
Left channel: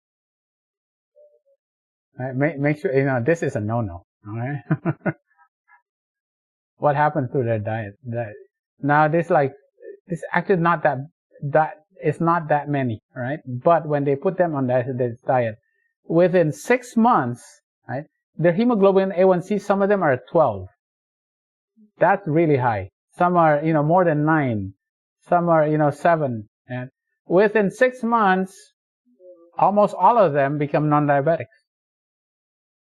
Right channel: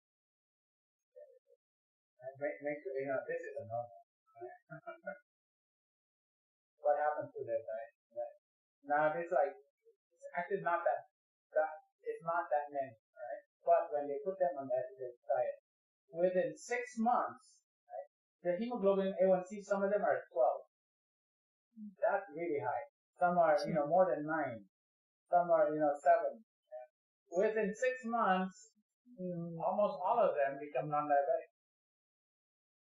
Right? Make sure this is a no-no. All right. What happens to their diet? Now this actually not that it's not that many, right? But when they put them on this diet, within 6 months, right, their hemoglobin A1C, some of them are at 12. That's really high. Some are more than 9. Some are 7. And within 6 months, almost all of them become non-diabetics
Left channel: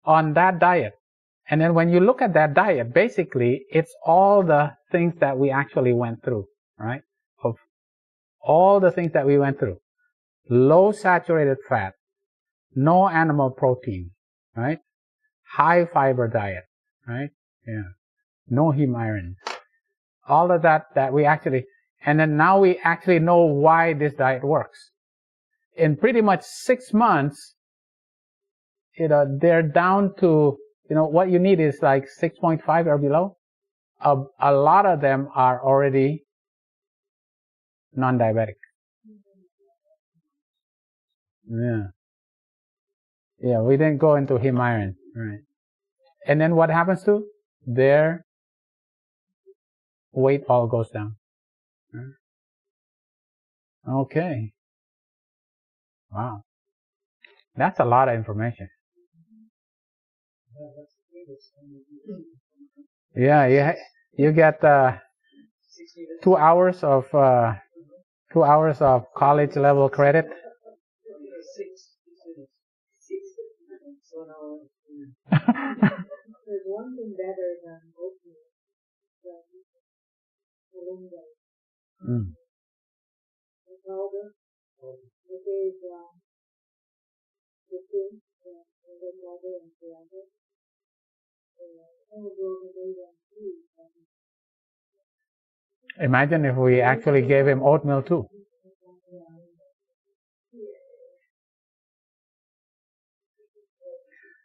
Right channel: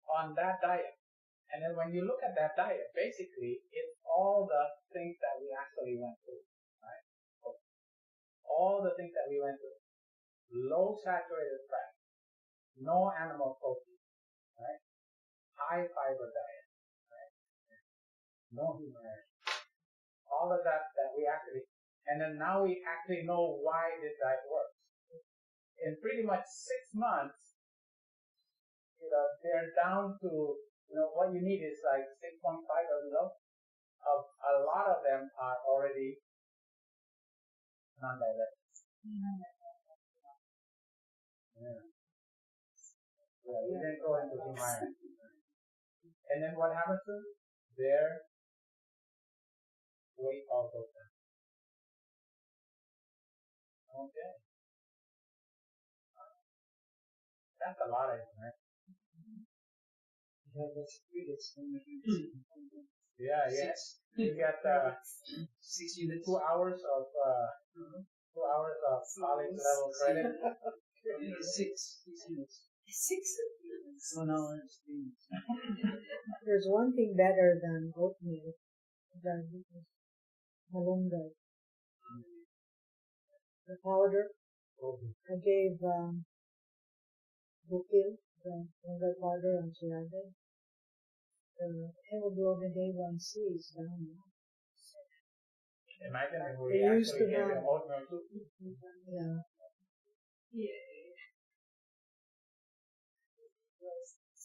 on that diet. And then when you look at that diet, basically it's all the things that we actually went through, right? Of all the things that we went through. Low saturated fat, no animal protein, right? High fiber diet, right? Yeah. No heme iron. All of that we actually, and then now we actually know why this diet works. In pretty much 6 months, they're down to, what you need is like 6.5 or below. A lot of them are already non-diabetic. Yeah, we didn't go into heme iron, right? And then what happens to their weight all goes down. Okay. Wow. That's a lot of information. Yeah, you get 2 hours of 2 hours of college level credit. 6. There's one thing better than oatmeal, than malunggay. The powder. I gave Bukil the malunggay powder and Soluble. The hemoglobin A1C is down. Imagine if we actually gave him oatmeal too. Yeah.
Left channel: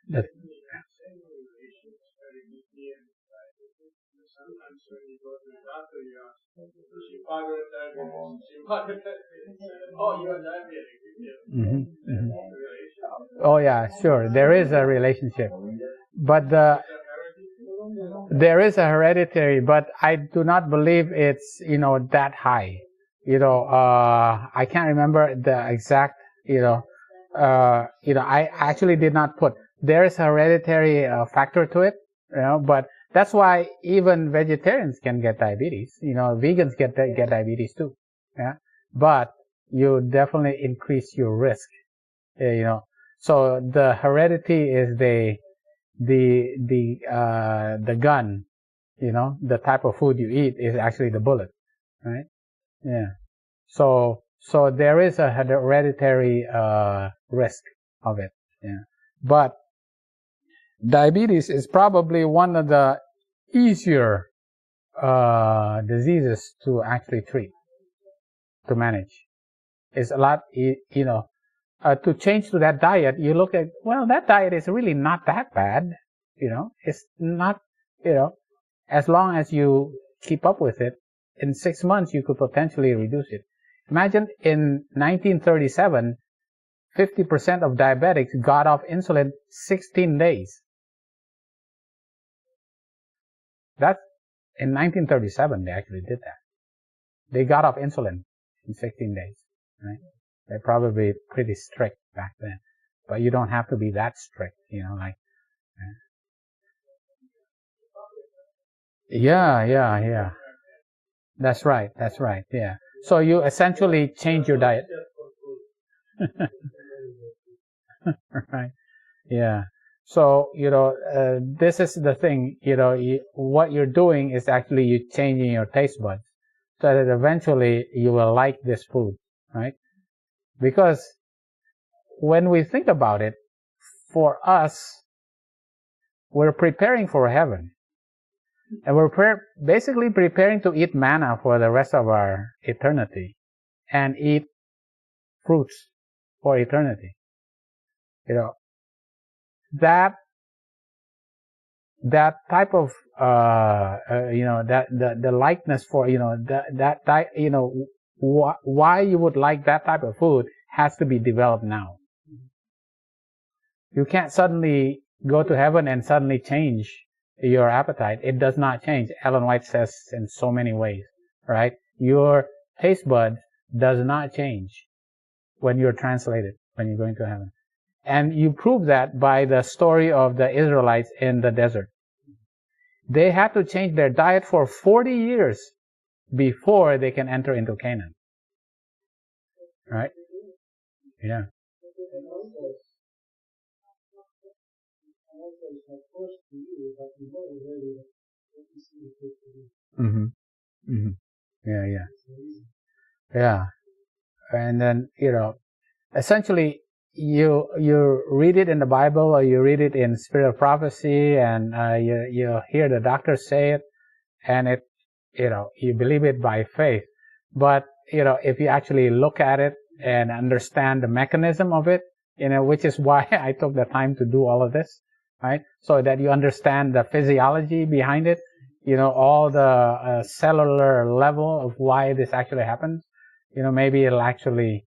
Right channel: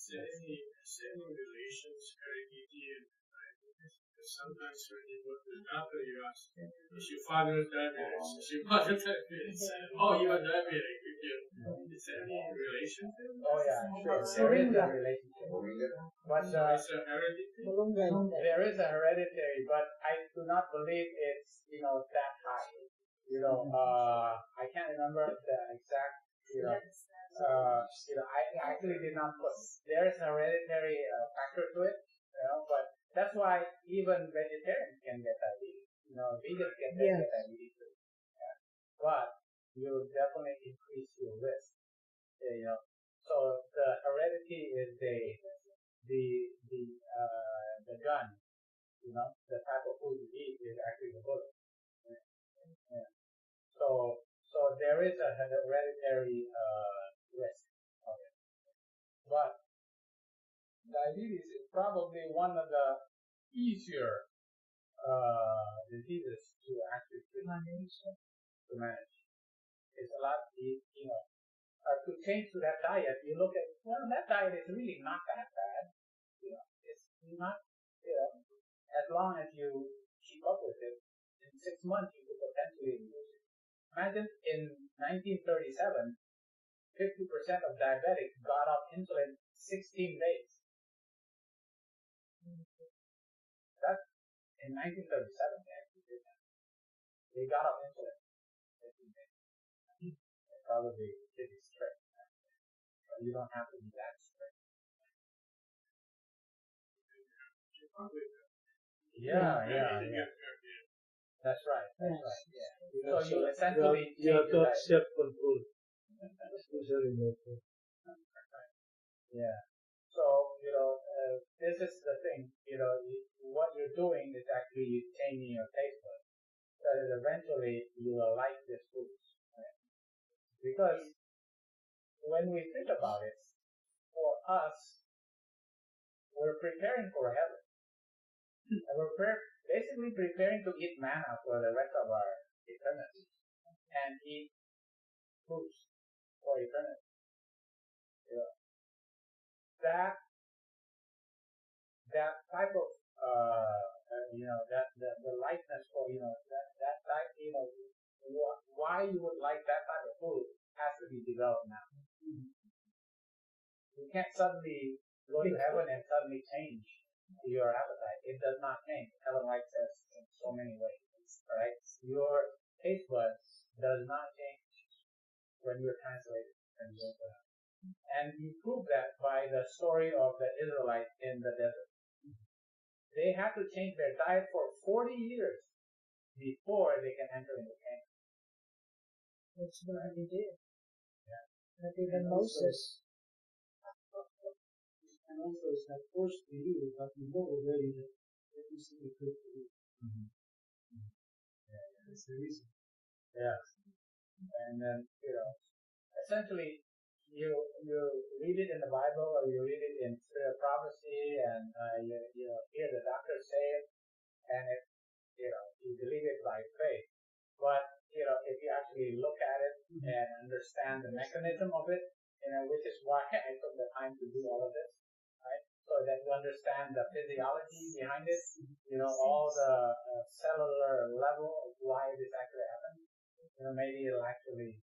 Relations, heredity, and diabetes. Sometimes when you go to the doctor, you ask, is your father diabetic? Is your mother diabetic? Oh, you're diabetic. Is there any relationship? Oh yeah, sure. There is a relationship, but there is a hereditary, but I do not believe it's that high. I can't remember the exact. I actually did not put. There is a hereditary factor to it, but That's why even vegetarians can get diabetes. Vegans get diabetes too. Yeah, but you definitely increase your risk. So the heredity is the gun. The type of food you eat is actually the bullet, right? Yeah. So there is a hereditary risk of it. Yeah. But diabetes is probably one of the easier diseases to actually treat, to manage. It's a lot, to change to that diet. You look at, well, that diet is really not that bad. It's not, as long as you keep up with it, in 6 months you could potentially reduce it. Imagine in 1937, 50% of diabetics got off insulin 16 days. That's in 1937 they actually did that. They got off insulin in 16 days. Right? They're probably pretty strict back then, but you don't have to be that strict. Yeah. That's right. Yeah. So you essentially change your diet. Right. Yeah. So, this is the thing, what you're doing is actually you changing your taste buds so that eventually you will like this food, right? Because when we think about it, for us, we're preparing for heaven. And we're basically preparing to eat manna for the rest of our eternity and eat fruits for eternity. That type of the likeness for why you would like that type of food has to be developed now. You can't suddenly go to heaven and suddenly change your appetite. It does not change. Ellen White says in so many ways, right? Your taste bud does not change when you're translated, when you're going to heaven. And you prove that by the story of the Israelites in the desert. They had to change their diet for 40 years before they can enter into Canaan. Right? Yeah. Not even Moses. And also it's not forced to you, but you know already that is really good for you. Yeah. That's the reason. Yeah. And then, essentially you read it in the Bible or you read it in Spirit of Prophecy and you hear the doctor say it and it, you believe it by faith. But, if you actually look at it and understand the mechanism of it, which is why I took the time to do all of this, right? So that you understand the physiology behind it, all the cellular level of why this actually happens, maybe it'll actually,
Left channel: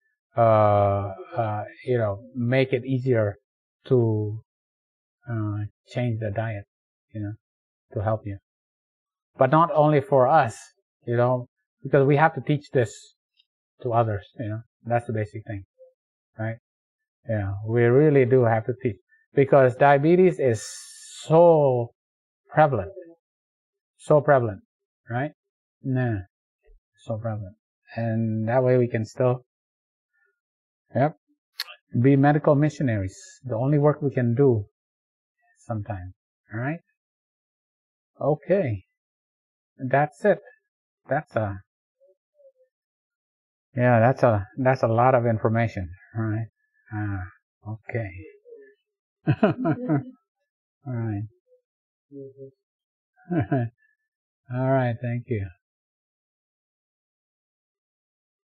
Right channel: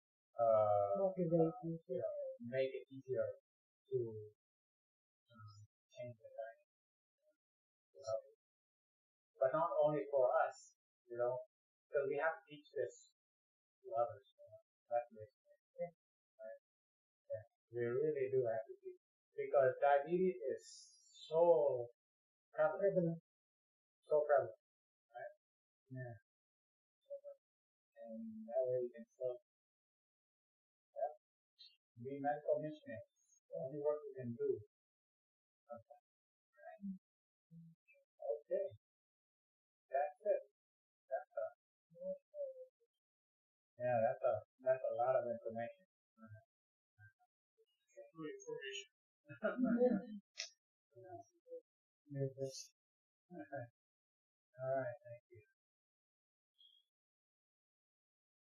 make it easier to change the diet, to help you. But not only for us, because we have to teach this to others, that's the basic thing, right? Yeah, we really do have to teach because diabetes is so prevalent, right? Yeah, so prevalent. And that way we can still, be medical missionaries. The only work we can do sometimes, all right? Okay. That's it. That's a lot of information, all right? Okay. All right. All right. Thank you.